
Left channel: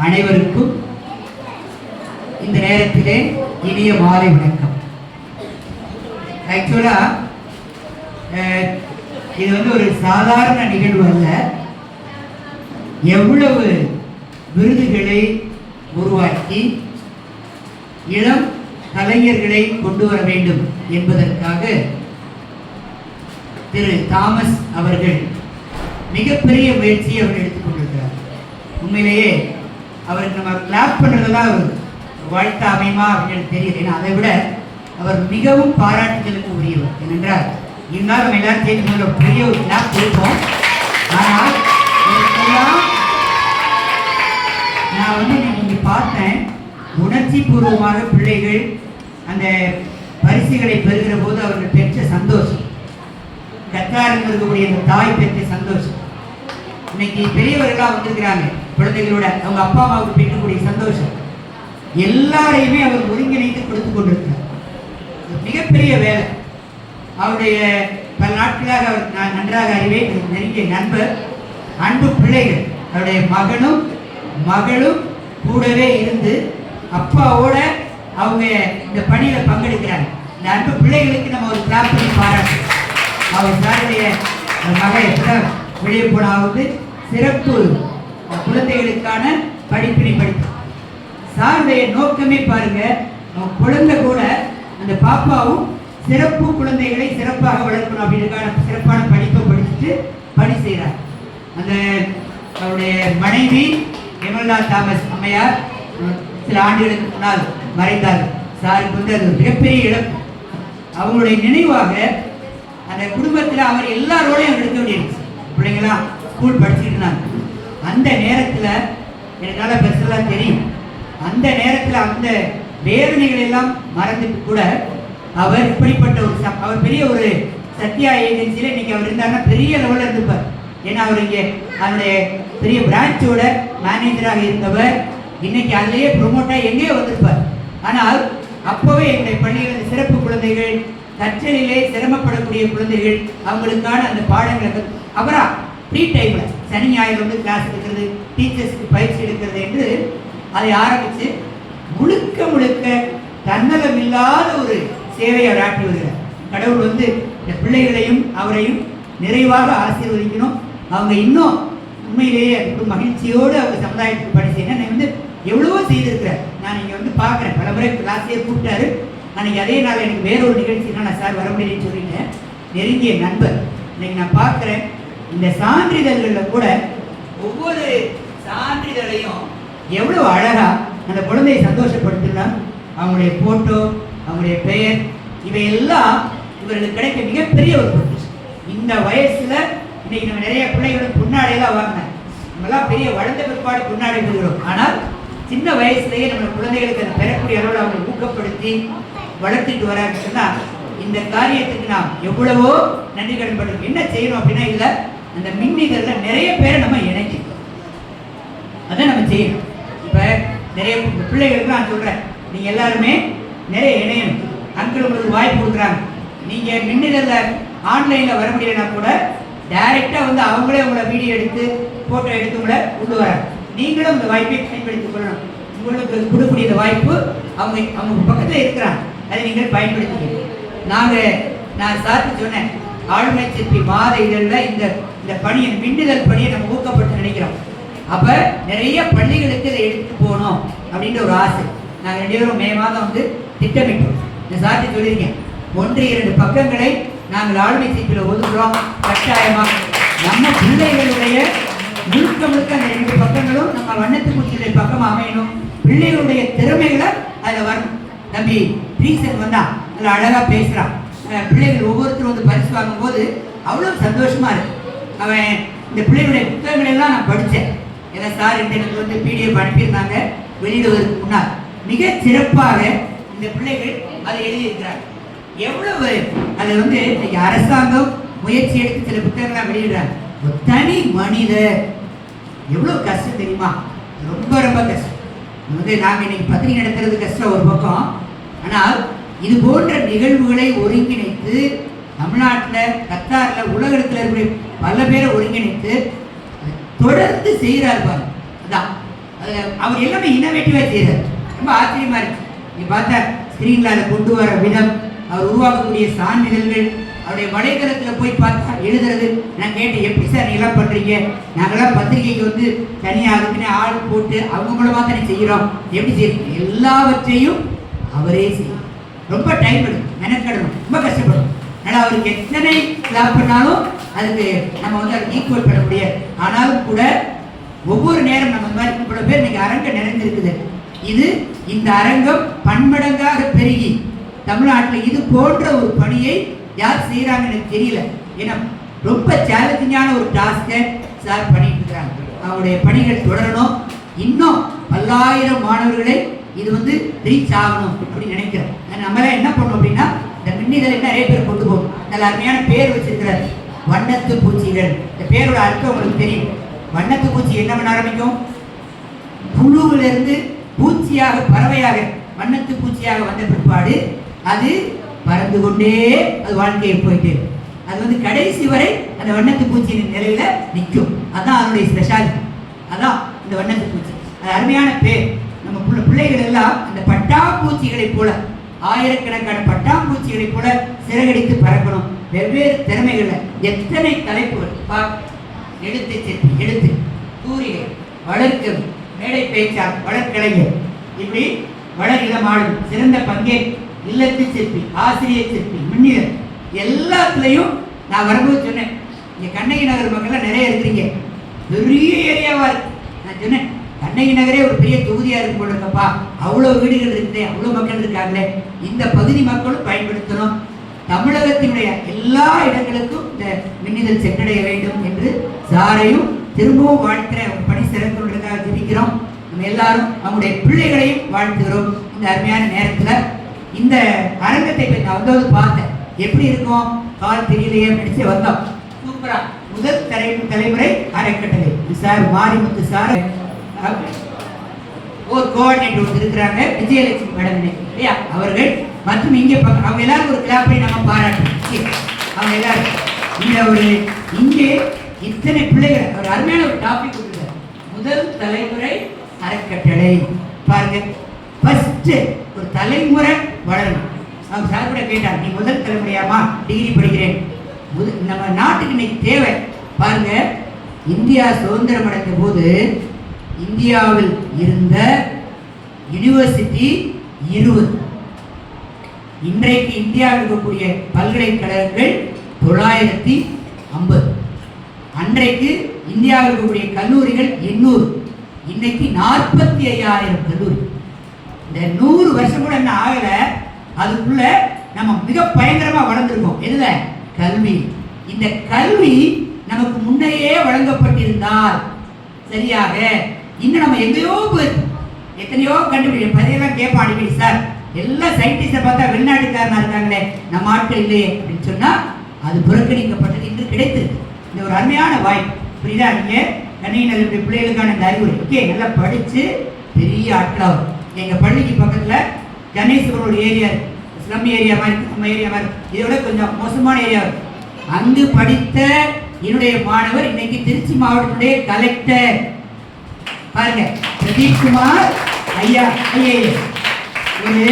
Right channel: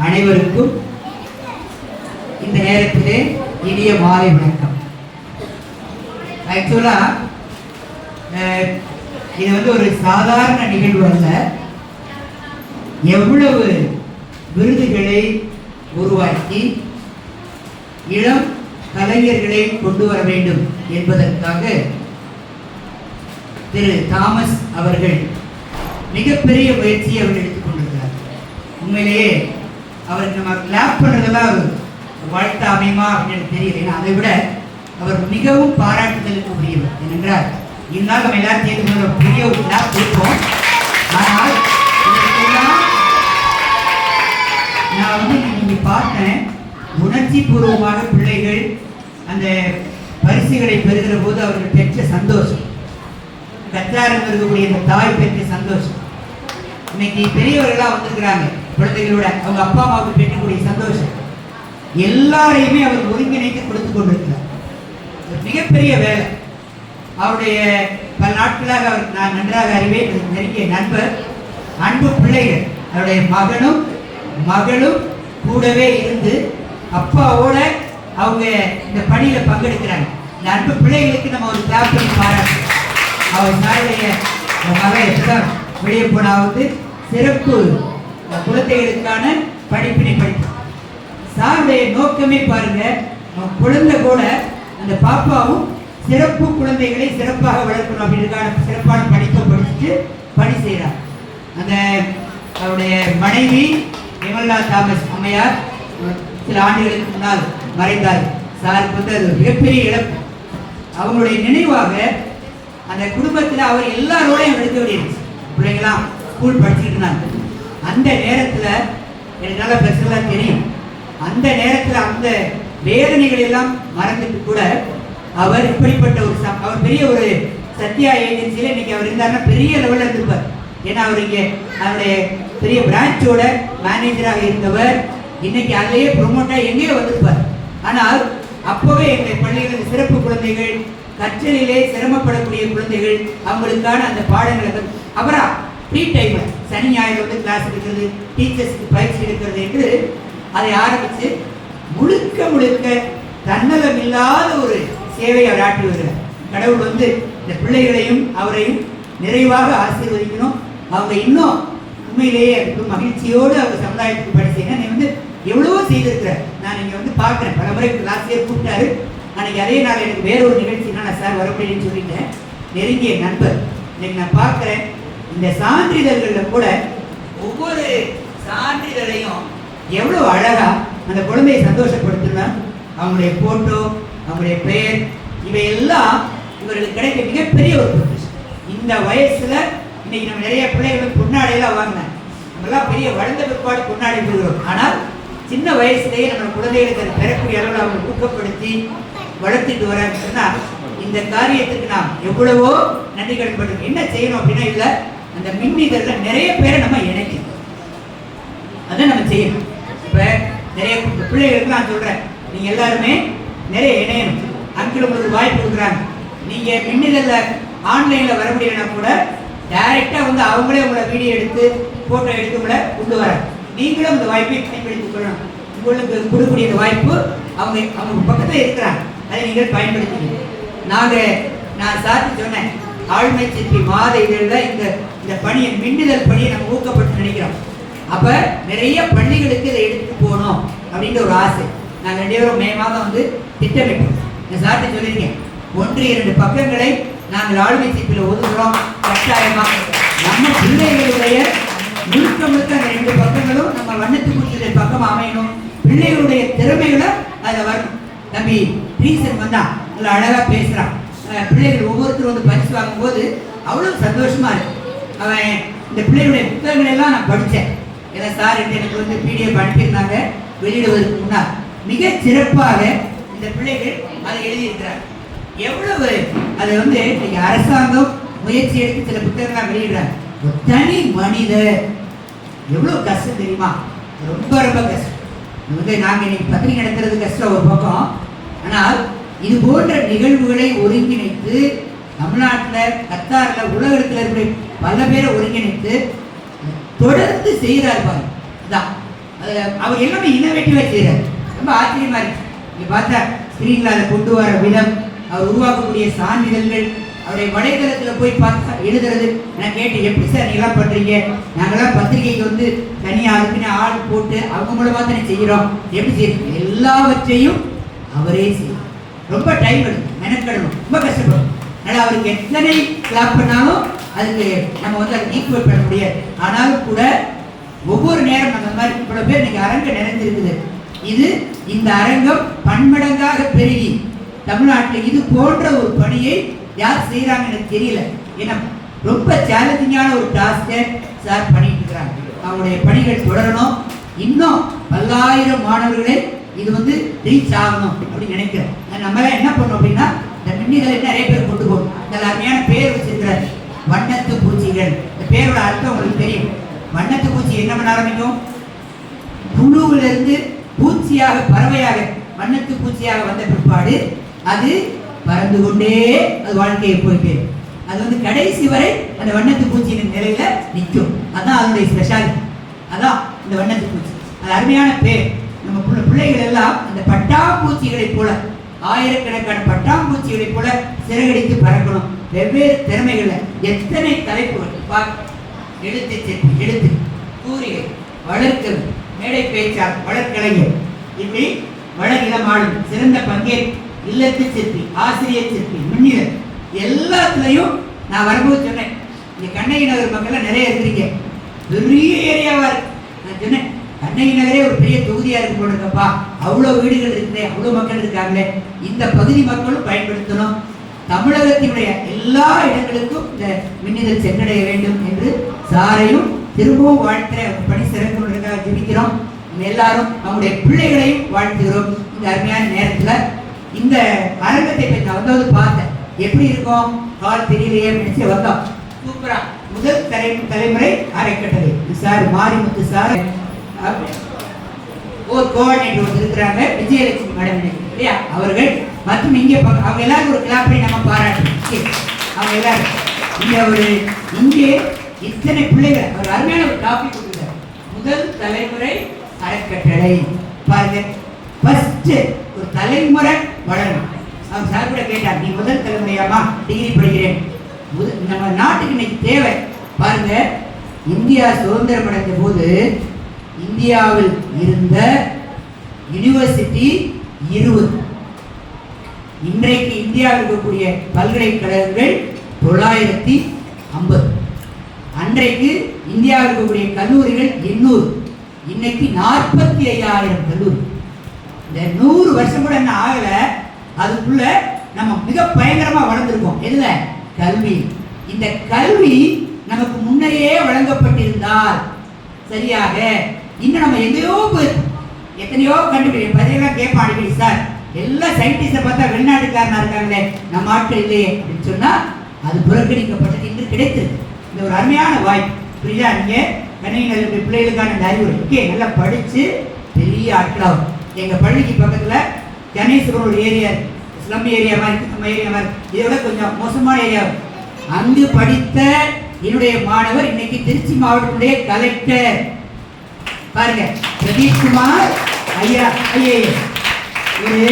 அனைவருக்கும் இந்த நேரத்திலே இனிய மாலை வணக்கம். ஆக்சுவலா இது வந்து ஒரு சாதாரண நிகழ்வு அல்ல. எவ்வளவு விருதுகளை உருவாக்கி இளம் கலைஞர்களை கொண்டு வர வேண்டும் என்பதற்காக திரு தாமஸ் அவர்கள் மிகப்பெரிய முயற்சியை அவர் எடுத்துக்கொண்டிருக்கிறார். உண்மையிலேயே அவருக்கு நம்ம கிளாப் பண்ணுறதெல்லாம் வாழ்த்த அமையுமா அப்படின்னு தெரியல. ஏன்னா அதை விட அவர் மிகவும் பாராட்டுதலுக்கு உரியவர். ஏனென்றால் இருந்தால் நம்ம எல்லாத்தையும் பெரிய ஒரு கிளாப் கொடுப்போம். ஆனால் நான் வந்து இன்னைக்கு பார்த்தேன், உணர்ச்சி பூர்வமாக பிள்ளைகள் அந்த பரிசுகளை பெறுகிற போது அவர்கள் பெற்ற சந்தோஷம், கற்றார்கள் இருக்கக்கூடிய இந்த தாய் பெற்ற சந்தோஷம், இன்னைக்கு பெரியவர்களாக வந்திருக்கிறாங்க குழந்தைகளோட அவங்க அப்பா அம்மாவுக்கு பெற்றக்கூடிய சந்தோஷம் எல்லாரையுமே அவர் ஒருங்கிணைத்து கொடுத்து கொண்டிருக்கிறார். மிகப்பெரிய வேலை. அவருடைய பல நாட்களாக அவர் நான் நன்றாக அறிவேன், நெருங்கிய நண்பர், அன்பு பிள்ளைகள், அவருடைய மகளும் கூடவே இருந்து அப்பாவோட அவங்க இந்த பணியில பங்கெடுக்கிறாங்க. இந்த அன்பு பிள்ளைகளுக்கு நம்ம ஒரு கிளாப் பண்ணி பாராட்டு. அவர் சாருடைய மகள் எப்பதான் வெளியே போனாவது சிறப்பு குழந்தைகளுக்கான படிப்பினை படிப்பு. சாருடைய நோக்கமே பாருங்க, குழந்தை கூட அந்த பாப்பாவும் சிறப்பு குழந்தைகளை சிறப்பாக வளர்க்கணும் அப்படின்றதுக்கான சிறப்பான படிப்பை படிச்சுட்டு பணி செய்கிறார். அந்த அவருடைய மனைவி விமலா தாமஸ் அம்மையார் சில ஆண்டுகளுக்கு முன்னால் மறைந்தார். சாருக்கு வந்து அது மிகப்பெரிய இழப்பு. அவங்களுடைய நினைவாக அந்த குடும்பத்தில் அவர் எல்லாரோடையும் எடுக்க வேண்டியிருந்துச்சு. பிள்ளைங்களாம் ஸ்கூல் படிச்சுட்டு இருந்தாங்க. அந்த நேரத்தில் எனக்கு நல்லா பெருசெல்லாம் தெரியும். அந்த நேரத்தில் அந்த வேதனைகள் எல்லாம் மறந்துட்டு கூட அவர் இப்படிப்பட்ட ஒரு அவர் பெரிய ஒரு சத்யா ஏஜென்சியில் இன்னைக்கு அவர் இருந்தாருன்னா பெரிய லெவலில் இருந்திருப்பார். ஏன்னா அவர் இங்கே அவருடைய பெரிய பிரான்ச்சோட மேனேஜராக இருந்தவர். இன்னைக்கு அதிலேயே ப்ரொமோட்டாக எங்கேயோ வந்திருப்பார். ஆனால் அப்போவே எங்களுடைய பள்ளிகளில் சிறப்பு குழந்தைகள், கற்றலிலே சிரமப்படக்கூடிய குழந்தைகள், அவங்களுக்கான அந்த பாடங்களை அவரா ஃப்ரீ டைமில் சனி ஞாயிறு வந்து கிளாஸ் எடுக்கிறது, டீச்சர்ஸுக்கு பயிற்சி எடுக்கிறது என்று அதை ஆரம்பித்து முழுக்க முழுக்க தன்னலம் இல்லாத ஒரு சேவையை அவர் ஆற்றி வருகிறார். கடவுள் வந்து இந்த பிள்ளைகளையும் அவரையும் நிறைவாக ஆசீர்வதிக்கணும். அவங்க இன்னும் உண்மையிலேயே மகிழ்ச்சியோடு அவங்க சமுதாயத்துக்கு பணி செய்யணும். நான் வந்து எவ்வளவோ செய்திருக்கிறேன். நான் இங்கே வந்து பார்க்குறேன். பல முறை லாஸ்ட் இயர் கூப்பிட்டாரு. அன்றைக்கி அதே நாள் எனக்கு வேற ஒரு நிகழ்ச்சினா நான் சார் வர முடியும்னு சொல்லிட்டேன். நெருங்கிய நண்பர். இன்னைக்கு நான் பார்க்குறேன் இந்த சான்றிதழ்களில் கூட ஒவ்வொரு சான்றிதழையும் எவ்வளோ அழகாக அந்த குழந்தையை சந்தோஷப்படுத்துகிறான். அவங்களுடைய ஃபோட்டோ, அவங்களுடைய பெயர், இவையெல்லாம் இவர்களுக்கு கிடைக்க மிகப்பெரிய ஒரு பொக்கிஷம். இந்த வயசில் இன்னைக்கு நம்ம நிறைய பிள்ளைகளும் பொன்னாடையெல்லாம் வாங்கினேன். நம்மளாம் பெரிய வளர்ந்த பிற்பாடு பொன்னாடை பெறுகிறோம். ஆனால் சின்ன வயசுலேயே நம்ம குழந்தைகளுக்கு அதை பெறக்கூடிய அளவில் அவங்க ஊக்கப்படுத்தி வளர்த்துட்டு வராங்கன்னா இந்த காரியத்துக்கு நாம் எவ்வளவோ நன்றி கடன் பண்ணுறோம். என்ன செய்யணும் அப்படின்னா இதில் அந்த மின்னிதழில் நிறைய பேரை நம்ம இணைக்கணும். அதை நம்ம செய்யணும். இப்போ நிறைய பிள்ளைகளுக்கு நான் சொல்கிறேன், நீங்கள் எல்லாருமே நிறைய இணையணும். அங்கிள் உங்களுக்கு வாய்ப்பு கொடுக்குறாங்க. நீங்கள் மின்னிதழில் ஆன்லைனில் வர முடியலன்னா கூட டைரெக்டாக வந்து அவங்களே உங்களை வீடியோ எடுத்து ஃபோட்டோ எடுத்து உங்களை கொண்டு வராங்க. நீங்களும் இந்த வாய்ப்பை பயன்படுத்திக் கொள்ளணும். உங்களுக்கு கொடுக்கக்கூடிய இந்த வாய்ப்பு அவங்க பக்கத்தில் இருக்கிறாங்க. அதை நீங்கள் பயன்படுத்திக்கணும். நான் சார்ட்டு சொன்னேன், ஆளுமை சிற்பி மாத இதழில் இந்த பணியை மின்னிதழ் பணியை நம்ம ஊக்கப்படுத்த நினைக்கிறோம். அப்போ நிறைய பள்ளிகளுக்கு இதை எடுத்துட்டு போகணும் அப்படின்ற ஒரு ஆசை. நாங்கள் 2 பேரும் மே மாதம் வந்து திட்டமிட்டோம். நான் சார்ட்டு சொல்லியிருக்கேன், 1-2 பக்கங்களை நாங்கள் ஆளுமை சிற்பியில் ஒதுக்குறோம். கட்டாயமாக நம்ம பிள்ளைகளுடைய முழுக்க முழுக்க அந்த 2 பக்கங்களும் நம்ம வண்ணத்துக்குரிய பக்கம் அமையணும். பிள்ளைகளுடைய திறமைகளை அதில் வரணும். தம்பி ரீசன் வந்தா அதில் அழகாக பேசுகிறான். பிள்ளைகள் ஒவ்வொருத்தரும் வந்து பரிசு வாங்கும்போது அவ்வளோ சந்தோஷமா இருக்கு. அவன் இந்த பிள்ளைகளுடைய புத்தகங்கள் எல்லாம் நான் படித்தேன். ஏன்னா சார் எனக்கு வந்து பிடிஎஃப் அனுப்பியிருந்தாங்க. வெளியிடுவதற்கு முன்னால் மிக சிறப்பாக இந்த பிள்ளைகள் அதை எழுதியிருக்கிறாங்க. எவ்வளவு அதை வந்து இன்னைக்கு அரசாங்கம் முயற்சி எடுத்து சில புத்தகங்கள்லாம் வெளியிடுறாங்க. தனி மனிதர் எவ்வளோ கஷ்டம் தெரியுமா? ரொம்ப ரொம்ப கஷ்டம். வந்து நாங்கள் இன்னைக்கு பத்திரிகை நடத்துறது கஷ்டம் ஒரு பக்கம். ஆனால் இது போன்ற நிகழ்வுகளை ஒருங்கிணைத்து தமிழ்நாட்டில், கத்தாரில், உலகத்தில் இருக்கிற பல பேரை ஒருங்கிணைத்து தொடர்ந்து செய்கிறார் பாருங்க. அதான் அவர் எல்லாமே இனோவேட்டிவாக செய்கிறார். ரொம்ப ஆச்சரியமா இருக்கு. நீங்க பார்த்தா ஸ்கிரீன்ல அதை கொண்டு வர விதம், அவர் உருவாக்கக்கூடிய சான்றிதழ்கள், அவருடைய வலைதளத்தில் போய் பார்த்தா எழுதுறது. நான் கேட்டேன், எப்படி சார் நீங்களாம் பண்ணுறீங்க? நாங்களாம் பத்திரிகைக்கு வந்து தனியாக அதுக்குன்னு ஆள் போட்டு அவங்க மூலமாக தானே செய்கிறோம். எப்படி செய்யணும்? எல்லாவற்றையும் அவரே செய்யும். ரொம்ப டைம் எடுக்கும், மெனக்கெடணும், ரொம்ப கஷ்டப்படும். அதனால் அவருக்கு எத்தனை கிளாப் பண்ணாலும் அதுக்கு நம்ம வந்து அதை ஈக்குவல் பண்ண முடியாது. ஆனாலும் கூட ஒவ்வொரு நேரம் நம்ம மாதிரி இவ்வளவு பேர் இன்னைக்கு அரங்கம் நிறைந்திருக்குது. இந்த அரங்கம் பன்மடங்காக பெருகி தமிழ்நாட்டில் இது போன்ற ஒரு பணியை யார் செய்யறாங்கன்னு தெரியல. ஏன்னா ரொம்ப சேலஞ்சிங்கான ஒரு டாஸ்கை சார் பண்ணிட்டு இருக்கிறாங்க. அவருடைய பணிகள் தொடரணும். இன்னும் பல்லாயிரம் மாணவர்களை இது வந்து ரீச் ஆகணும் அப்படின்னு நினைக்கிறேன். நம்மளாம் என்ன பண்ணோம் அப்படின்னா, இந்த மின்னிதழை நிறைய பேர் கொண்டு போகும். நல்ல அருமையான பேர் வச்சிருக்கிறார், வண்ணத்து பூச்சிகள். இந்த பேரோட அர்த்தம் உங்களுக்கு தெரியும். வண்ணத்து பூச்சி என்ன பண்ண ஆரம்பிக்கும்? புழுவிலிருந்து பூச்சியாக, பறவையாக, வண்ணத்து பூச்சியாக வந்த பிற்பாடு அது பறந்து கொண்டே அது வாழ்க்கையை போயிட்டு அது வந்து கடைசி வரை அந்த வண்ணத்து பூச்சியின் நிலையில நிற்கும். அதான் அதனுடைய ஸ்பெஷாலிட்டி. அதான் இந்த வண்ணத்து பூச்சி. அது அருமையான பேர். நம்ம பிள்ளைகள் எல்லாம் அந்த பட்டாம்பூச்சிகளை போல, ஆயிரக்கணக்கான பட்டாம்பூச்சிகளை போல சிறகடித்து பறக்கணும். வெவ்வேறு திறமைகள்ல எத்தனை தலைப்புகள், எழுத்து சிற்பி, எழுத்து, கூறிகை, வளர்க்கல், மேடை பேச்சார், வளர்க்கலைஞர், இப்படி வளர் இளமாளும், சிறந்த பங்கேற், இல்லத்து சிற்பி, ஆசிரியர் சிற்பி, மின்னிதழ், எல்லாத்துலையும் நான் வரும்போது சொன்னேன், இங்க கண்ணகி நகர் மக்கள்லாம் நிறைய இருக்கிறீங்க. பெரிய ஏரியாவா இருக்கு. நான் சொன்னேன் கண்ணகி நகரே ஒரு பெரிய தொகுதியா இருக்கும் போல இருக்கப்பா, அவ்வளவு வீடுகள் இருக்குது, அவ்வளவு மக்கள் இருக்காங்களே, இந்த பகுதி மக்களும் பயன்படுத்தணும், தமிழகத்தினுடைய எல்லா இடங்களுக்கும் இந்த மின்னிதழ் சென்றடைய வேண்டும் என்று சாரையும் திரும்பவும் வாழ்க்கிற பணி சிறப்புகளுக்காக ஜெபிக்கிறோம். நம்ம எல்லாரும் நம்முடைய பிள்ளைகளையும் வாழ்த்துகிறோம். இந்த அருமையான நேரத்துல இந்த அரங்கத்தை நான் வந்து பார்த்தேன், எப்படி இருக்கும் கால் தெரியலையே நினைச்சு வந்தோம். சூப்பரா முதல் தலைமுறை அரைக்கட்டளை சார் மாரிமுத்து சார் ஒரு கோஆர்டினேட்டர் இருக்கிறாங்க, விஜயலட்சுமி மேடம் இல்லையா அவர்கள், மற்றும் இங்கே அவங்க எல்லாரும் ஒரு கிளாப்பை நம்ம பாராட்டு. அவங்க எல்லாரும் இந்த ஒரு இங்கே இத்தனை பிள்ளைகளை ஒரு அருமையான ஒரு டாபிக் கொடுக்குறாரு, முதல் தலைமுறை அறக்கட்டளை. பாருங்க, ஃபர்ஸ்ட் ஒரு தலைமுறை வளரணும். அவங்க சார் கூட கேட்டார், நீ முதல் தலைமுறையாமா, டிகிரி படிக்கிறேன். நம்ம நாட்டுக்கு இன்னைக்கு தேவை. பாருங்க, இந்தியா சுதந்திரம் அடைந்த போது இந்தியாவில் இருந்த யூனிவர்சிட்டி 20. இன்றைக்கு இந்தியாவில் இருக்கக்கூடிய பல்கலைக்கழகங்கள் 950. அன்றைக்கு இந்தியாவில் இருக்கக்கூடிய கல்லூரிகள் 800. இன்னைக்கு 45,000 கல்லூரி. இந்த 100 வருஷம் கூட என்ன ஆகல, அதுக்குள்ள நம்ம மிக பயங்கரமா வளர்ந்துருக்கோம். எதுல? கல்வி. இந்த கல்வி நமக்கு முன்னையே வழங்கப்பட்டிருந்தால் சரியாக இன்னும் நம்ம எங்கேயோ போயிருக்கோம். எத்தனையோ கண்டுபிடிக்க பதிலாம் கேட்பான் அடிக்கடி, சார் எல்லா சயின்டிஸ்டை பார்த்தா வெளிநாட்டுக்காரனா இருக்காங்களே, நம்ம ஆட்கள் இல்லையே அப்படின்னு சொன்னா அது புறக்கணிக்கப்பட்டது இன்று கிடைத்திருக்கு. இந்த ஒரு அருமையான வாய்ப்பு, புரியுதா? நீங்க கண்ணையினுடைய பிள்ளைகளுக்கான இந்த அறிவுரை ஓகே, நல்லா படிச்சு பெரிய ஆட்களாகும். எங்க பள்ளிக்கு பக்கத்துல கணேசபுரம் ஒரு ஏரியா இருக்கு, ஸ்லம் ஏரியா மாதிரி, நம்ம ஏரியா மாதிரி, இதோட கொஞ்சம் மோசமான ஏரியா. அங்கு படித்த என்னுடைய மாணவர் இன்னைக்கு திருச்சி மாவட்டத்துடைய கலெக்டர். பாருங்க, பிரதீப் குமார் ஐயா ஐஏஎஸ் ஒரு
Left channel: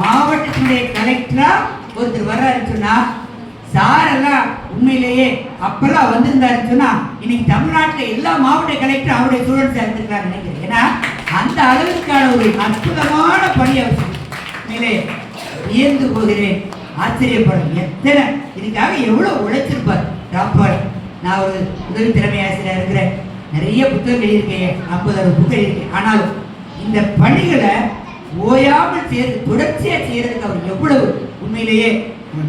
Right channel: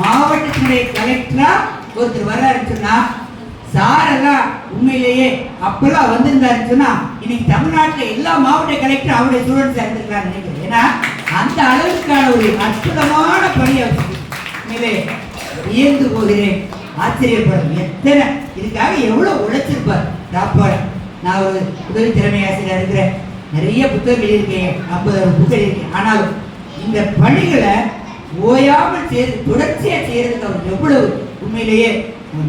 மாவட்டத்தினுடைய கலெக்டரா ஒருத்தர் வர்றாருன்னு சொன்னா, சாரெல்லாம் உண்மையிலேயே அப்பெல்லாம் வந்திருந்தாருன்னு சொன்னா இன்னைக்கு தமிழ்நாட்டில் எல்லா மாவட்ட கலெக்டரும் அவருடைய ஸ்டூடெண்ட்ஸ் எடுத்துருக்காரு நினைக்கிறேன். ஏன்னா அந்த அளவுக்கான ஒரு அற்புதமான பணியை உண்மையிலே வியந்து போகிறேன், ஆச்சரியப்படும். எத்தனை இதுக்காக எவ்வளவு உழைச்சிருப்பார் டாப்பர். நான் ஒரு உதவி தலைமை ஆசிரியர் இருக்கிறேன், நிறைய புத்தகம் எழுதியிருக்கேன், 50 புத்தகம் எழுதியிருக்கேன். ஆனாலும் இந்த பணிகளை ஓயாமல் தொடர்ச்சியா செய்யறதுக்கு அவர் எவ்வளவு உண்மையிலேயே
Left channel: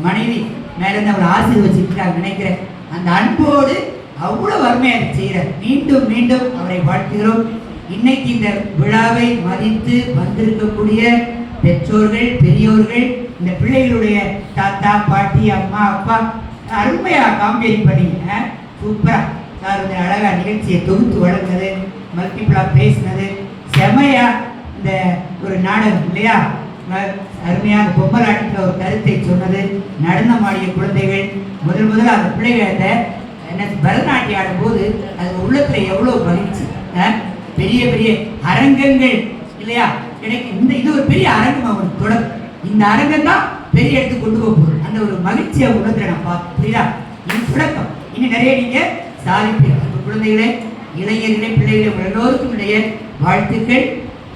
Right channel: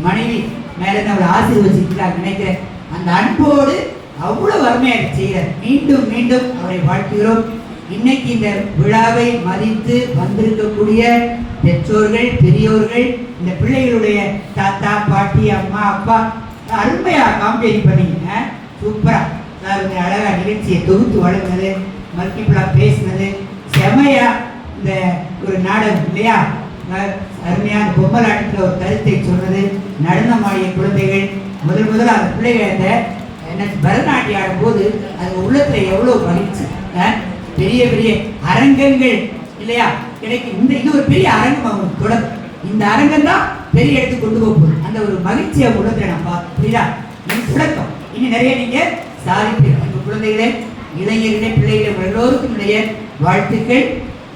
மனைவி மேல அவர் ஆசீர்வதிச்சிருக்காங்க நினைக்கிறேன். அந்த அன்போடு அவ்வளவு அருமையாக செய்கிறார். மீண்டும் மீண்டும் அவரை வாழ்த்துகிறோம். இன்னைக்கு இந்த விழாவை மதித்து வந்திருக்கக்கூடிய பெற்றோர்கள், பெரியோர்கள், இந்த பிள்ளைகளுடைய தாத்தா, பாட்டி, அம்மா, அப்பா அருமையா காம்பேரிங் பண்ணீங்க. சூப்பரா சார் அழகா நிகழ்ச்சியை தொகுத்து வழங்கினது, மல்டிபிளா பேசினது, செமையா இந்த ஒரு நாடகம் இல்லையா, அருமையான பொம்மலாட்டத்தில் ஒரு கருத்தை சொன்னது, நடனமாடிய குழந்தைகள் முதல்ல அந்த பிள்ளைகள் என்ன பரதநாட்டியம் ஆடும் போது அது உள்ளத்துல எவ்வளவு மகிழ்ச்சி. பெரிய பெரிய அரங்கங்கள் இல்லையா கிடைக்கும். இது ஒரு பெரிய அரங்கம் அவங்களுக்கு தொடங்கும். இந்த அரங்கம் தான் பெரிய இடத்துக்கு கொண்டு போகுது. அந்த ஒரு மகிழ்ச்சியை உள்ளத்துல நான் பார்த்து, புரியுதா? இது தொடக்கம். இன்னும் நிறைய நீங்க சாதிப்பீர்கள். உங்க குழந்தைகளே, இளைஞர்களே, பிள்ளைகளே, உங்கள் எல்லோருக்கும் இடைய வாழ்த்துக்கள்.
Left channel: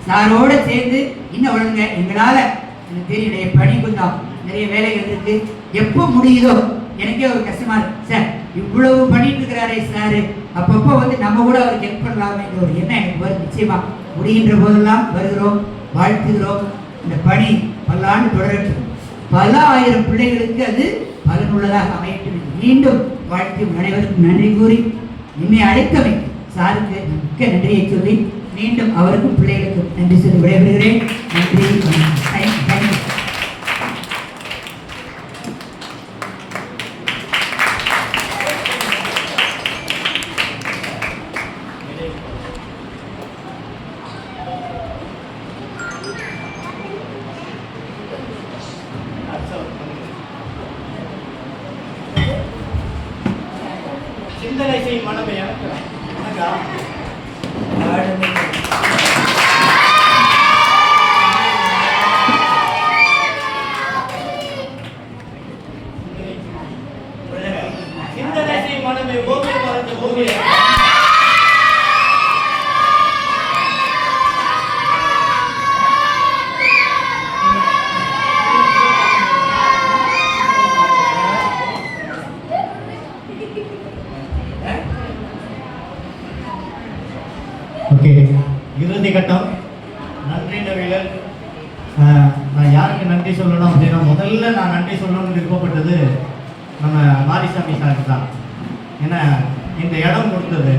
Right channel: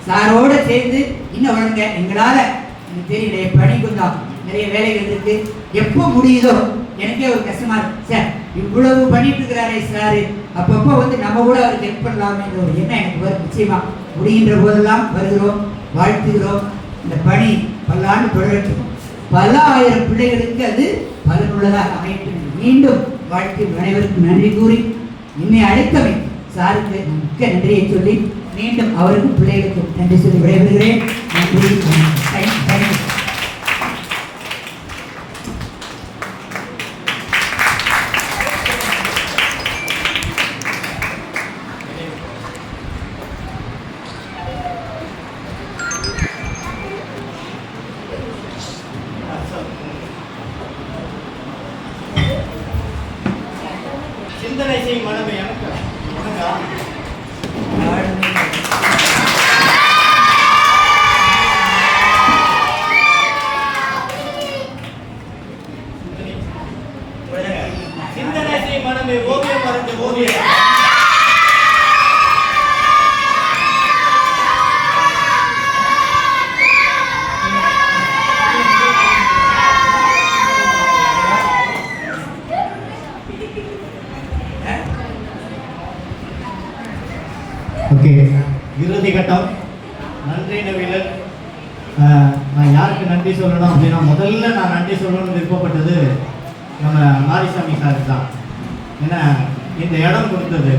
சாரோட சேர்ந்து இன்னும் வளருங்க. எங்களால எனக்கு தெரிய பணி கொஞ்சம் நிறைய வேலைகள் இருக்கு, எப்போ முடியுதோ எனக்கே ஒரு கஷ்டமா இருக்கு. சார் இவ்வளவு பண்ணிட்டு இருக்கிறாரே சாரு, அப்பப்போ வந்து நம்ம கூட அவருக்கு ஹெல்ப் பண்ணலாமே ஒரு எண்ணம் எனக்கு வரும். நிச்சயமா முடிகின்ற போதெல்லாம் வருகிறோம், வாழ்த்துகிறோம். இந்த பணி பல்லாண்டு தொடரட்டும், பல ஆயிரம் பிள்ளைகளுக்கு அது பலனுள்ளதாக அமையட்டும். மீண்டும் வாழ்த்து அனைவருக்கும் நன்றி கூறி என்னை அழைத்தவை சாருக்கு மிக்க நன்றியை சொல்லி மீண்டும் அவருக்கும் பிள்ளைகளுக்கும் நன்றி சொல்லி விடைபெறுகிறேன். நன்றி. சிந்தனை செய்யும் மனமே எனக்கு சிந்தனை செய்யும் மனமே ஓவியம் வரைஞ்ச ஓவியம். ஓகே, இறுதி கட்டம். நன்றி நவீலர். நான் யாருக்கு நன்றி சொல்லணும் அப்படின்னா, முதல்ல நான் நன்றி சொல்லணும்னு விருப்பப்பட்டது நம்ம மாரிசாமி சாருக்கு தான். ஏன்னா இந்த இடம் கொடுத்தது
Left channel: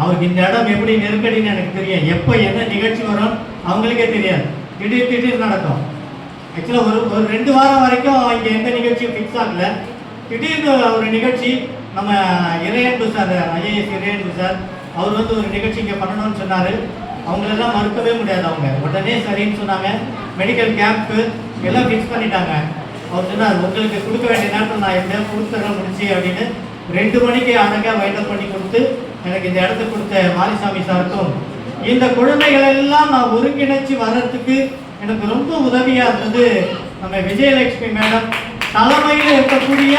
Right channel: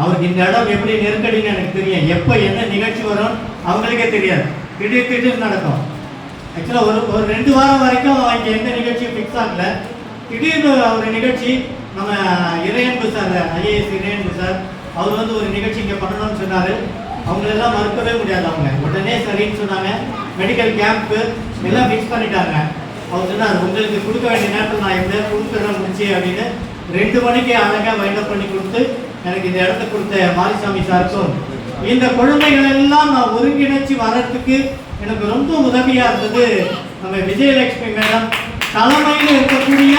அவருக்கு. இந்த இடம் எப்படி நெருக்கடின்னு எனக்கு தெரியும். எப்போ என்ன நிகழ்ச்சி வரும் அவங்களுக்கே தெரியாது. திடீர் நடக்கும். ஆக்சுவலாக ஒரு 2 வாரம் வரைக்கும் இங்கே எந்த நிகழ்ச்சியும் ஃபிக்ஸ் ஆகல. திடீர்னு ஒரு நிகழ்ச்சி நம்ம Iraianbu sir, IAS Iraianbu sir, அவர் வந்து ஒரு நிகழ்ச்சி இங்கே பண்ணணும்னு சொன்னார். அவங்களெல்லாம் மறுக்கவே முடியாது. அவங்க உடனே சரின்னு சொன்னாங்க. மெடிக்கல் கேம்ப்பு எல்லாம் ஃபிக்ஸ் பண்ணிட்டாங்க. அவர் சொன்னார், உங்களுக்கு கொடுக்க வேண்டிய நேரத்தில் நான் எப்படியாவது கொடுத்துட்றேன் முடிச்சு அப்படின்னு 2 மணிக்கு அழகாக வைண்டப் பண்ணி கொடுத்து எனக்கு இந்த இடத்த கொடுத்த மாரிசாமி சாருக்கும், இந்த குழந்தைகள் எல்லாம் நான் ஒருங்கிணைச்சு வர்றதுக்கு எனக்கு ரொம்ப உதவியா இருந்தது நம்ம விஜயலட்சுமி மேடம் தலைமையில் இருக்கக்கூடிய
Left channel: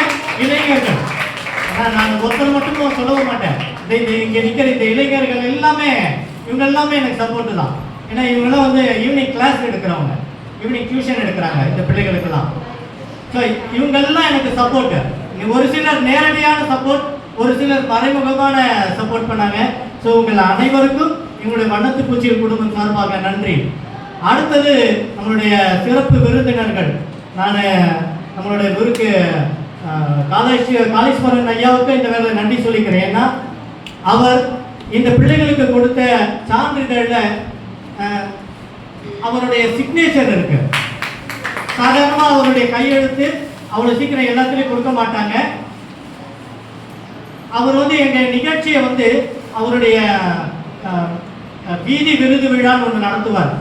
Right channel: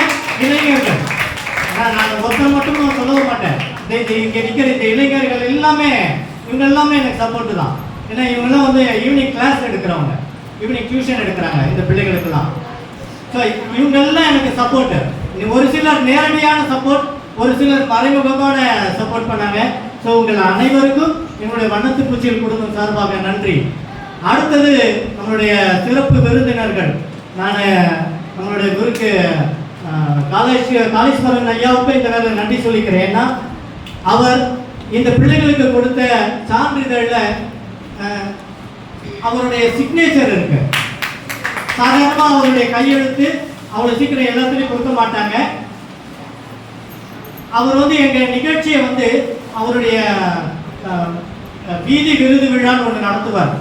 இளைஞர்கள். நான் ஒருத்தர் மட்டும் சொல்லவும் மாட்டேன். இங்கே நிற்கிற இந்த இளைஞர்கள் எல்லாமே, இவங்க எல்லாமே எனக்கு சப்போர்ட்டு தான். ஏன்னா இவங்கெல்லாம் வந்து ஈவினிங் கிளாஸ் எடுக்கிறவங்க, ஈவினிங் டியூஷன் எடுக்கிறாங்க இந்த பிள்ளைகளுக்கெல்லாம். ஸோ இவங்கெல்லாம் எனக்கு சப்போர்ட்டு. ஒரு சிலர் நேரடியான சப்போர்ட், ஒரு சிலர் மறைமுகமான சப்போர்ட் பண்ணாங்க. ஸோ உங்கள் அனைவருக்கும் எங்களுடைய வண்ணத்து பூச்சிகள் குடும்பம் சார்பாக நன்றி. அடுத்தது நம்மளுடைய சிறப்பு விருந்தினர்கள். நான் நம்மளுடைய குருக்கு காளீஸ்வரன் ஐயாவுக்கு இந்த வேலை நன்றி சொல்லிக்கிறேன். ஏன்னா அவர் இந்த பிள்ளைகளுக்கு கொடுத்த சான்றிதழில் அவருடைய சிக்னேச்சர் இருக்கு. சாதாரணமாக அவருடைய கையெழுத்து அவ்வளோ சீக்கிரம் எல்லாத்துலேயும் கொடுக்க மாட்டாங்க. அவர் வந்து எங்கள் நிகழ்ச்சியை வந்து அவருடைய வீதி விருது விழான்னு ஒன்று நடத்துவார்.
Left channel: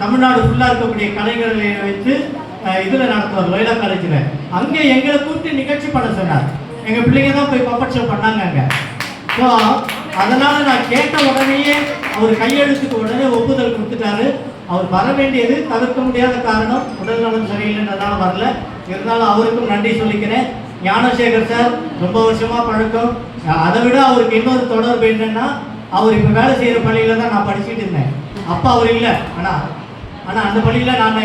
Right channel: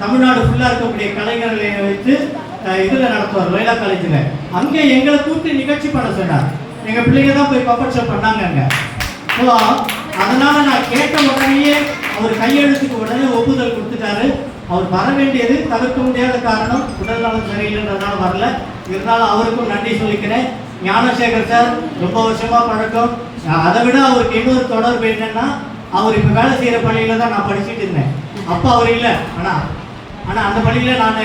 தமிழ்நாடு ஃபுல்லாக இருக்கக்கூடிய கலைஞர்களை வைத்து இதில் நடத்துவார், லோயலா காலேஜில். அங்கே எங்களை கூப்பிட்டு நிகழ்ச்சி பண்ண சொன்னார். எங்கள் பிள்ளைங்க தான் போய் பப்பட் ஷோ பண்ணாங்க அங்கே. ஸோ அதனால் நான் கேட்ட உடனேயே அவர் கையெழுத்துக்கு உடனே ஒப்புதல் கொடுத்துட்டாரு. அவர் வர வேண்டியது தவிர்க்க முடியாத காரணம், உடல் நலம் சரியில்லைன்றதுனால வரல. இருந்தாலும் அவருக்கும் நன்றி சொல்லிக்கிறேன். ஞானசேகர் சார் ரொம்ப வருஷமா பழக்கம். அதை விட அவருக்கு இன்னொரு தொடர்பு என்னன்னா, அவர் இப்போ வேலை செய்கிற பள்ளியில் தான் நான் படிச்சுட்டு இருந்தேன். அப்போ அவர் இல்லை. ஆனால் அந்த பள்ளியில் நான்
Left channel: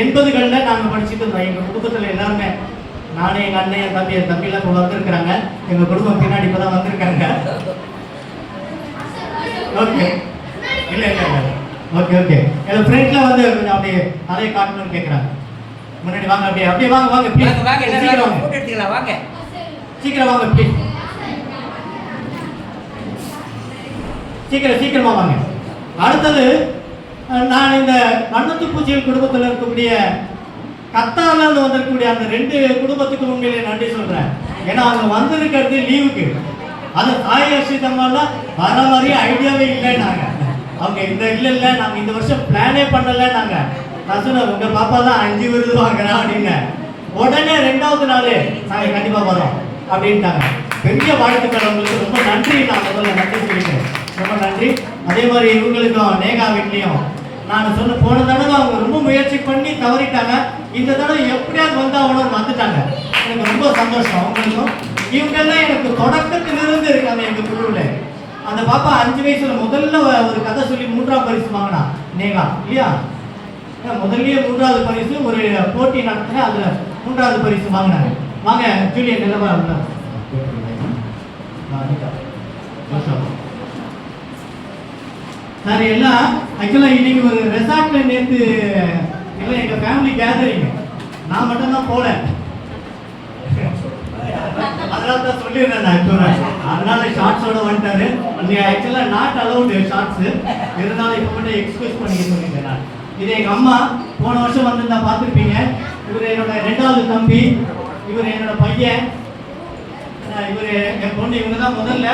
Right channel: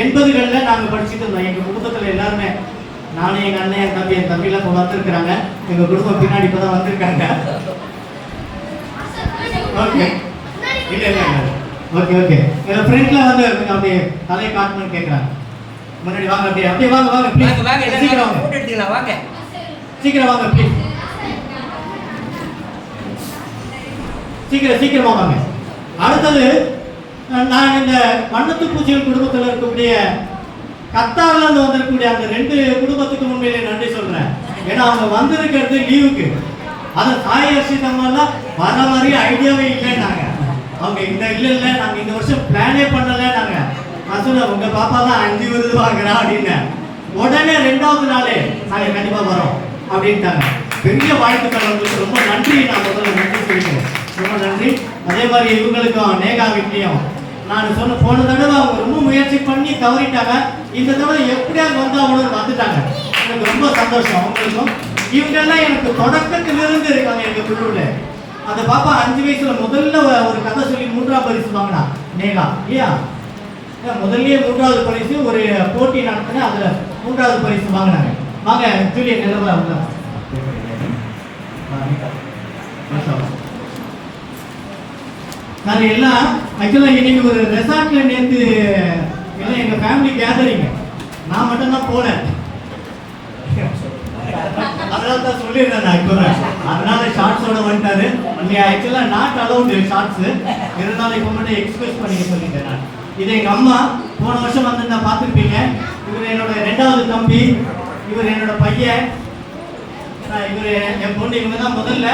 80களில் நாங்கள் படிச்சுட்டு இருந்தோம். எங்கள் குடும்பத்தில் எல்லாருமே, நானே, எங்கள் அண்ணன், என் தம்பி, என் தம்பிலாம் இப்போ வந்திருக்கிறாங்க. எங்கள் குடும்பம் பின்னாடி இப்போ தான் வந்திருக்காங்க. ஓகே, இல்லை ஓகே ஓகே. என் ஃப்ரெண்டில் வந்து கொஞ்சம் அப்படியே அதை காட்டணும்னு கேட்குறாங்க. முன்னாடி வாங்க, அப்படியே வாங்க ப்ளீஸ். சீக்கிரம் வாங்க, சீக்கிரம் வாங்க ப்ளீஸ். சீக்கிரமா வாங்க. அடுத்தது நான் இந்த வண்ணத்து பூச்சிகள் குடும்பத்தில் இருக்கக்கூடிய கத்தாரில் வந்திருக்கக்கூடிய அந்த 2 குடும்பத்துக்கு உண்மையிலே நன்றி சொல்றேன். ஏன்னா அவங்க வந்திருக்கிறது லீவுக்கு. அது தாய் அர்ஷிதம்லாம் வர மாதிரி ஐடியாவே இல்லைன்னாங்க. அவங்க இல்லை நாங்கள் இந்த வருஷம் பிளானே பண்ணலைன்னாங்க. நான் சொன்னேன், உங்க பாப்பா தான் 5 விருது வாங்குறா அப்படின்னு. உடனே 2வது நாளே நாங்கள் கண்டிப்பாக வரோம் அப்படின்ட்டாங்க. பெரிய வாழ்த்துக்கள் அவங்களுக்கு. ரொம்ப நன்றி. நான் முதல்ல நன்றி சொல்லிக்கிறேன். ரொம்ப நன்றி. அதே மாதிரி இவங்களுக்கும் நேகா வீட்லையும் நான் சொன்ன, போன தடவை அவங்க ரொம்ப முயற்சி பண்ணி தவறிட்டாங்க. இந்த தடவை எப்படியாவது வந்தாங்கன்னு வந்துட்டாங்க. எனக்கு ரொம்ப சந்தோஷம் அவங்களுக்கும். இவங்கெல்லாம் எனக்கு தொடக்கத்திலிருந்து இருக்காங்க எங்கள் குழுவில். அந்த பாப்பா 5 வயசுல முதல்ல ஒரு கதை சொல்லி 3ஆம் பரிசு வாங்கினா நேகா, இல்லையா? முதல்லயே 3வது பரிசு ஒரு போட்டி நடத்தின, அதுல 3வது பரிசு வாங்கினாங்க. வாங்க ஜூலியன் நிலவா இருந்தா சார். எல்லாம் ஆக்சுவலாக இன்னைக்கு ஒரு ரெசார்ட்ல நேற்று எல்லாம் எங்க ஃபேமிலி கேதரிங். நான் மட்டும்தான் போல, அதனால தான் சொல்லிடுறேன். அதனால ஷார்ட்ஸோட வந்துட்டாரு. ஆக்சுவலாக நாட் அலௌடு ஷார்ட்ஸ், இருந்தாலும் இப்போ மட்டும் எக்ஸ்பிரஸ் பண்ணிக்க சொல்லிட்டேன் நான். இது எங்க அம்மா போன வருஷம் வந்து பார்த்துருப்பீங்க. இவர் என்னோட 2வது தம்பி, இவர் என்னோட பையன், இவர் என் பொண்ணு. இவங்க தான் முதல்ல,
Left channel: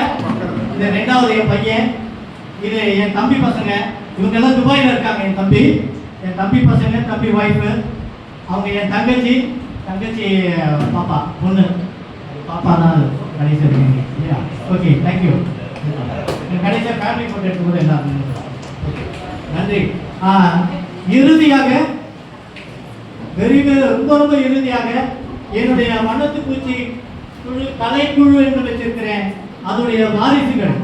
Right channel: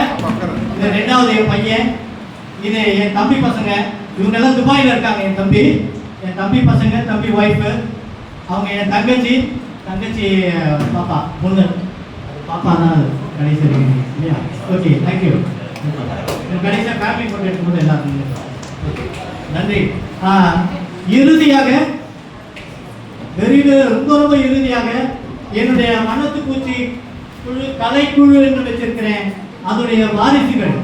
இது 2வது என் பையன், இது என் தம்பி பசங்க. இவங்கெல்லாம் துபாயில் இருக்காங்க. என் தம்பி பசங்க, தம்பி ஒய்ஃபு, அவங்க என் தங்கச்சி பாப்பா, பொண்ணு பாப்பா தான் கடைசி இருக்கீங்க இல்லையா? Okay, thank you. கடைசியாக ஃபேமிலி ஃபோட்டோ எடுக்கும்போது எல்லாருமே நன்றி. இறுதியாக ரொம்ப இறுதியாக என்னுடைய வண்ணத்து பூச்சி குழு, கலைக்குழு என்று வச்சிருக்கிறேன், அதனுடைய வாரிசுகள்.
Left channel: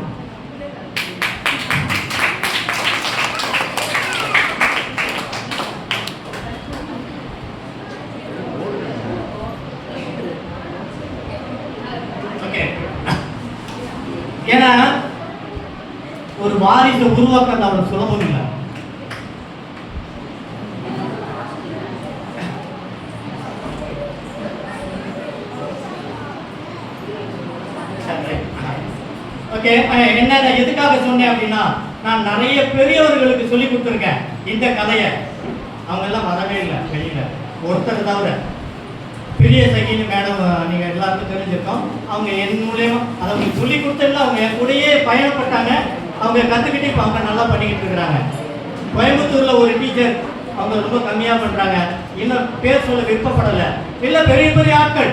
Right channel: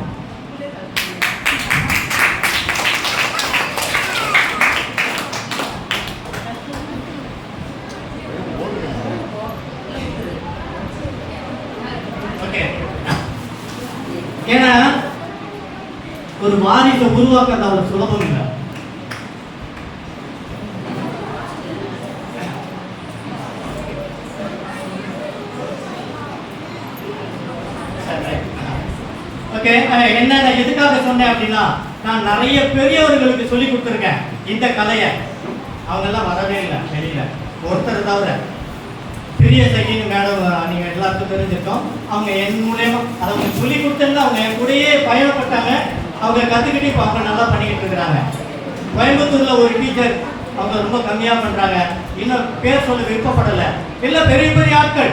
ஏன்னா ஒரு வாரிசை உருவாக்குறது அவ்வளவு சுலபம் இல்லை. ஓகே, என்ன நான் எதுக்காக சொன்னேன் அப்படின்னா, நான் நிறைய பெரியவர்களுக்கு சொல்லி கொடுத்துருக்கேன் இந்த கலையை. அவங்க எல்லாம் வரவே இல்லை வெளியில, ஒருத்தர் தவிர. பெரிய சகின்னு மேடம் நீங்க எல்லாருக்கும் தெரிஞ்சிருக்கோம். அவங்க என் மூலயமா அதை அவங்க சொல்லி கொடுத்ததுல அவங்க என் கூடயே பயணப்பட்டாங்க. அவங்க கத்துக்கிட்டு இப்போ அவங்க நல்லா பண்ணிக்கிட்டு இருக்கிறாங்க. கோயம்புத்தூர்ல ஒரு டீச்சர் அவங்க ரொம்ப கம்மியா பண்றாங்க, இன்னும் பேர் சொல்ல விருப்பப்படலை. இல்லை பெரிய பெரிய ஆட்கள்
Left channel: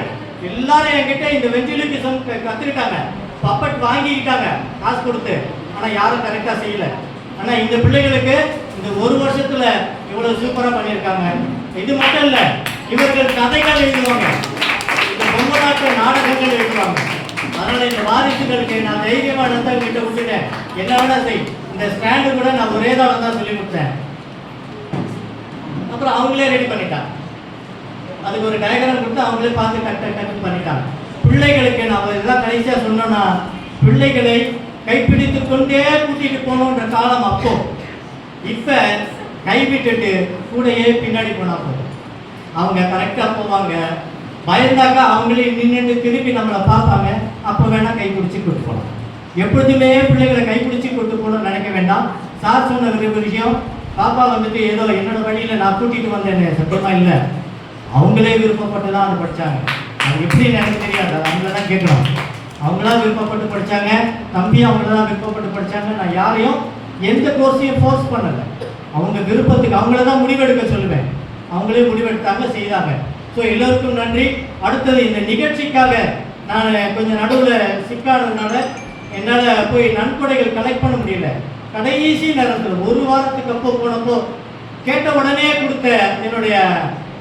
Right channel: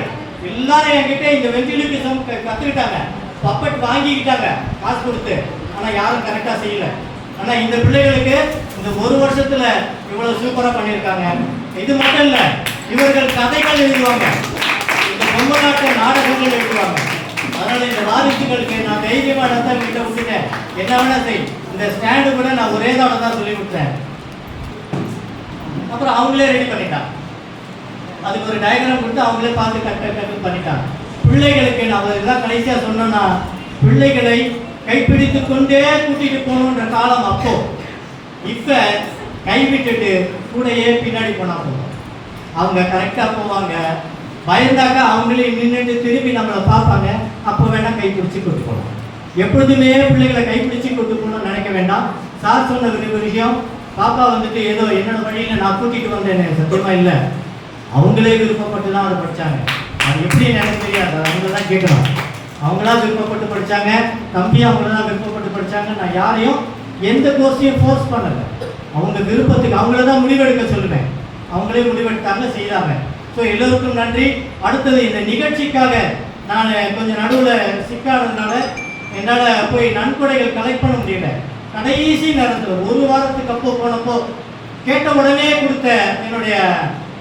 எல்லாரும் என்கிட்ட இந்த வெஞ்சிலிபிசம் கத்துக்கிட்டாங்க, பப்பட் வாங்கிக்கிட்டாங்க காசு கொடுத்து. ஆனா யாரும் கரெக்டா செய்யல. ஆனா இந்த பிள்ளைகளுக்கு இந்த ஒரு வருஷத்துல இவ்வளவு சூப்பரா பண்ணியிருக்காங்க. இது மட்டும் இல்ல, இவர்கள் கதைகள் எழுதுவாங்க, இந்த பொம்மலாட்ட நாடகங்கள் எழுதுவாங்க. அதனால இந்த வாரிசுகளுக்கு நான் தைரியமா இடத்த விட்டுட்டேன். என்ன வேணா செய், இந்த ஸ்டாண்டு கூட நான் ஒரே தடவை தான் சொல்லி கொடுத்தேன். அப்புறம் அவங்களே ரெடி பண்ணிட்டாங்க. அதுக்கு ஒரு டயக்ராம் கொடுத்து அவங்களே பார்த்து கரெக்டாக பண்ணிட்டாங்க. பிள்ளைகளுக்கு நான் இதெல்லாம் கடைசியா சொன்னோன்னா, பிள்ளைகளை கைப்பிடித்து கொண்டே கூட்டிட்டு போகணுன்ற காலம் அப்போ. இப்ப கைவிட்டுட்டு கூடையே பின்னாடி போனா போதும், அவங்க கரெக்டா போவாங்க. பயந்தாக்கா அவங்களே நின்று திருப்பி நம்மளை பார்ப்பாங்க, அப்போ வேணா கைப்பிடிச்சு கொண்டு போகணும். எப்பொழுதுமே பிள்ளைகளை கைப்பிடிச்சு கொண்டு போகணும்னு நினைக்க வேண்டாம். சார் சொன்ன ஒரு விஷயம், பாப்பா வந்துட்டு ஏதோ என்னோட வழியில நான் கூட்டிட்டு வந்தேன்னு சத்தியமா இல்லை. அவங்களே விருப்பப்பட்டு தான் அதை படிச்சாங்க. அது எப்படி எனக்கு தெரியாது, அவங்கள தான் கேட்கணும். அவங்களா விருப்பப்பட்டு படிச்சாங்க, தம்பி அவங்கள தான் விருப்பப்பட்டு படிச்சாங்க. நான் யாரையும் எந்த கோர்ஸையும் ஃபோர்ஸ் பண்ணலை. அவங்க விருப்பத்துக்கு அவங்கள தான் முடிவெடுக்க சொல்லுவேன். அவங்களே முடிவெடுத்தாங்க, செய்தாங்க. ஸோ எல்லோருக்கும் நன்றி. அடுத்தது இந்த நிகழ்ச்சிக்காக நான் கொஞ்சம் நடுவில் சிக்கானதுனால என்னால் போய் நன்கொடைகள் கலெக்ட் பண்ண முடியல. கடைசி நேரத்தில் ஒரு வாரத்துக்கு அப்போ போனப்போ கேட்ட உடனே கொடுத்த என்னுடைய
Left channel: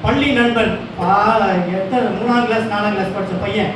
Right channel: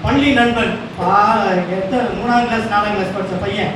பள்ளி நண்பன், 3ஆம் கிளாஸ் 4ஆம் கிளாஸ் படித்த பையன்,